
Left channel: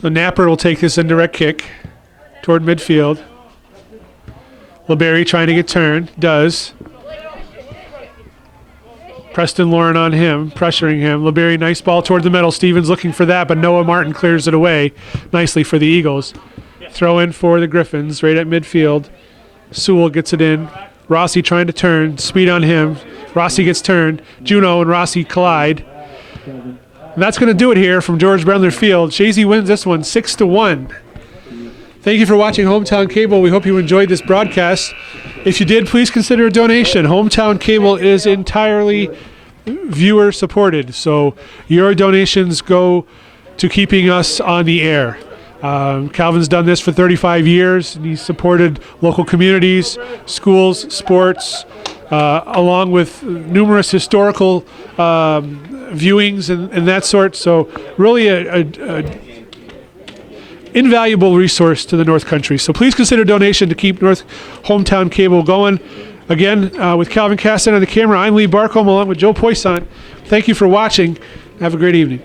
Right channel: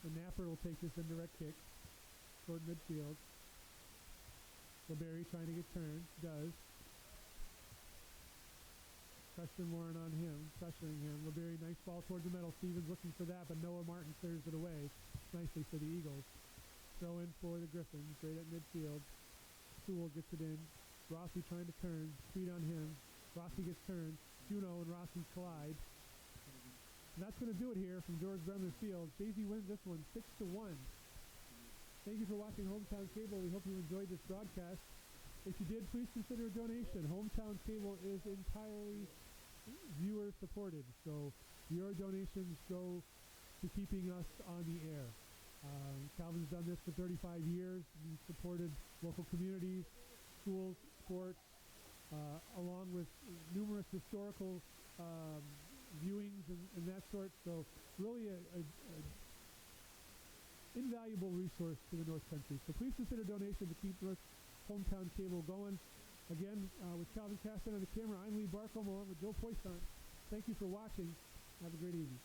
So Napper will take this indirect kick toward midfield. LeBerry trying to get turned. Does. Preston Lauren on him, pressuring him. LeBerry, nice ball toward the middle. Stevens looking for that, but Noah Martin clears it away nicely for the Eagles. Throw in for the Griffins right at midfield. Sewell gets it in. Rossi trying to turn. Speed on him. Rossi gets turned. Juno and Rossi collide. And that's going to do it here from George Brendler Field. Chazy wins this one 6-1. Thank you for watching Hometown Cable. We hope you enjoyed this broadcast. If you did, please consider a donation. Hometown Cable is entirely viewer supported, so your donations go to keeping us on the air. Calvin's done this for 35 years, and he's supported local communities, schools, sports, along with numerous historical viewings and that sort. So really a invaluable resource to the North Country. So please consider donation to keep North Hometown Cable going. Again, with Calvin Caston on the camera, I'm Lee Barcombe along with Joe Poissant. Thank you for watching. Have a great evening.